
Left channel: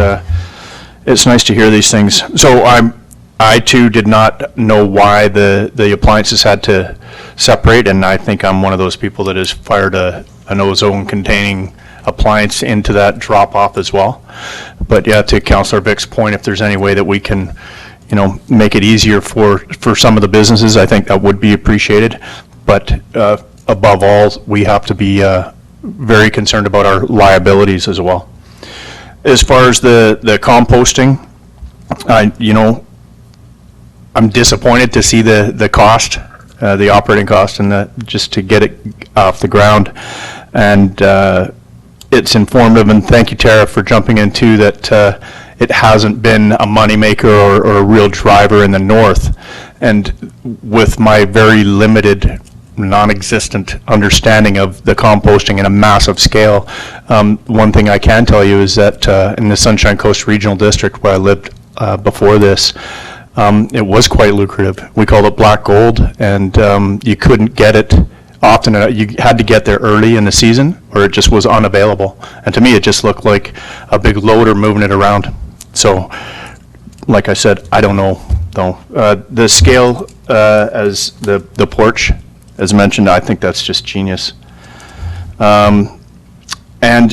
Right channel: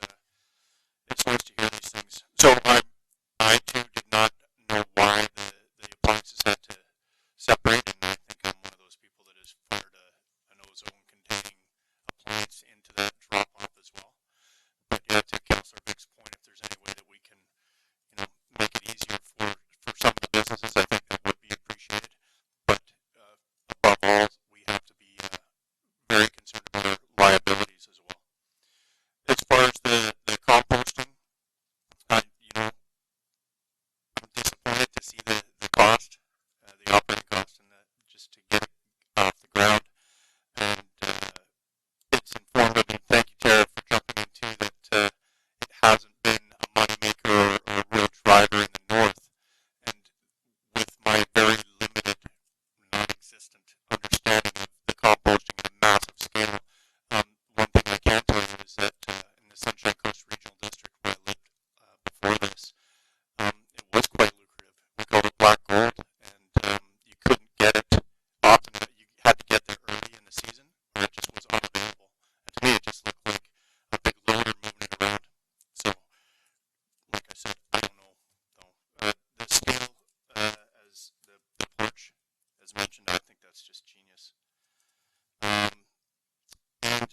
nice to hear these things. So I too did not know why the appliances had to separate, and I think I'm one of those people that has fired an ozone-containing appliance into that drop-off as well. But yeah, to Councillor Vic's point, if there's any way that we can, make it easier for some of the businesses, I think that would be appreciated. But above all, we have to be very concerned about our liabilities as well. As far as the composting, I'm disappointed to see the cost, the operating cost, and just to get it off the ground. And it's informative, and thank you, Tara, for jumping in too, that it hasn't been a moneymaker or a real driver in the north. And with my very limited, non-existent understanding of the composting in a massive scale, one thing I can tell you is that in the Sunshine Coast Regional District, where I lived before this, it was quite lucrative. We called it black gold, and you couldn't get it often. You had to get there early in the season, or it just was unavailable. And to me, it just looked like a big loader moving it around. So, like I said, I don't know, though. The scale as the porch, as mentioned, I think that's just genius. And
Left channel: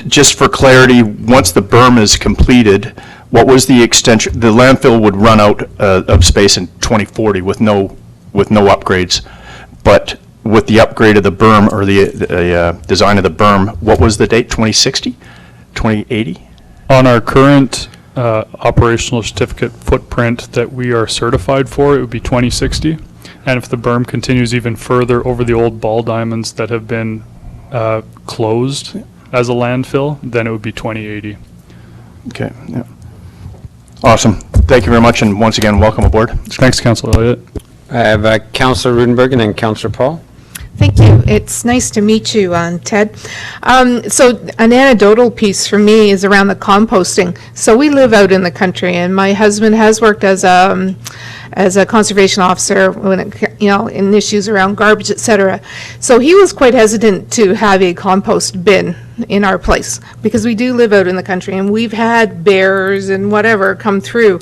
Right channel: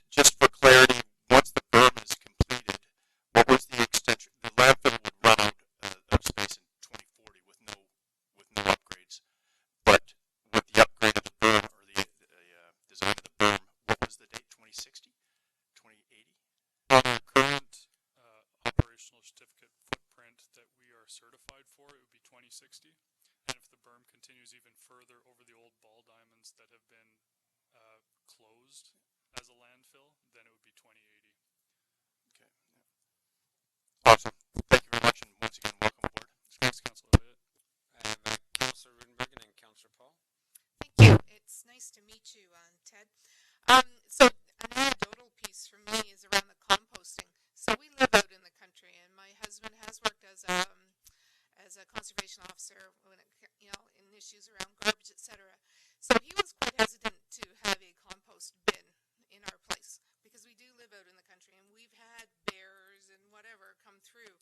just for clarity, once the berm is completed, what was the extension? The landfill would run out of space in 2040 with no upgrades. But with the upgrade of the berm, or the design of the berm, what was the date? 2060? 2080? On our current operational certificate footprint that we are certified for, it would be 2060. And if the berm continues even further over the old ball diamonds that have been closed as a landfill, then it would be 2080. Okay, yeah. Awesome. Thank you very much, and once again, welcome aboard. Thanks, Councillor Elliott. I have Councillor Rudenberg and then Councillor Paul. Thank you. It's nice to meet you, Ted. So an anecdotal piece for me is around the composting. So we live out in the country, and my husband has worked as a conservation officer when it, in issues around garbage, etc. So he was quite hesitant to have a compost bin in our place, because we do live out in the country, and we've had bears and whatever come through.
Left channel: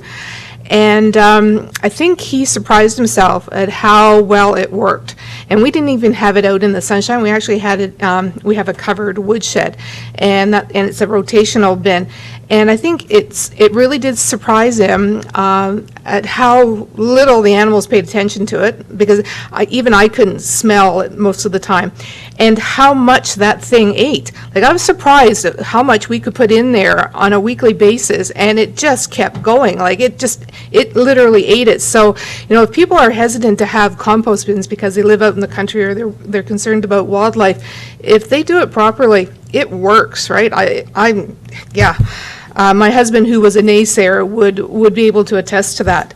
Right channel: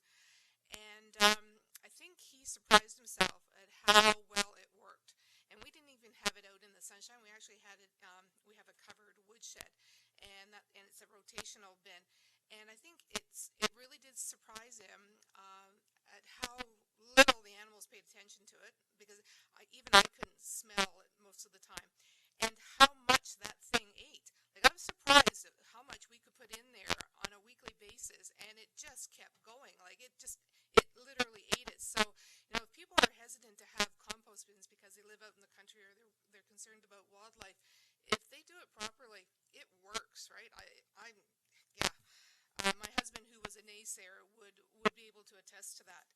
And I think he surprised himself at how well it worked. And we didn't even have it out in the sunshine. We actually had it, we have a covered woodshed, and it's a rotational bin. And I think it really did surprise him at how little the animals paid attention to it, because even I couldn't smell it most of the time, and how much that thing ate. Like, I was surprised at how much we could put in there on a weekly basis, and it just kept going. Like, it literally ate it. So, if people are hesitant to have compost bins because they live out in the country, or they're concerned about wildlife, if they do it properly, it works, right? My husband, who was a naysayer, would be able to attest to that.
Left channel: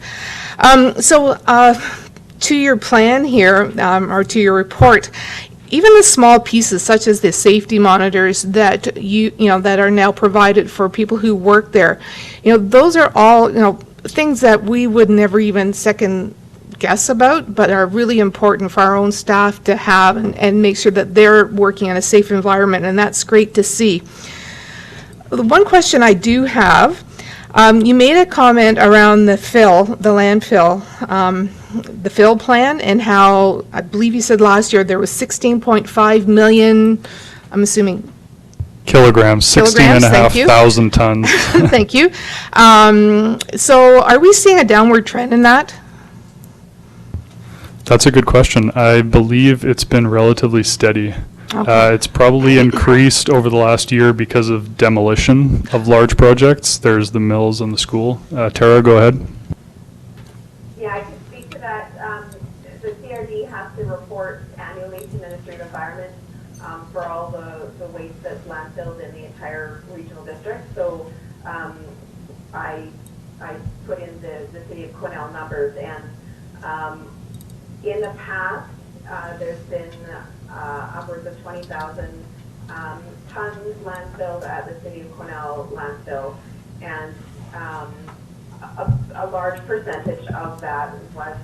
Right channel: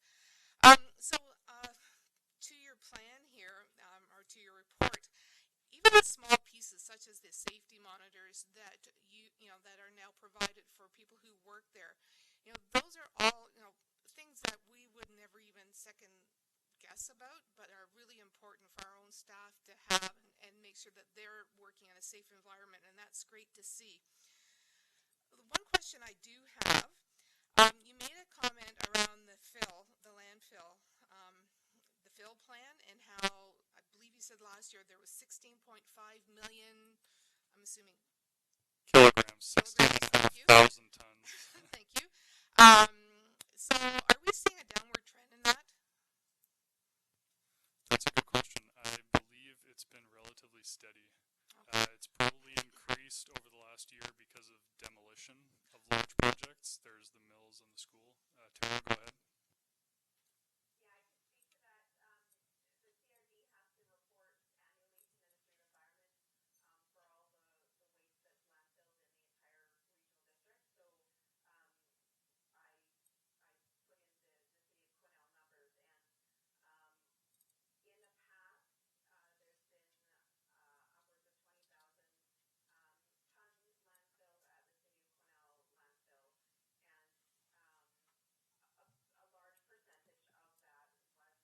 To your plan here, or to your report, even the small pieces such as the safety monitors that that are now provided for people who work there, those are all things that we would never even second guess about, but are really important for our own staff to have and make sure that they're working in a safe environment, and that's great to see. The one question I do have, you made a comment around the landfill, the fill plan, and how, I believe you said last year there was 16.5 million, I'm assuming, Kilograms, 16 and a half thank you. thousand tons. thank you. So are we seeing a downward trend in that? That's a good question. I believe it's been relatively steady. Okay. It's probably increased over the last year because of demolition of large projects. There's the mills and the school. Tara, go ahead. Yeah, I can speak to that. The CRD has to report annually to Ministry of Environment for all the waste that's landfilled in the entire regional district. So I put in the city of Quesnel numbers, and in the past, there's been upwards of 20,000 tons landfilled at the city of Quesnel landfill, and a large percentage of that was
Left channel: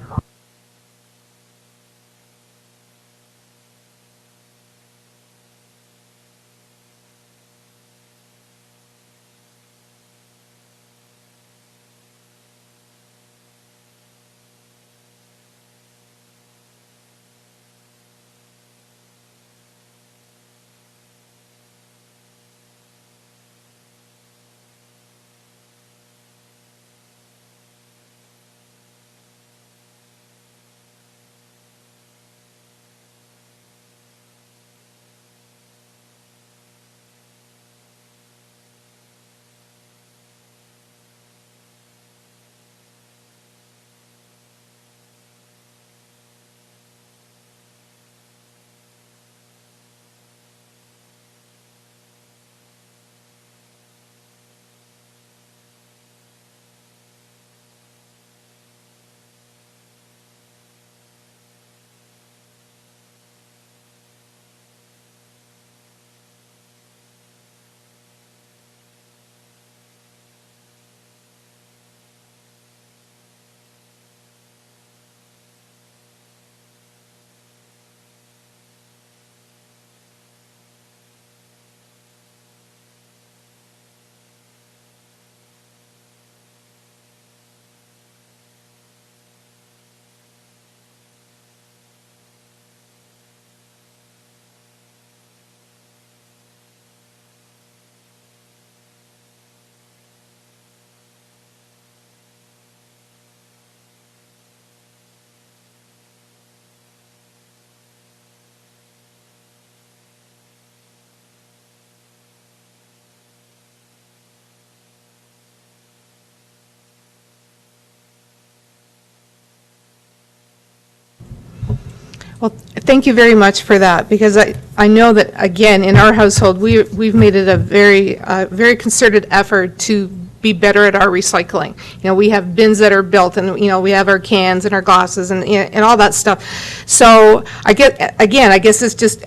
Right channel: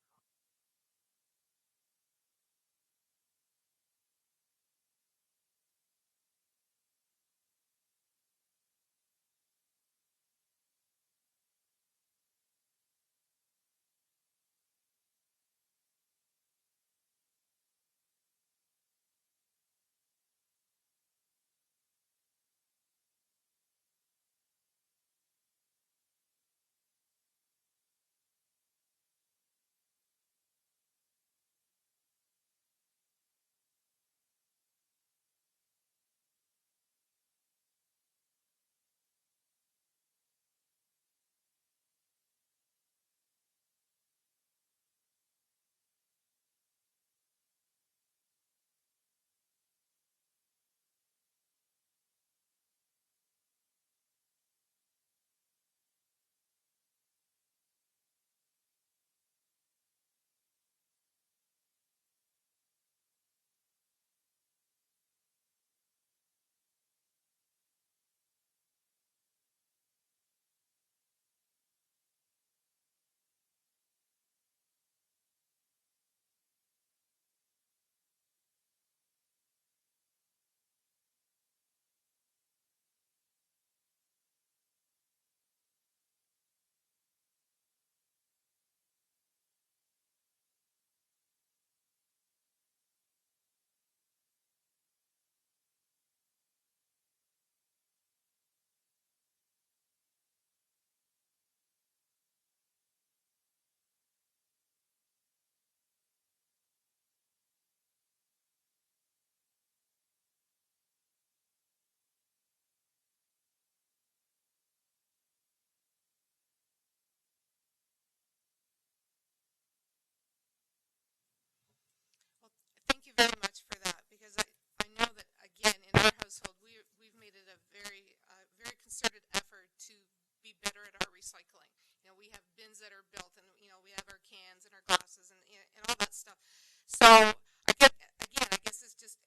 Well, thank you very much for that, because I know that, again, in our household, we've made it a very concerted effort to be better at our recycling. You know, we have bins that are built, and, you know, we have our cans and our glasses and all that stuff. So I guess this just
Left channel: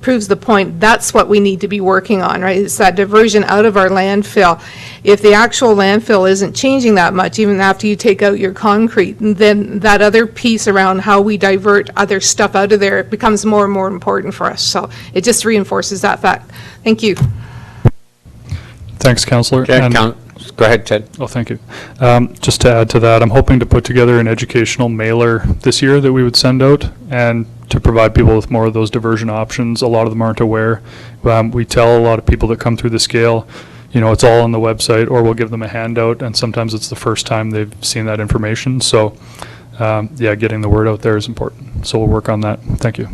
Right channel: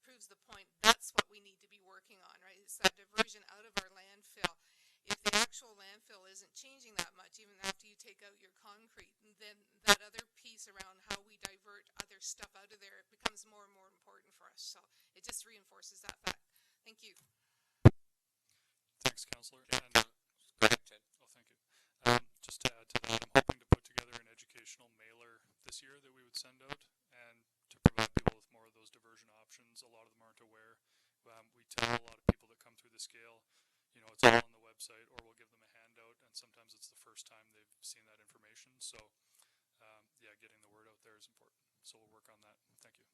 proves the point. That's what we need to be working on, right? It's that diversion out of our landfill. If the actual landfill isn't changing that much, even after you take out your concrete, then that other piece around how we divert other stuff out of there becomes more and more important for us. So it just reinforces that fact. Thank you. Thanks, Councillor. And- Go ahead, Ted. Oh, thank you. Just to add to that, I'm hoping to put together an educational mailer this year that we would send out, and to provide people with more of those diversion options. A lot of them aren't aware. We tell a lot of people that come through the scale, you know, it's all on the website, or we'll give them a handout, and sometimes it's the first time they've seen that information. So, yeah, getting the word out there is important. So we'll work on that. Thank you.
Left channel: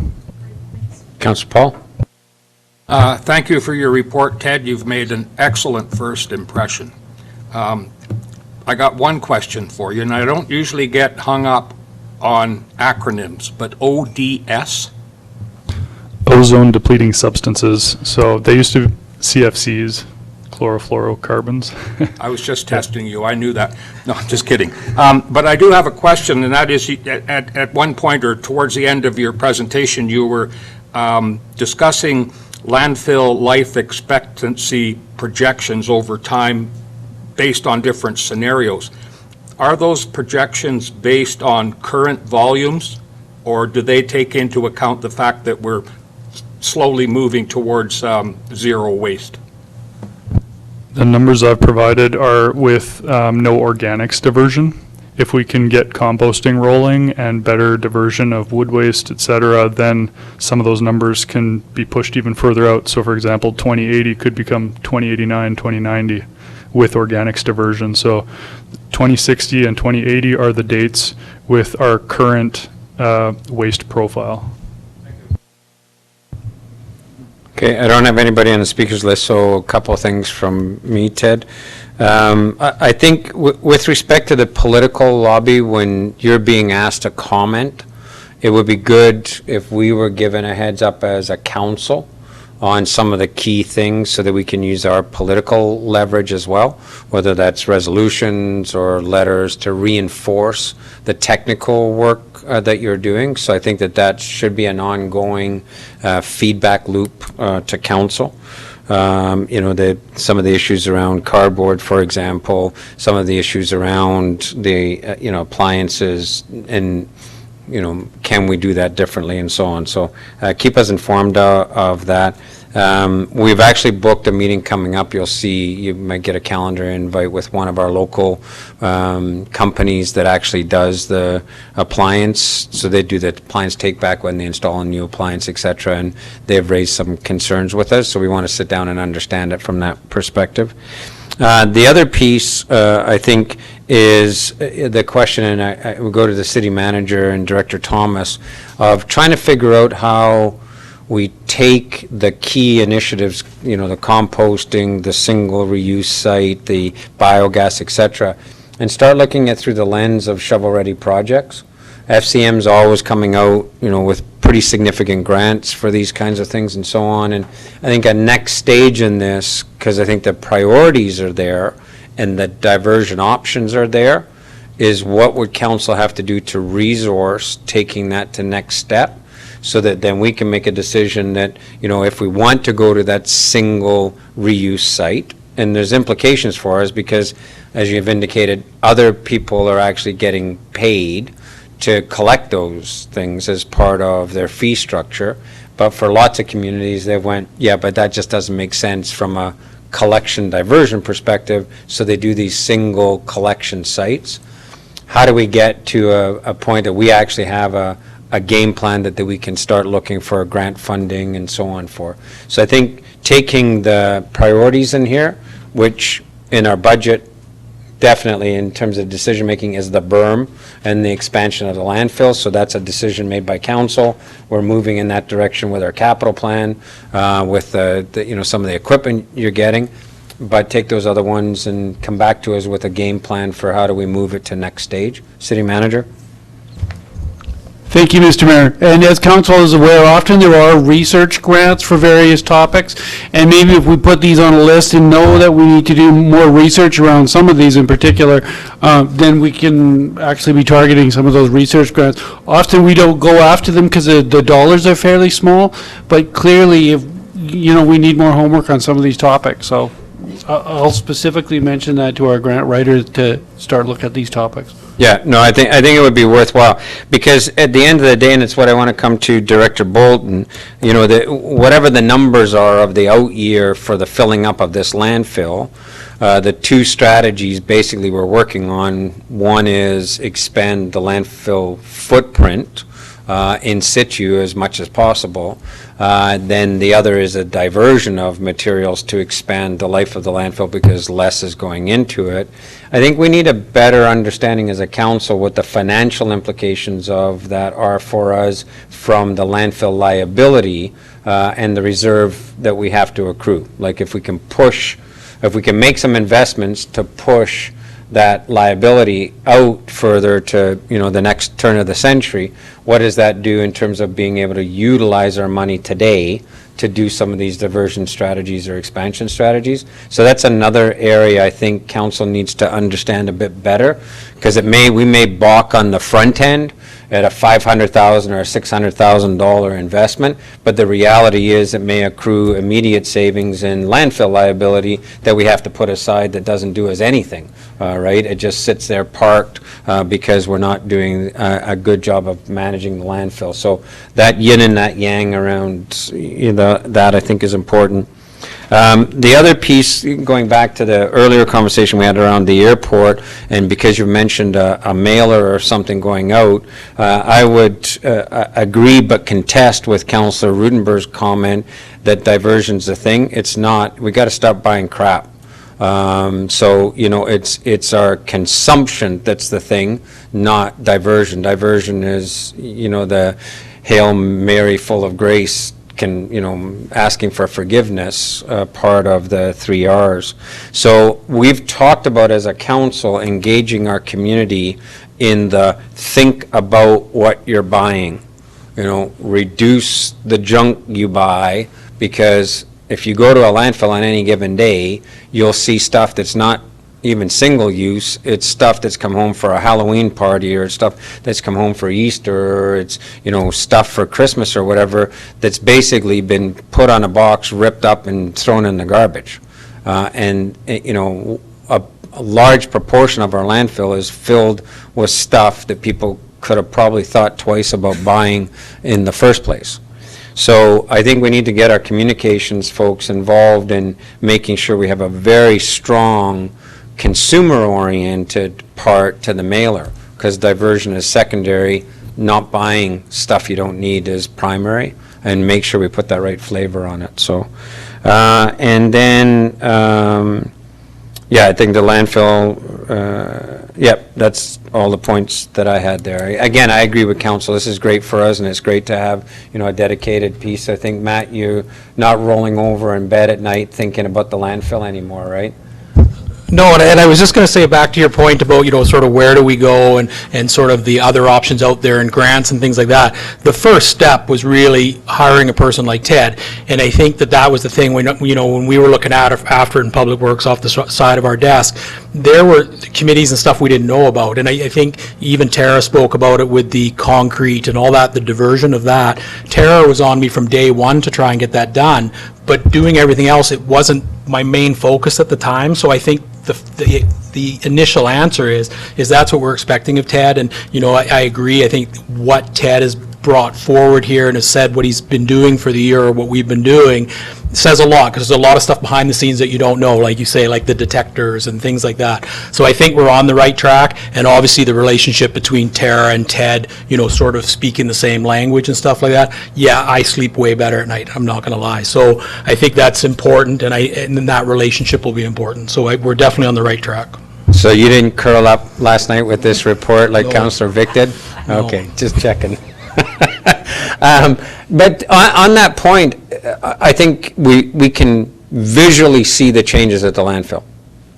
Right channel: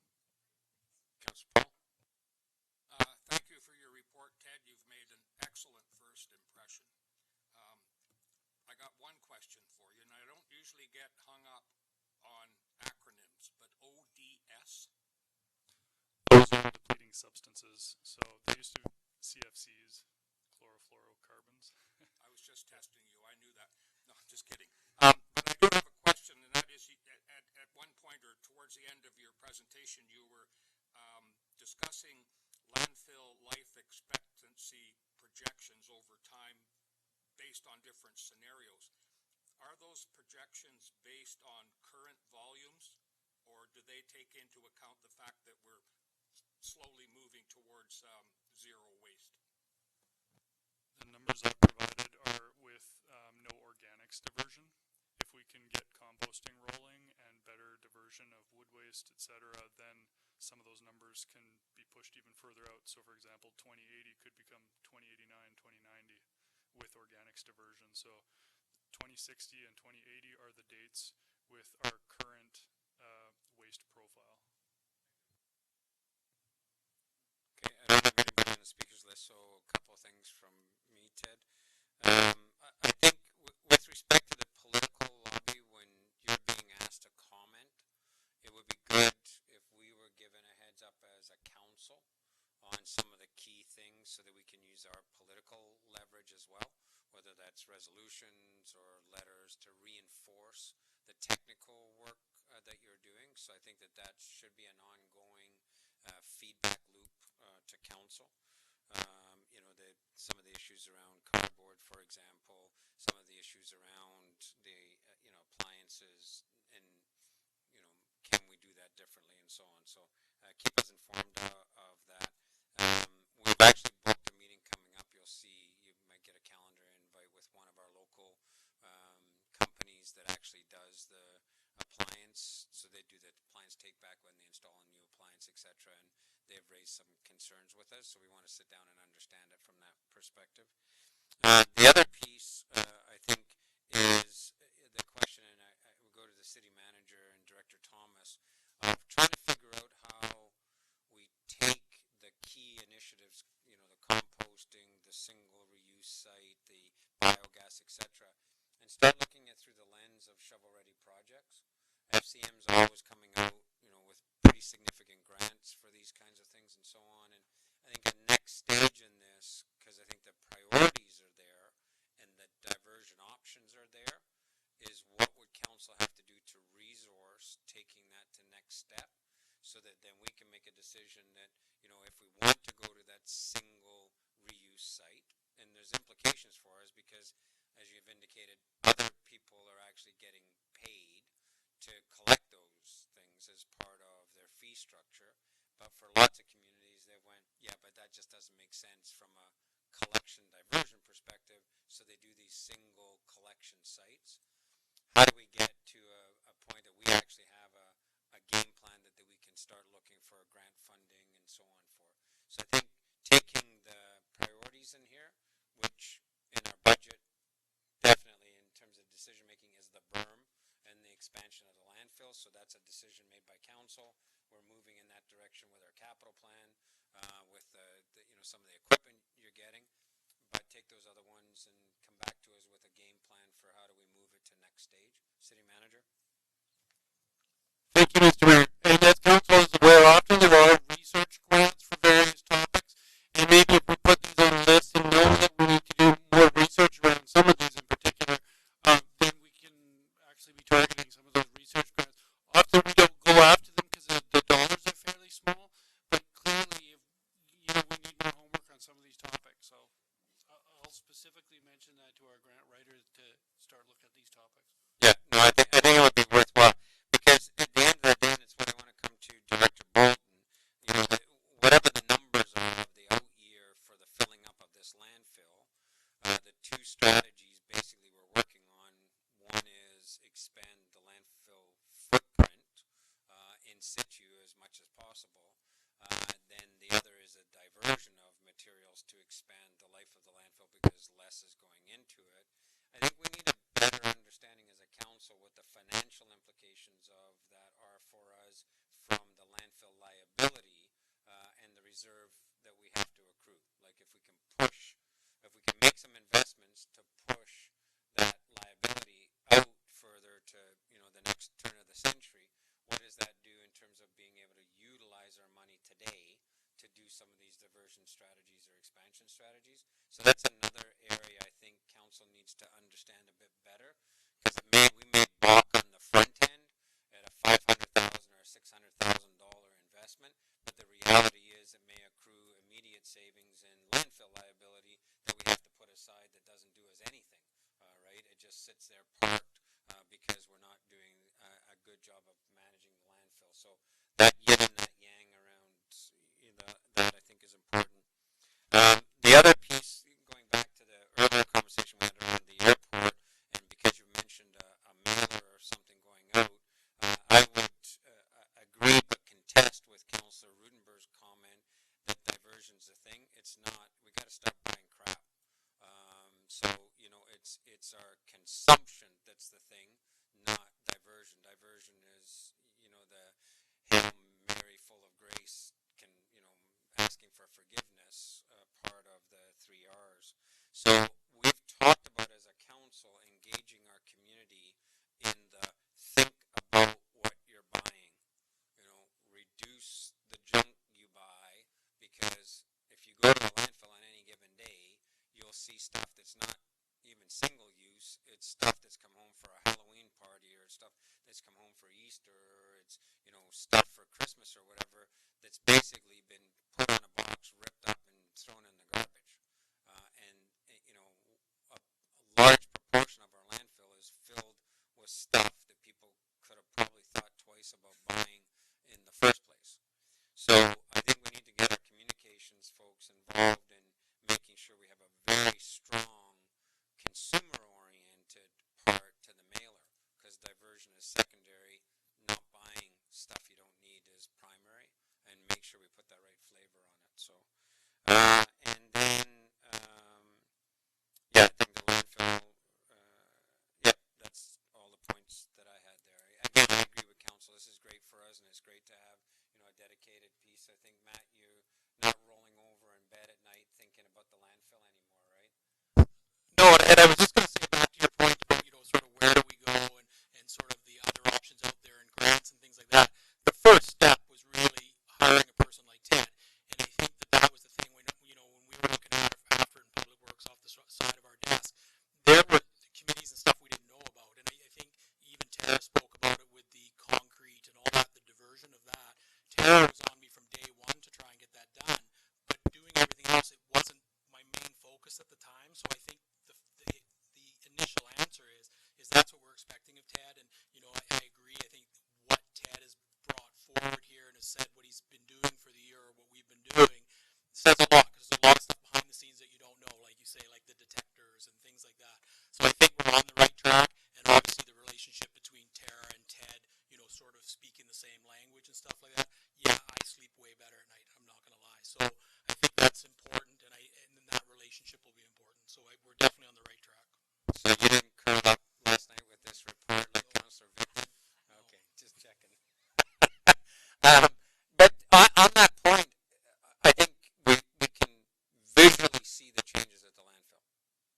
Councillor Paul? Thank you for your report, Ted. You've made an excellent first impression. I got one question for you, and I don't usually get hung up on acronyms, but ODS? Ozone depleting substances. So they used to be CFCs, chlorofluorocarbons. I was just testing you. I knew that. No, I'm just kidding. But I do have a question, and that is, at one point or towards the end of your presentation, you were discussing landfill life expectancy projections over time based on different scenarios. Are those projections based on current volumes, or do they take into account the fact that we're slowly moving towards zero waste? The numbers I've provided are with no organics diversion. If we can get composting rolling and better diversion of wood waste, et cetera, then some of those numbers can be pushed even further out. So for example, 2080 could become 2089, 2090 with organics diversion. So 2060 and 2080 are the dates with our current waste profile. Okay, I don't have anybody on the speakers list, so a couple of things from me, Ted. I think with respect to the political lobby, when you're being asked to comment, it would be good if we were given a heads up as a council on some of the key things so that we can use our political leverage as well, whether that's resolutions or letters to reinforce the technical work that you're doing. So I think that should be an ongoing feedback loop to council. You know, some of the issues around cardboard, for example, some of the issues around the, you know, appliances and, you know, can we do that differently and so on. So keep us informed of that. We've actually booked a meeting coming up. You'll see, you might get a calendar invite with one of our local companies that actually does the appliance. So they do the appliance take back when they install a new appliance, et cetera, and they've raised some concerns with us. So we want to sit down and understand it from that perspective. The other piece, I think, is the question, and I will go to the city manager and Director Thomas, of trying to figure out how we take the key initiatives, you know, the composting, the single reuse site, the biogas, et cetera, and start looking at through the lens of shovel-ready projects. FCM's always coming out, you know, with pretty significant grants for these kinds of things and so on. And I think a next stage in this, because I think the priorities are there and the diversion options are there, is what would council have to do to resource taking that to next step, so that then we can make a decision that, you know, if we want to go to that single reuse site, and there's implications for us because, as you've indicated, other people are actually getting paid to collect those things as part of their fee structure. But for lots of communities, they went, yeah, but that just doesn't make sense from a collection diversion perspective, so they do these single collection sites. How do we get to a point that we actually have a game plan that we can start looking for grant funding and so on for? So I think taking the priorities in here, which in our budget, definitely in terms of decision-making, is the berm and the expansion of the landfill. So that's a decision made by council. We're moving in that direction with our capital plan, with the you know, some of the equipment you're getting. But take those other ones and come back to us with a game plan for how do we move it to next stage. City manager? Thank you, Mr. Mayor. And as council is aware, often there are research grants for various topics, and maybe if we put these on a list and know that we need to do more research around some of these in particular, then we can actually be targeting some of those research grants. Often we don't go after them because the dollars are fairly small, but clearly, if you know, we need more homework on some of these topics. So I'll specifically mention that to our grant writers to start looking at these topics. Yeah, no, I think it would be worthwhile, because at the end of the day, and it's what I want to come to Director Bolton, you know, whatever the numbers are of the out year for the filling up of this landfill, the two strategies basically we're working on, one is expand the landfill footprint in situ as much as possible. Then the other is a diversion of materials to expand the life of the landfill because less is going into it. I think we need a better understanding as a council what the financial implications of that are for us from the landfill liability and the reserve that we have to accrue. Like if we can make some investments to push that liability out further to, you know, the next turn of the century, what does that do in terms of being able to utilize our money today to do some of these diversion strategies or expansion strategies? So that's another area I think council needs to understand a bit better, because we may balk on the front end at a $500,000 or a $600,000 investment, but the reality is it may accrue immediate savings in landfill liability that we have to put aside that doesn't do us anything, right? It just sits there parked because we're not doing a good job of managing the landfill. So that yin and that yang around, you know, that I think is important. The other piece, going back to the earlier conversation we had around the airport, and because you mentioned a mailer or something going out, I would agree but contest with Councillor Rudenberg's comment that diversion's a thing. It's not. We got to stop buying crap. So, you know, it's our consumption that's the thing, not diversion. Diversion is, you know, the Hail Mary full of grace, asking for forgiveness, part of the 3 R's. So we've talked about, as a council, engaging our community in the think about what you're buying. You know, reduce the junk you buy, because if you go to a landfill on any given day, you'll see stuff that's not even single use. It's stuff that's come home for a Halloween party, or stuff that's come home for Easter, or it's, you know, stuff for Christmas or whatever, that's basically been put on a box, ripped up and thrown in the garbage. And you know, a large proportion of our landfill is filled with stuff that people could have probably thought twice about buying in the first place. So I think we need to get our communications folks involved in making sure we have a very strong consumer-oriented part to the mailer, because diversion is secondary, not buying stuff you don't need is primary, and make sure we put that right flavor on it. So, and then, yeah, I think the landfill, yep, that's all the points that I had there. Again, I agree with council. This is great for us, and it's great to have, you know, a dedicated piece. I think, Matt, you're not rolling over in bed at night thinking about the landfill anymore, right? No, and I was just going to say, back to your point about, you know, sort of where do we go, and sort of the other options out there and grants and things like that. The first step was really hiring a person like Ted, and I think that was the thing when, you know, when we were looking at after in Public Works off the side of our desk, there were committees and stuff we didn't know about, and I think even Tara spoke about it with the concrete and all that, the diversion of that. Tara was on me from day one to try and get that done, but doing everything else, it wasn't my main focus at the time. So I think the initial answer is that's what we're expecting of Ted. And, you know, I agree. I think what Ted has brought forward here and has said what he's been doing for the year, or what we've been doing, says a lot, because there's a lot of stuff behind the scenes that you don't know, like you say, like the detectors and things like that. So I think we're on the right track, and obviously the relationship between Tara and Ted, you know, sort of speaking the same language and stuff like that. Yeah, I sleep way better at night, I'm not going to lie. So I think that's important, and then that relationship will be important. So we're definitely on the right track. So you didn't curl up last night with this report like No. Councillor Vic did? No. Okay, just checking. But on that point, I think we can visually see the changes at the landfill.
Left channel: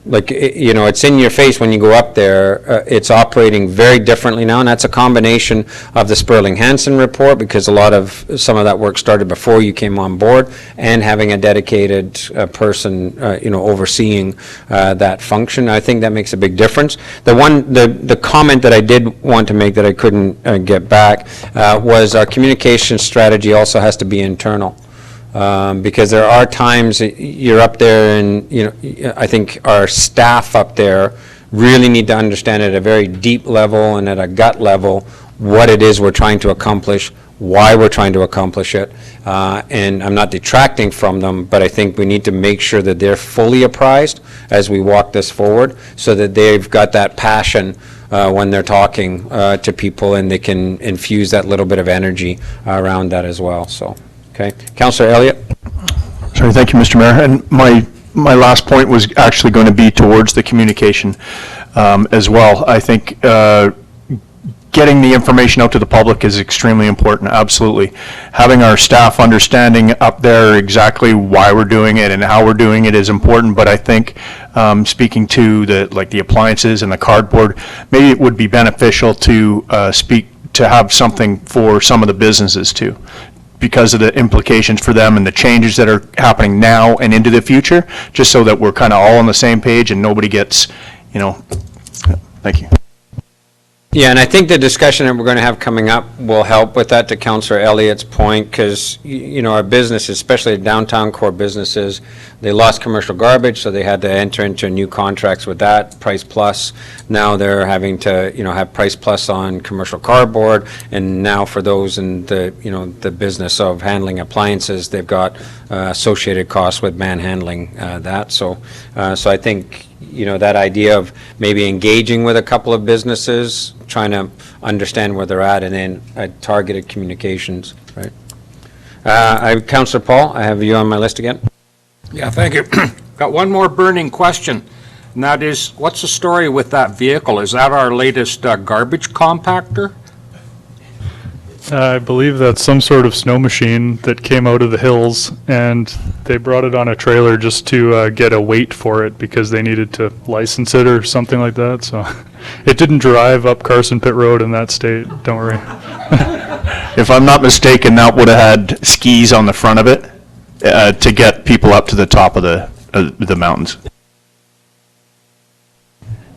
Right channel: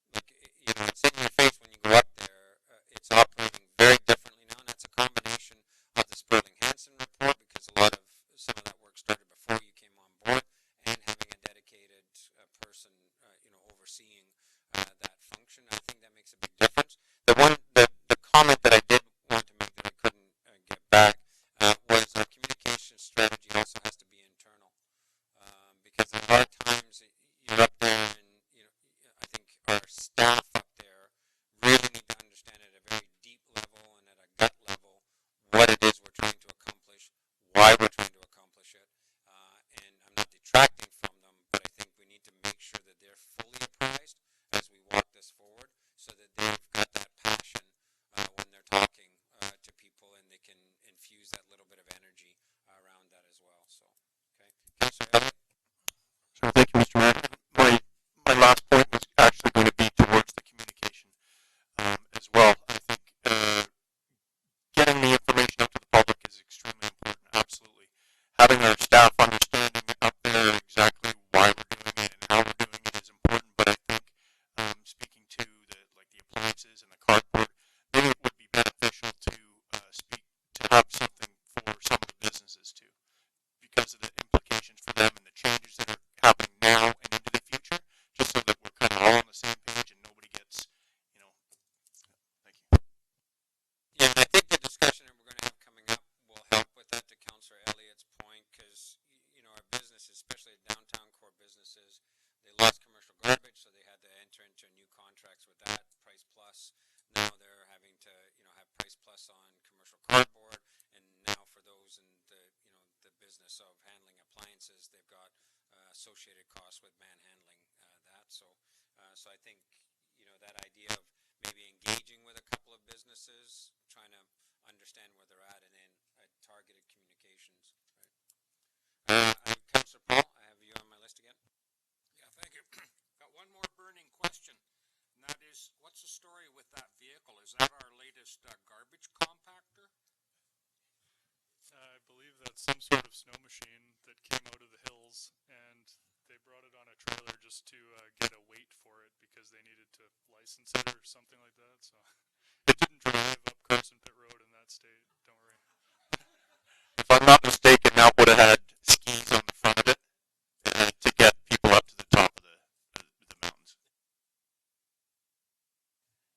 Like, you know, it's in your face when you go up there. It's operating very differently now, and that's a combination of the Sperling-Hansen report, because some of that work started before you came on board, and having a dedicated person, you know, overseeing that function. I think that makes a big difference. The comment that I did want to make that I couldn't get back was our communication strategy also has to be internal. Because there are times you're up there, and, you know, I think our staff up there really need to understand at a very deep level and at a gut level what it is we're trying to accomplish, why we're trying to accomplish it. And I'm not detracting from them, but I think we need to make sure that they're fully apprised as we walk this forward, so that they've got that passion when they're talking to people, and they can infuse that little bit of energy around that as well. So. Okay. Councillor Elliott? Sorry, thank you, Mr. Mayor. And my last point was actually going to be towards the communication as well. I think getting the information out to the public is extremely important, absolutely. Having our staff understanding up there exactly why we're doing it and how we're doing it is important, but I think speaking to the appliances and the cardboard, maybe it would be beneficial to have something for some of the businesses too, because of the implications for them and the changes that are happening now and into the future, just so that we're kind of all on the same page and nobody gets, you know, thank you. Yeah, and I think the discussion that we're going to have coming up will help with that, to Councillor Elliott's point, because, you know, our businesses, especially downtown core businesses, they lost commercial garbage, so they had to enter into new contracts with that, Price Plus. Now they're having to, you know, have Price Plus on commercial cardboard, and now for those in the, you know, the business of handling appliances, they've got associated costs with manhandling that. So I think, you know, that idea of maybe engaging with a couple of businesses, trying to understand where they're at, and then targeted communications, right? Councillor Paul, I have you on my list again. Yeah, thank you. Got one more burning question, and that is, what's the story with that vehicle? Is that our latest garbage compactor? I believe that's some sort of snow machine that came out of the hills, and they brought it on a trailer just to get a weight for it because they needed to license it or something like that. So it didn't drive up Carson Pit Road in that state, don't worry. If I'm not mistaken, that would have had skis on the front of it to get people up to the top of the mountains.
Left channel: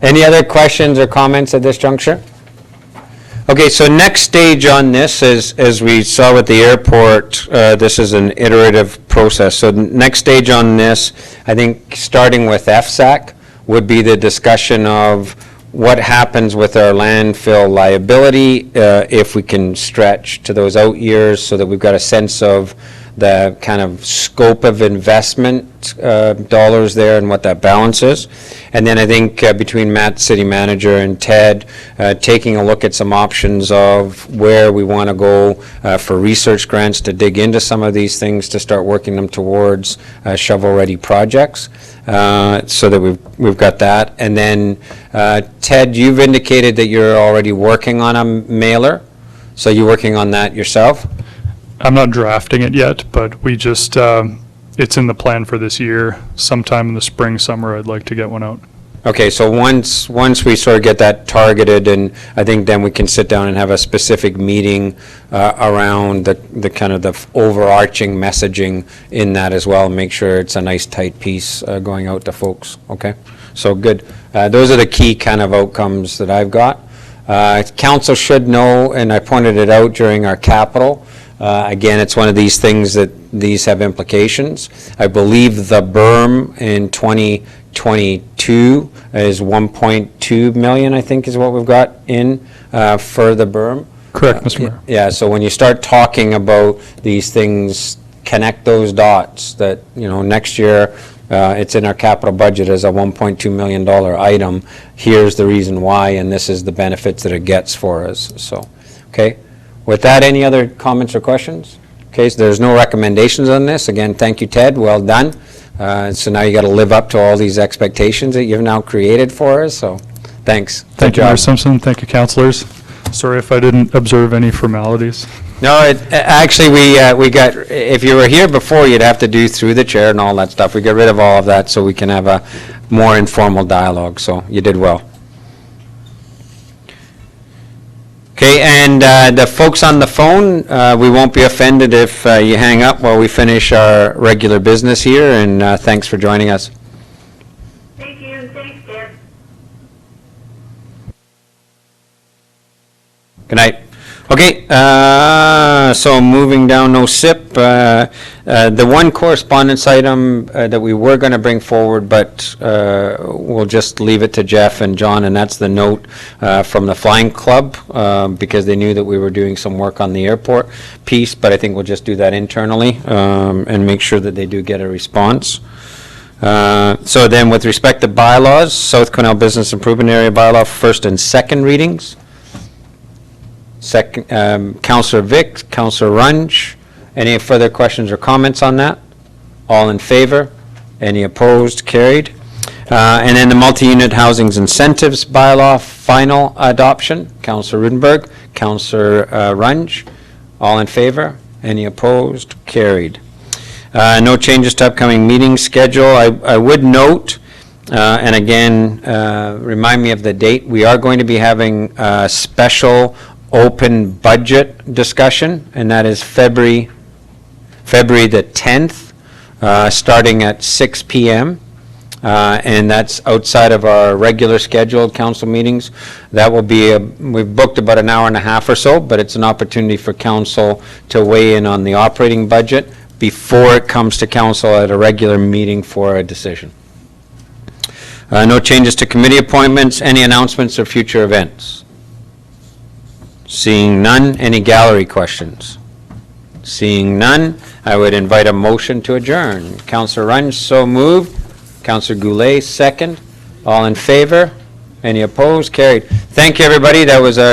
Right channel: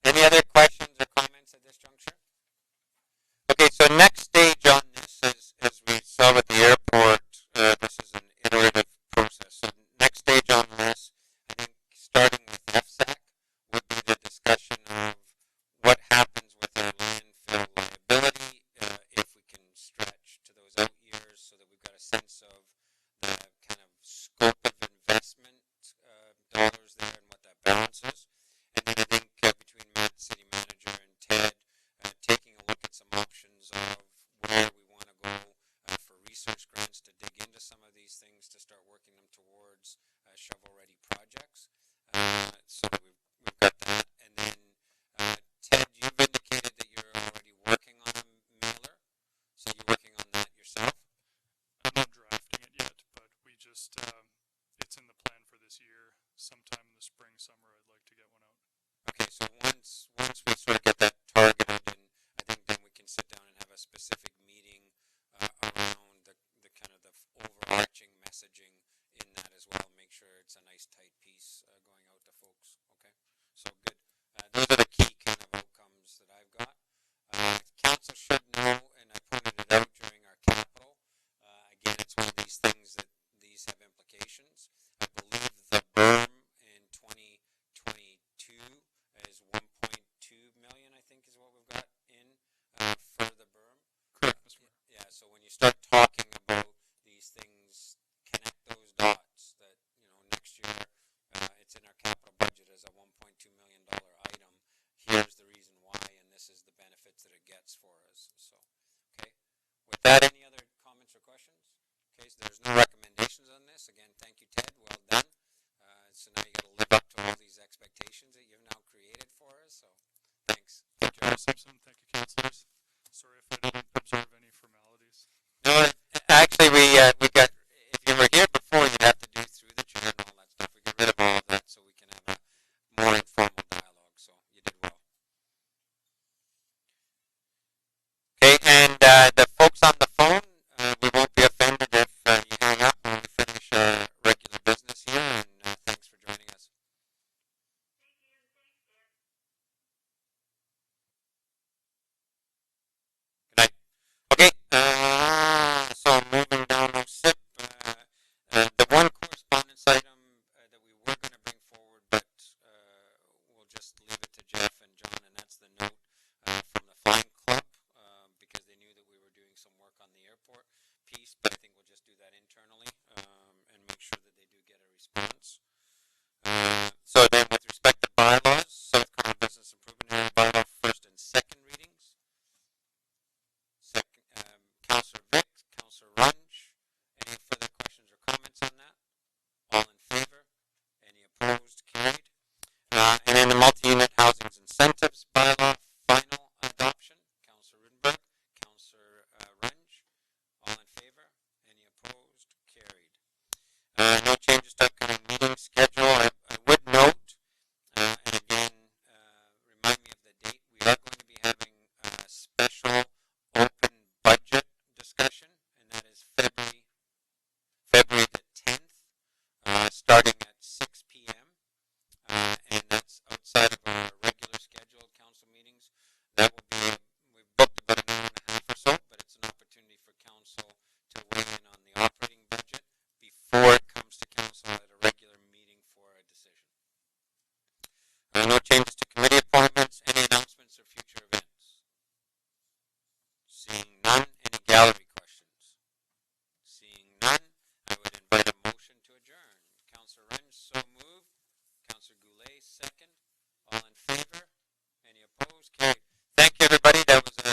Any other questions or comments at this juncture? Okay, so next stage on this is, as we saw with the airport, this is an iterative process. So next stage on this, I think starting with FSAC, would be the discussion of what happens with our landfill liability, if we can stretch to those out years so that we've got a sense of the kind of scope of investment dollars there and what that balance is. And then I think between Matt, city manager, and Ted, taking a look at some options of where we want to go for research grants to dig into some of these things to start working them towards shovel-ready projects, so that we've got that. And then, Ted, you've indicated that you're already working on a mailer, so you're working on that yourself? I'm not drafting it yet, but we just, it's in the plan for this year. Sometime in the spring, summer, I'd like to get one out. Okay, so once we sort of get that targeted, and I think then we can sit down and have a specific meeting around the kind of the overarching messaging in that as well, and make sure it's a nice tight piece going out to folks, okay? So good. Those are the key kind of outcomes that I've got. Council should know, and I pointed it out during our capital, again, it's one of these things that these have implications. I believe the berm in 2022 is 1.2 million, I think is what we've got in for the berm. Correct, Mr. Mayor. Yeah, so when you start talking about these things, connect those dots that, you know, next year it's in our capital budget as a $1.2 million item. Here's the reason why, and this is the benefits that it gets for us. So, okay. With that, any other comments or questions? Okay, so there's no recommendations on this. Again, thank you, Ted. Well done. So now you got to live up to all these expectations that you've now created for us. So, thanks. Thank Good you, Mayor job. Simpson. Thank you, councilors. Sorry if I didn't observe any formalities. No, actually, we got. If you were here before, you'd have to do through the chair and all that stuff. We got rid of all of that so we can have a more informal dialogue. So you did well. Okay, and the folks on the phone, we won't be offended if you hang up while we finish our regular business here, and thanks for joining us. Thank you. Thanks, Deb. Good night. Okay, so moving down, no SIP. The one correspondence item that we were going to bring forward, but we'll just leave it to Jeff and John, and that's the note from the Flying Club, because they knew that we were doing some work on the airport piece, but I think we'll just do that internally and make sure that they do get a response. So then with respect to bylaws, South Quesnel Business Improvement Area Bylaw, first and second readings. Second, Councillor Vic, Councillor Runge, any further questions or comments on that? All in favor? Any opposed? Carried. And then the multi-unit housing incentives bylaw, final adoption. Councillor Rudenberg, Councillor Runge, all in favor? Any opposed? Carried. No changes to upcoming meeting schedule. I would note, and again, remind me of the date, we are going to be having a special open budget discussion, and that is February the 10th, starting at 6 p.m. and that's outside of our regular scheduled council meetings. That will be, we've booked about an hour and a half or so, but it's an opportunity for council to weigh in on the operating budget before it comes to council at a regular meeting for a decision. No changes to committee appointments. Any announcements or future events? Seeing none, any gallery questions? Seeing none, I would invite a motion to adjourn. Councillor Runge, so moved. Councillor Goulet, second. All in favor? Any opposed? Carried. Thank you, everybody. That was a